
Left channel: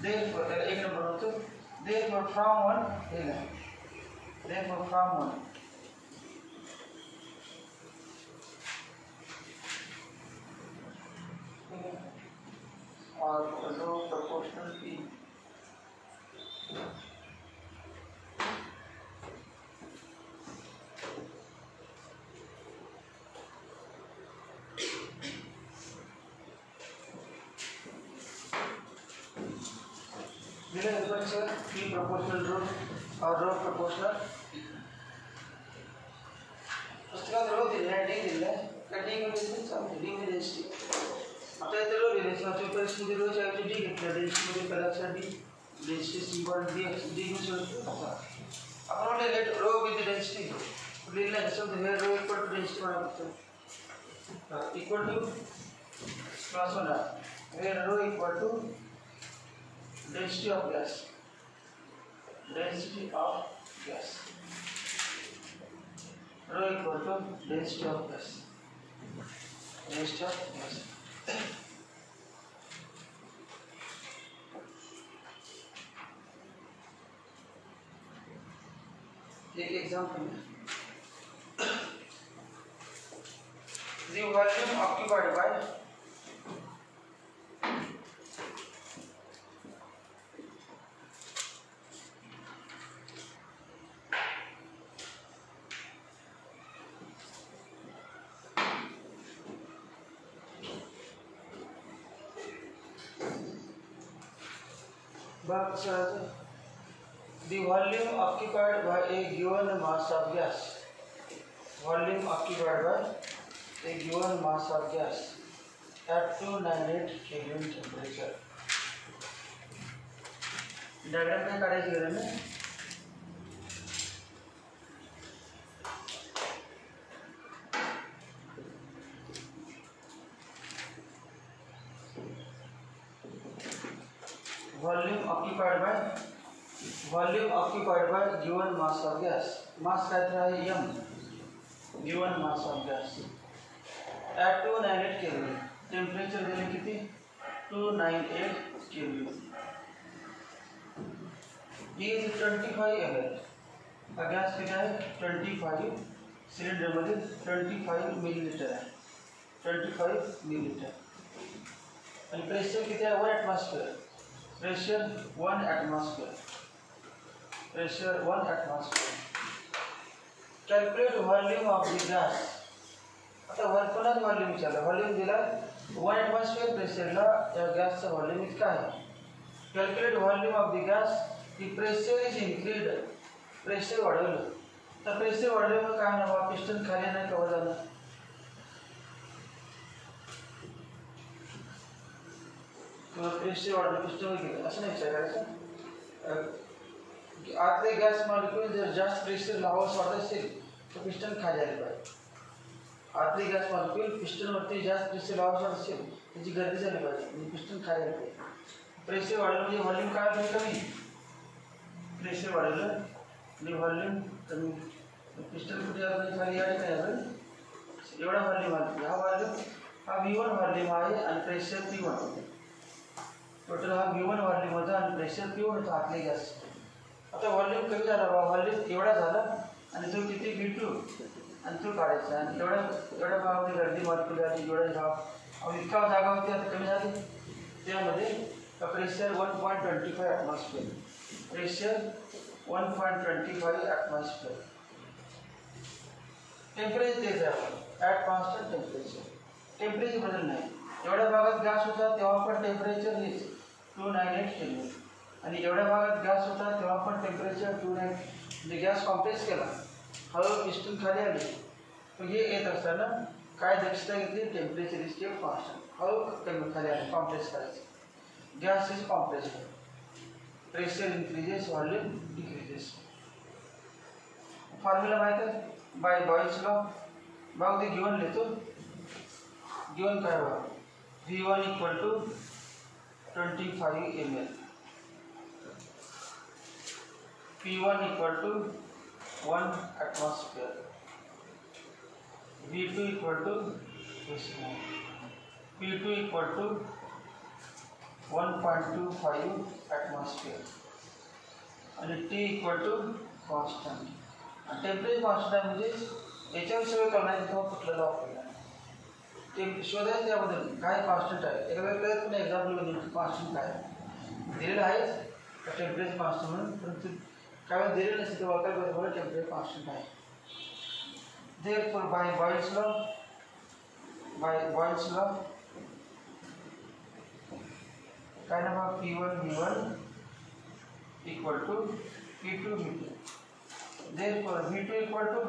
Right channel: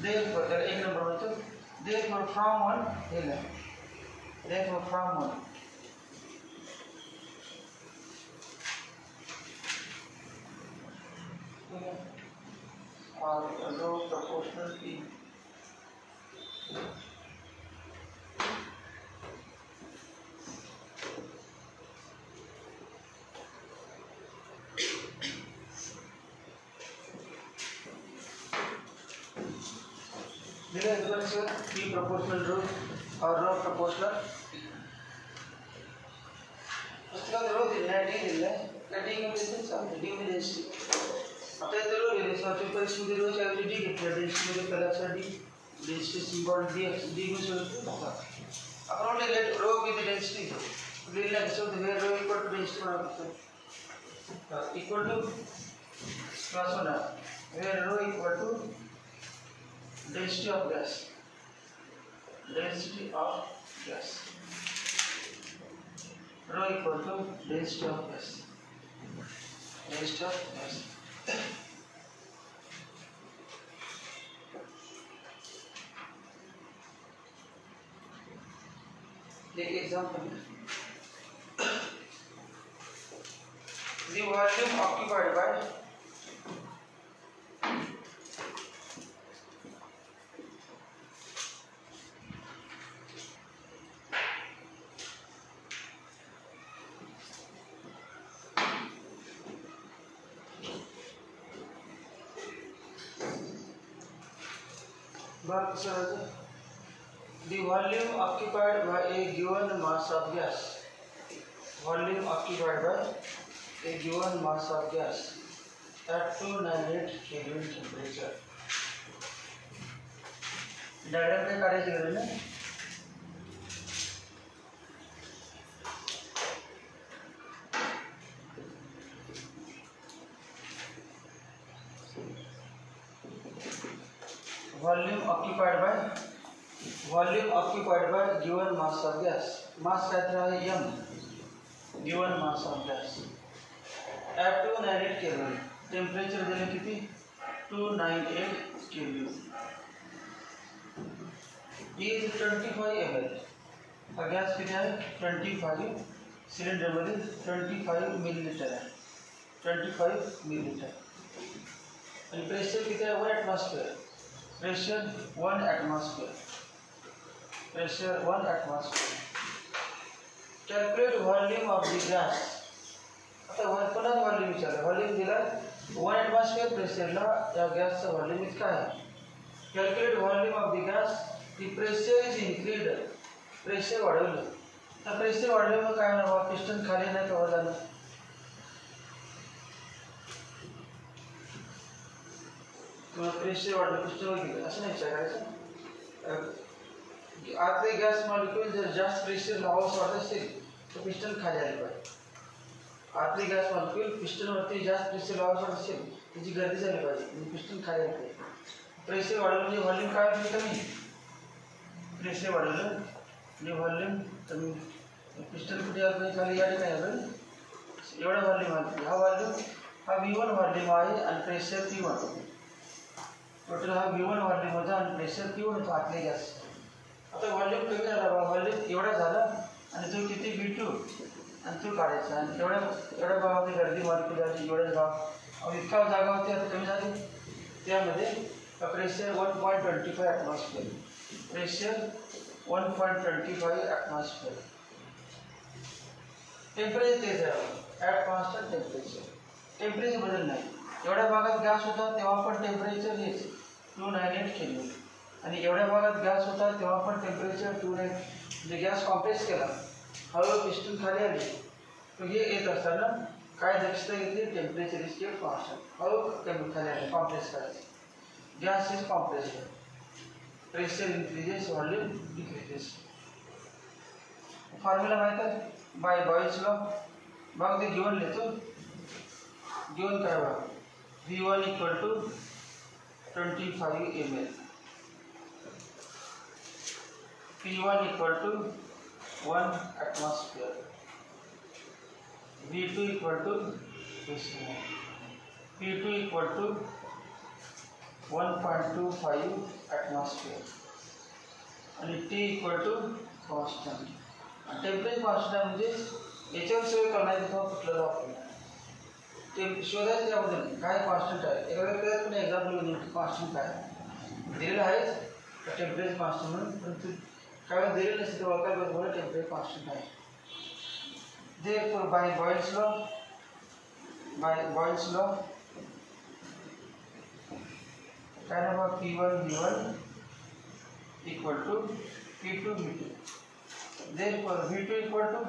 Therefore एक नंबर होतो. Therefore from 1 here. Therefore from 1. और rho proportional P. P proportional rho और rho proportional उसके बाद rho दिया है, d दिया है, d में density सब d में density आता है तो rho ले लेते हैं तो ऊपर इसमें rho चाहिए तो d कितना density में पहला अक्षर d density symbol d में चलता है अपन ने let rho with density ले लें so where rho equal to density बना सकते हैं equal to plus 1 where rho equal to density of gas. Density of gas. Rho equal to density of gas. Density of gas. एक एग्जांपल है. The volume occupied by the volume occupied by a given mass of gas. Volume occupied by a given mass of gas at 298 Kelvin temperature. Diagram में काढायची गरज नाही. volume occupied by given mass of gas. Mass काय तर आहे m. Given mass of gas at 298 Kelvin. Temperature दिले किती 298 Kelvin. is 25 ml. हा गॅस किती आहे 25 सिलेंडर मध्ये 25 मिलीलीटर आहे 25 मिलीलीटर. आणि प्रेशर किती आहे 1 atmosphere. Pressure 1 atmosphere. Pressure 1 atmosphere. Calculate volume of the gas. आता पुन्हा व्हॉल्यूम विचारलं. व्हॉल्यूम दिला 1 atmosphere प्रेशरला या गॅसचं व्हॉल्यूम इतकं आहे. Calculate volume of the gas. The pressure is increased. Pressure वाढवलं. तर प्रेशर वाढल्यामुळे काय होणार पिस्टन खाली नाही कव्हर झालं. प्रेशर वाढलं पिस्टन गेलं असं नाही विचारायचं. आतले गॅस मॉलिक्यूल जर जास्त प्रेशर लावावं वाटत असेल तर पिस्टन खाली आले पाहिजे. आतले गॅस मॉलिक्यूल पिस्टनवरती जास्त प्रेशर लावावं वाटत असेल त्याची गर्दी झाली पाहिजे म्हणजे पिस्टन खाली आले पाहिजे. प्रेशर वाढलं म्हणजे व्हॉल्यूम काय होईल कमी. प्रेशर वाढवलं आणि व्हॉल्यूम कमी. पिस्टन कुठे आपण खाली या ठिकाणी आलं एवढा व्हॉल्यूम आहे. हा व्हॉल्यूम हा V1 व्हॉल्यूम आहे आणि प्रेशर P1 होते. टोटल हा V1 व्हॉल्यूम होता आणि प्रेशर P1 होता आतले गॅस. आता व्हॉल्यूम कमी झाला बा, व्हॉल्यूम एवढा झाला आणि तो किती V2 आणि तो काढायचा आणि एवढ्या भागामध्ये गर्दी मॉलिक्युल आली. एवढ्याच भाग इतका जागा होती आता कमी झाली. त्यामध्ये प्रेशर 1.25 ॲटमॉस्फिअर. Pressure 1.25 atmosphere. टेम्परेचर तेच आहे ॲट कॉन्स्टंट टेम्परेचर. टेम्परेचर बदल नाही. एवढ्या भागात गॅस होता तेव्हा पण टेम्परेचर हेच 298 केल्विन आणि एवढ्या भागात गॅस होता तेव्हा पण टेम्परेचर 298. म्हणजे गॅस कॉम्प्रेस केला, हळूहळू पिस्टन खाली आली. तर हे येत असताना काय दक्षता घेतली, टेम्परेचर इज केप्ट कॉन्स्टंट. हळू कमी खाली आले, कॉम्प्रेस करायचे. Gas is compress. Pressure increases, volume decreases. Formula माहिती आहे बाय बॉयल्स लॉ. बघा ते गिवन लिहितो. गिवन काय बघा, V1 equal to 25 ml, P1 equal to 1 atmosphere, V2 equal to P2 equal to 1.25 atmosphere आणि T equal to constant. Temperature constant म्हणजे याच्यावर सगळं करण्याचं किंवा कुठलं वापरणार ते शोधायचं. त्याबद्दल काय कॉन्स्टंट आहे एखाद्या कळत पण एक्झाम्पल घेऊन कॉन्स्टंट काय दिलेलं आहेच टेम्परेचर कॉन्स्टंट म्हणून, परंतु काय दिलेलं नसेल तर वाकायला पाहिजे मला टेम्परेचर कॉन्स्टंट आहे. Therefore by Boyle's law काय ना बघा P1 V1 equal to P2 V2. Therefore V2 equal to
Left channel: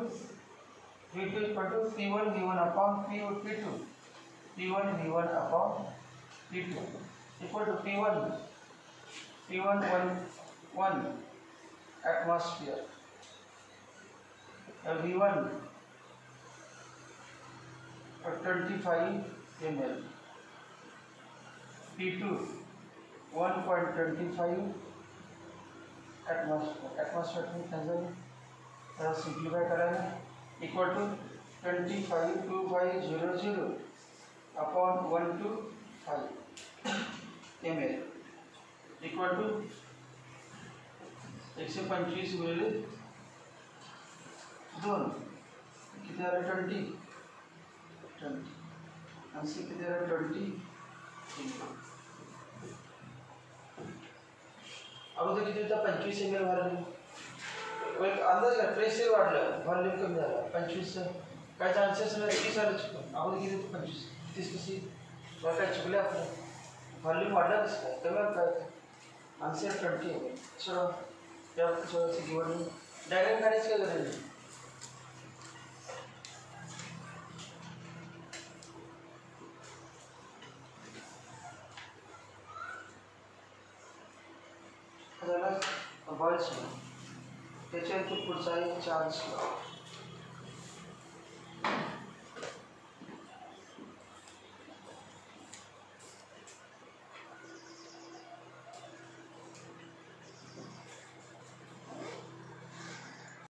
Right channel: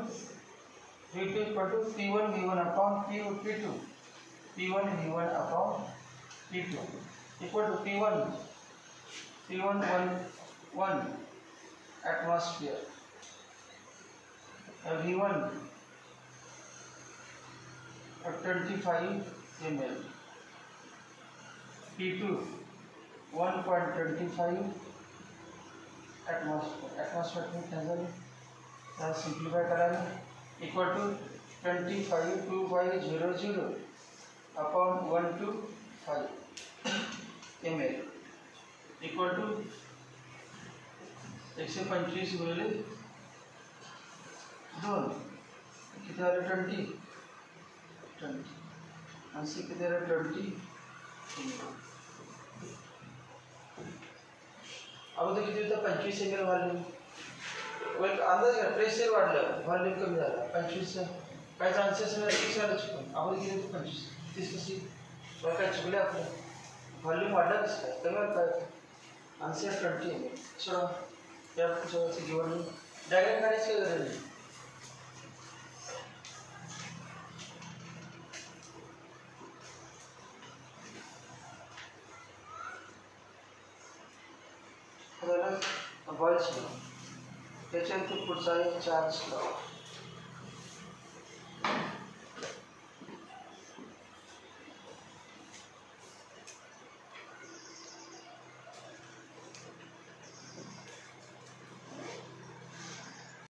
P1 V1 upon P2. P1 V1 upon P2 equal to P1 1 atmosphere, V1 25 ml, P2 1.25 atmosphere में cancel simplify कराएंगे. Equal to 25 upon 125 ml equal to 125 मिली 2 किती आले 20 आंसर किती आले 20. अगोदर किती होतं 25 ml व्हॉल्यूम. एक अंदाज घ्या प्रेशर वाढलं व्हॉल्यूम कमी झाला 25. काय चान्सेस नाही 30 आले चुकून. अगोदर किती होतं 25 30 कशी बरं काय चुकले आपलं व्हॉल्यूम वाढला कसं काय कमी काय आन्सर 20 ml. चलो त्याचं गिवन डायग्राम काढायचं काय गरज नाही. बॉयल्स लॉ त्याच्यानंतर पुढचा आहे चार्ल्स लॉ.